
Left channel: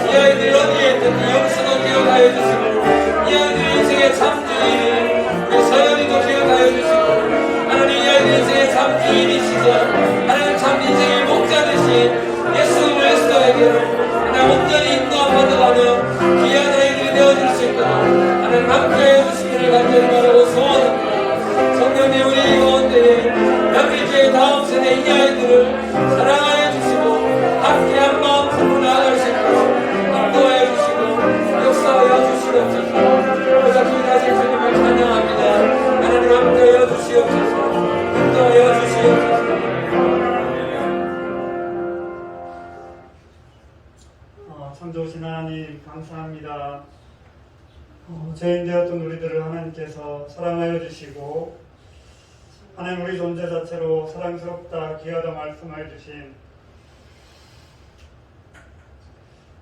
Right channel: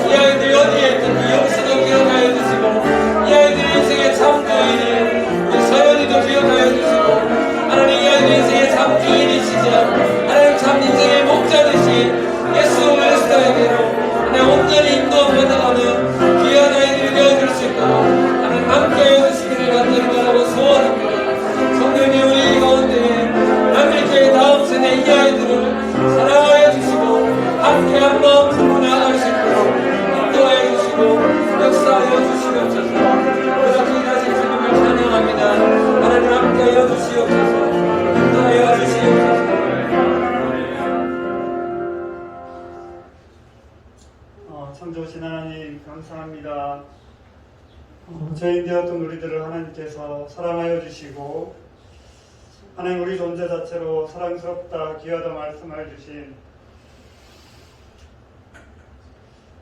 이 아이들 어디에 있든지 영수도 기억하여 주시고 이 아이들 인생의 참주인이 우리 서연이도 기억하여 주시고 하나님 이 아이들 인생의 참주인이시죠 하나님 참 인생의 목자되신 예수 그리스도에게로 하나님 온전히 인도받아가는 귀한 아이들이 되어줄 수 있도록 하나님 함께해 주시기를 간절히 바라고 소원합니다. 성령님 우리 가운데에 남일교회 다음 세대 이 아이들을 사랑하여 주시고 함께 한 마음 품고 나아갈 수 있도록 인도하여 주시고 역사하여 주시옵소서. 부족히 다시 주님을 찬양합니다. 하나님 함께하여 주시옵소서. 인도하여 주시옵소서. 참 좋으신 하나님 감사합니다. 죄인 되었던 우리들을 하나님께서 사랑하여 주시고 하나님 우리 존재 자체로 사랑스럽다 귀하다 말씀을 주신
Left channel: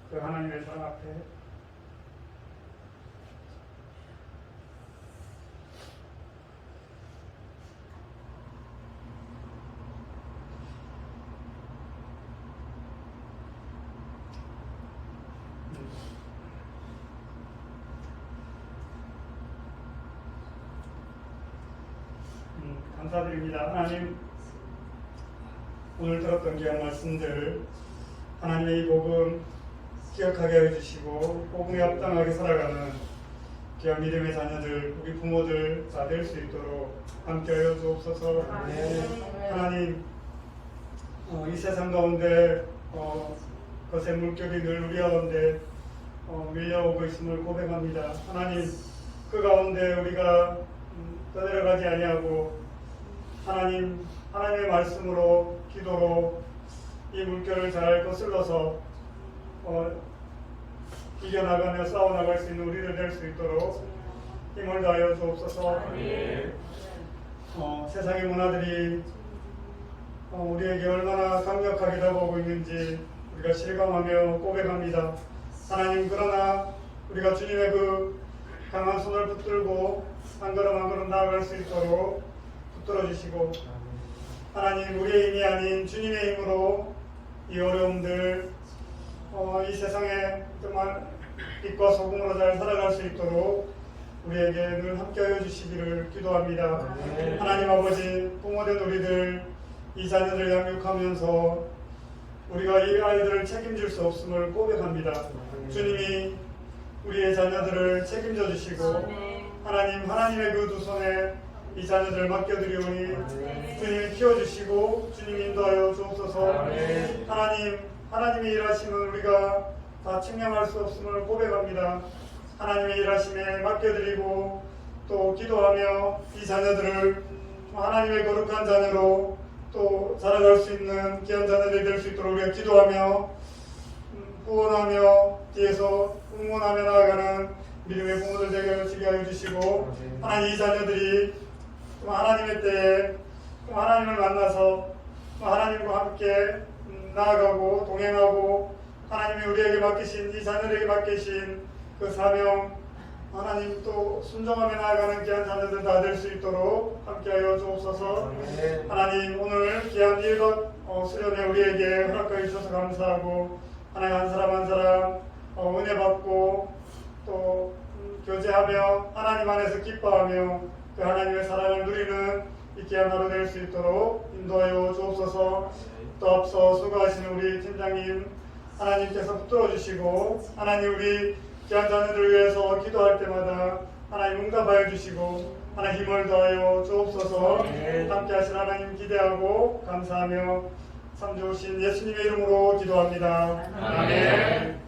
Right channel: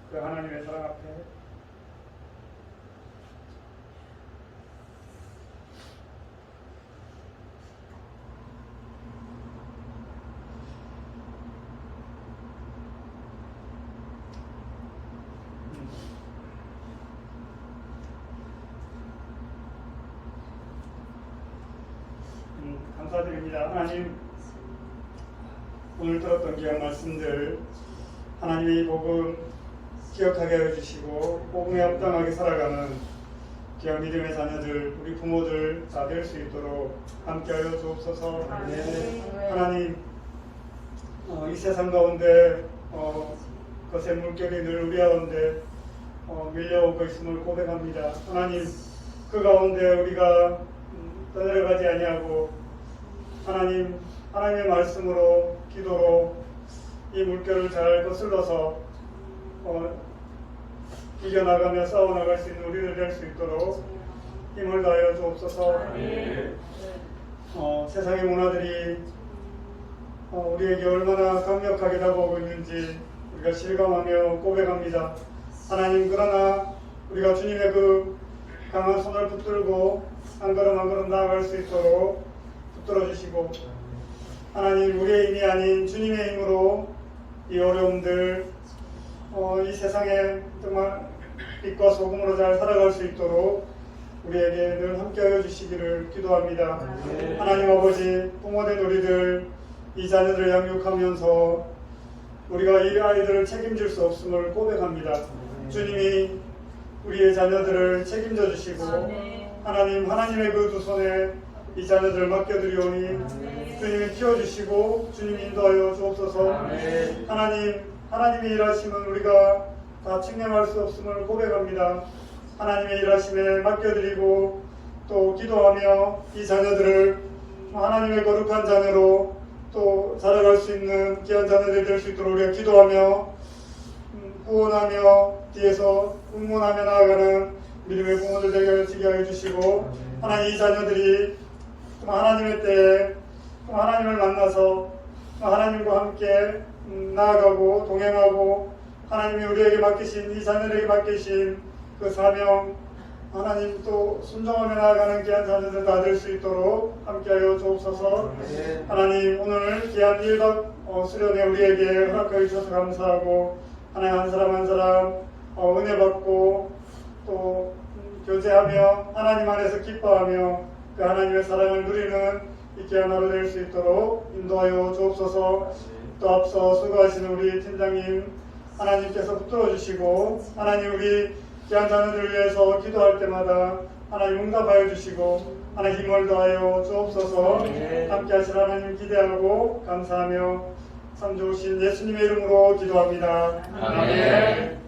그 하나님의 사랑 앞에 감사드립니다. 하나님 오늘 들었던 귀한 말씀들 하나님의 이 복음 기억하게 해주시고 복음에 합당하게 살아가는 귀한 믿음의 자녀들 우리 부모들 다 될 수 있도록 함께하여 주옵소서. 하나님 이 세상 가운데 거센 물결이 늘 우리 가운데 밀려오고 있음을 고백합니다. 하나님 그 가운데 우리가 떠내려가지 아니하고 하나님의 말씀으로 기도로 이 물결을 잘 거슬러서 이겨나가며 싸워나갈 수 있는 우리들 될 수 있도록 힘을 다하여 주옵소서. 세상의 문화들이 우리에게 얼마나 강력하게 다가오고 있는지 우리가 실감하며 고백합니다. 하나님 그러나 우리가 주님의 그 강한 손을 붙들고 한 걸음 한 걸음 나아갈 수 있도록 붙들어 주시고 하나님 우리의 힘이 아닌 주님의 힘으로 이 어려움들 이 세상에 정말 빛과 소금으로 잘 살아갈 수 있도록 우리에게 늘 함께하여 주시기를 기도합니다. 하나님 아버지 부모된 우리들 이 자녀들을 양육하면서 우리가 이 아이들을 책임질 수 없음을 고백합니다. 주님이 자녀들을 책임져 주시고 아멘. 하나님의 그 두 손에 이 자녀들을 맡겨드리오니 주님이 키워주시고 주님이 인도하여 주옵소서. 하나님의 일하심은 우리가 다 측량할 수 없음을 고백합니다. 하나님의 일하심에 맡겨드리고 또 기도하며 이 자녀들을 하나님의 거룩한 자녀로 또 자라갈 수 있는 귀한 자녀들이 될 수 있도록 우리가 기도하며 구원하며 뒤에서 응원하며 나아가는 믿음의 부모들 되게 하여 주시고 하나님 이 자녀들이 하나님의 때에 하나님을 만나서 하나님과 함께 나아가고 동행하고 하나님이 우리에게 맡기신 이 자녀들에게 맡기신 그 사명 하나님 또 순종하며 나아가는 귀한 자녀들 다 될 수 있도록 함께하여 주옵소서. 하나님 오늘 귀한 1박 수련회 우리에게 허락하여 주셔서 감사하고 하나님 한 사람 한 사람 은혜 받고 또 교제하며 하나님 안에서 기뻐하며 그 하나님의 사랑을 누리는 이 귀한 하루 될 수 있도록 인도하여 주옵소서. 또 앞서 수고하신 우리 팀장님 하나님께서 붙들어 주시고 하나님 우리 귀한 자녀들을 위해서 기도할 때마다 하나님 응답하여 주시고 하나님 힘을 더하여 주옵소서. 함께 하신 하나님 기대하고 감사하며 참 좋으신 예수님의 이름으로 기도합니다. 아멘.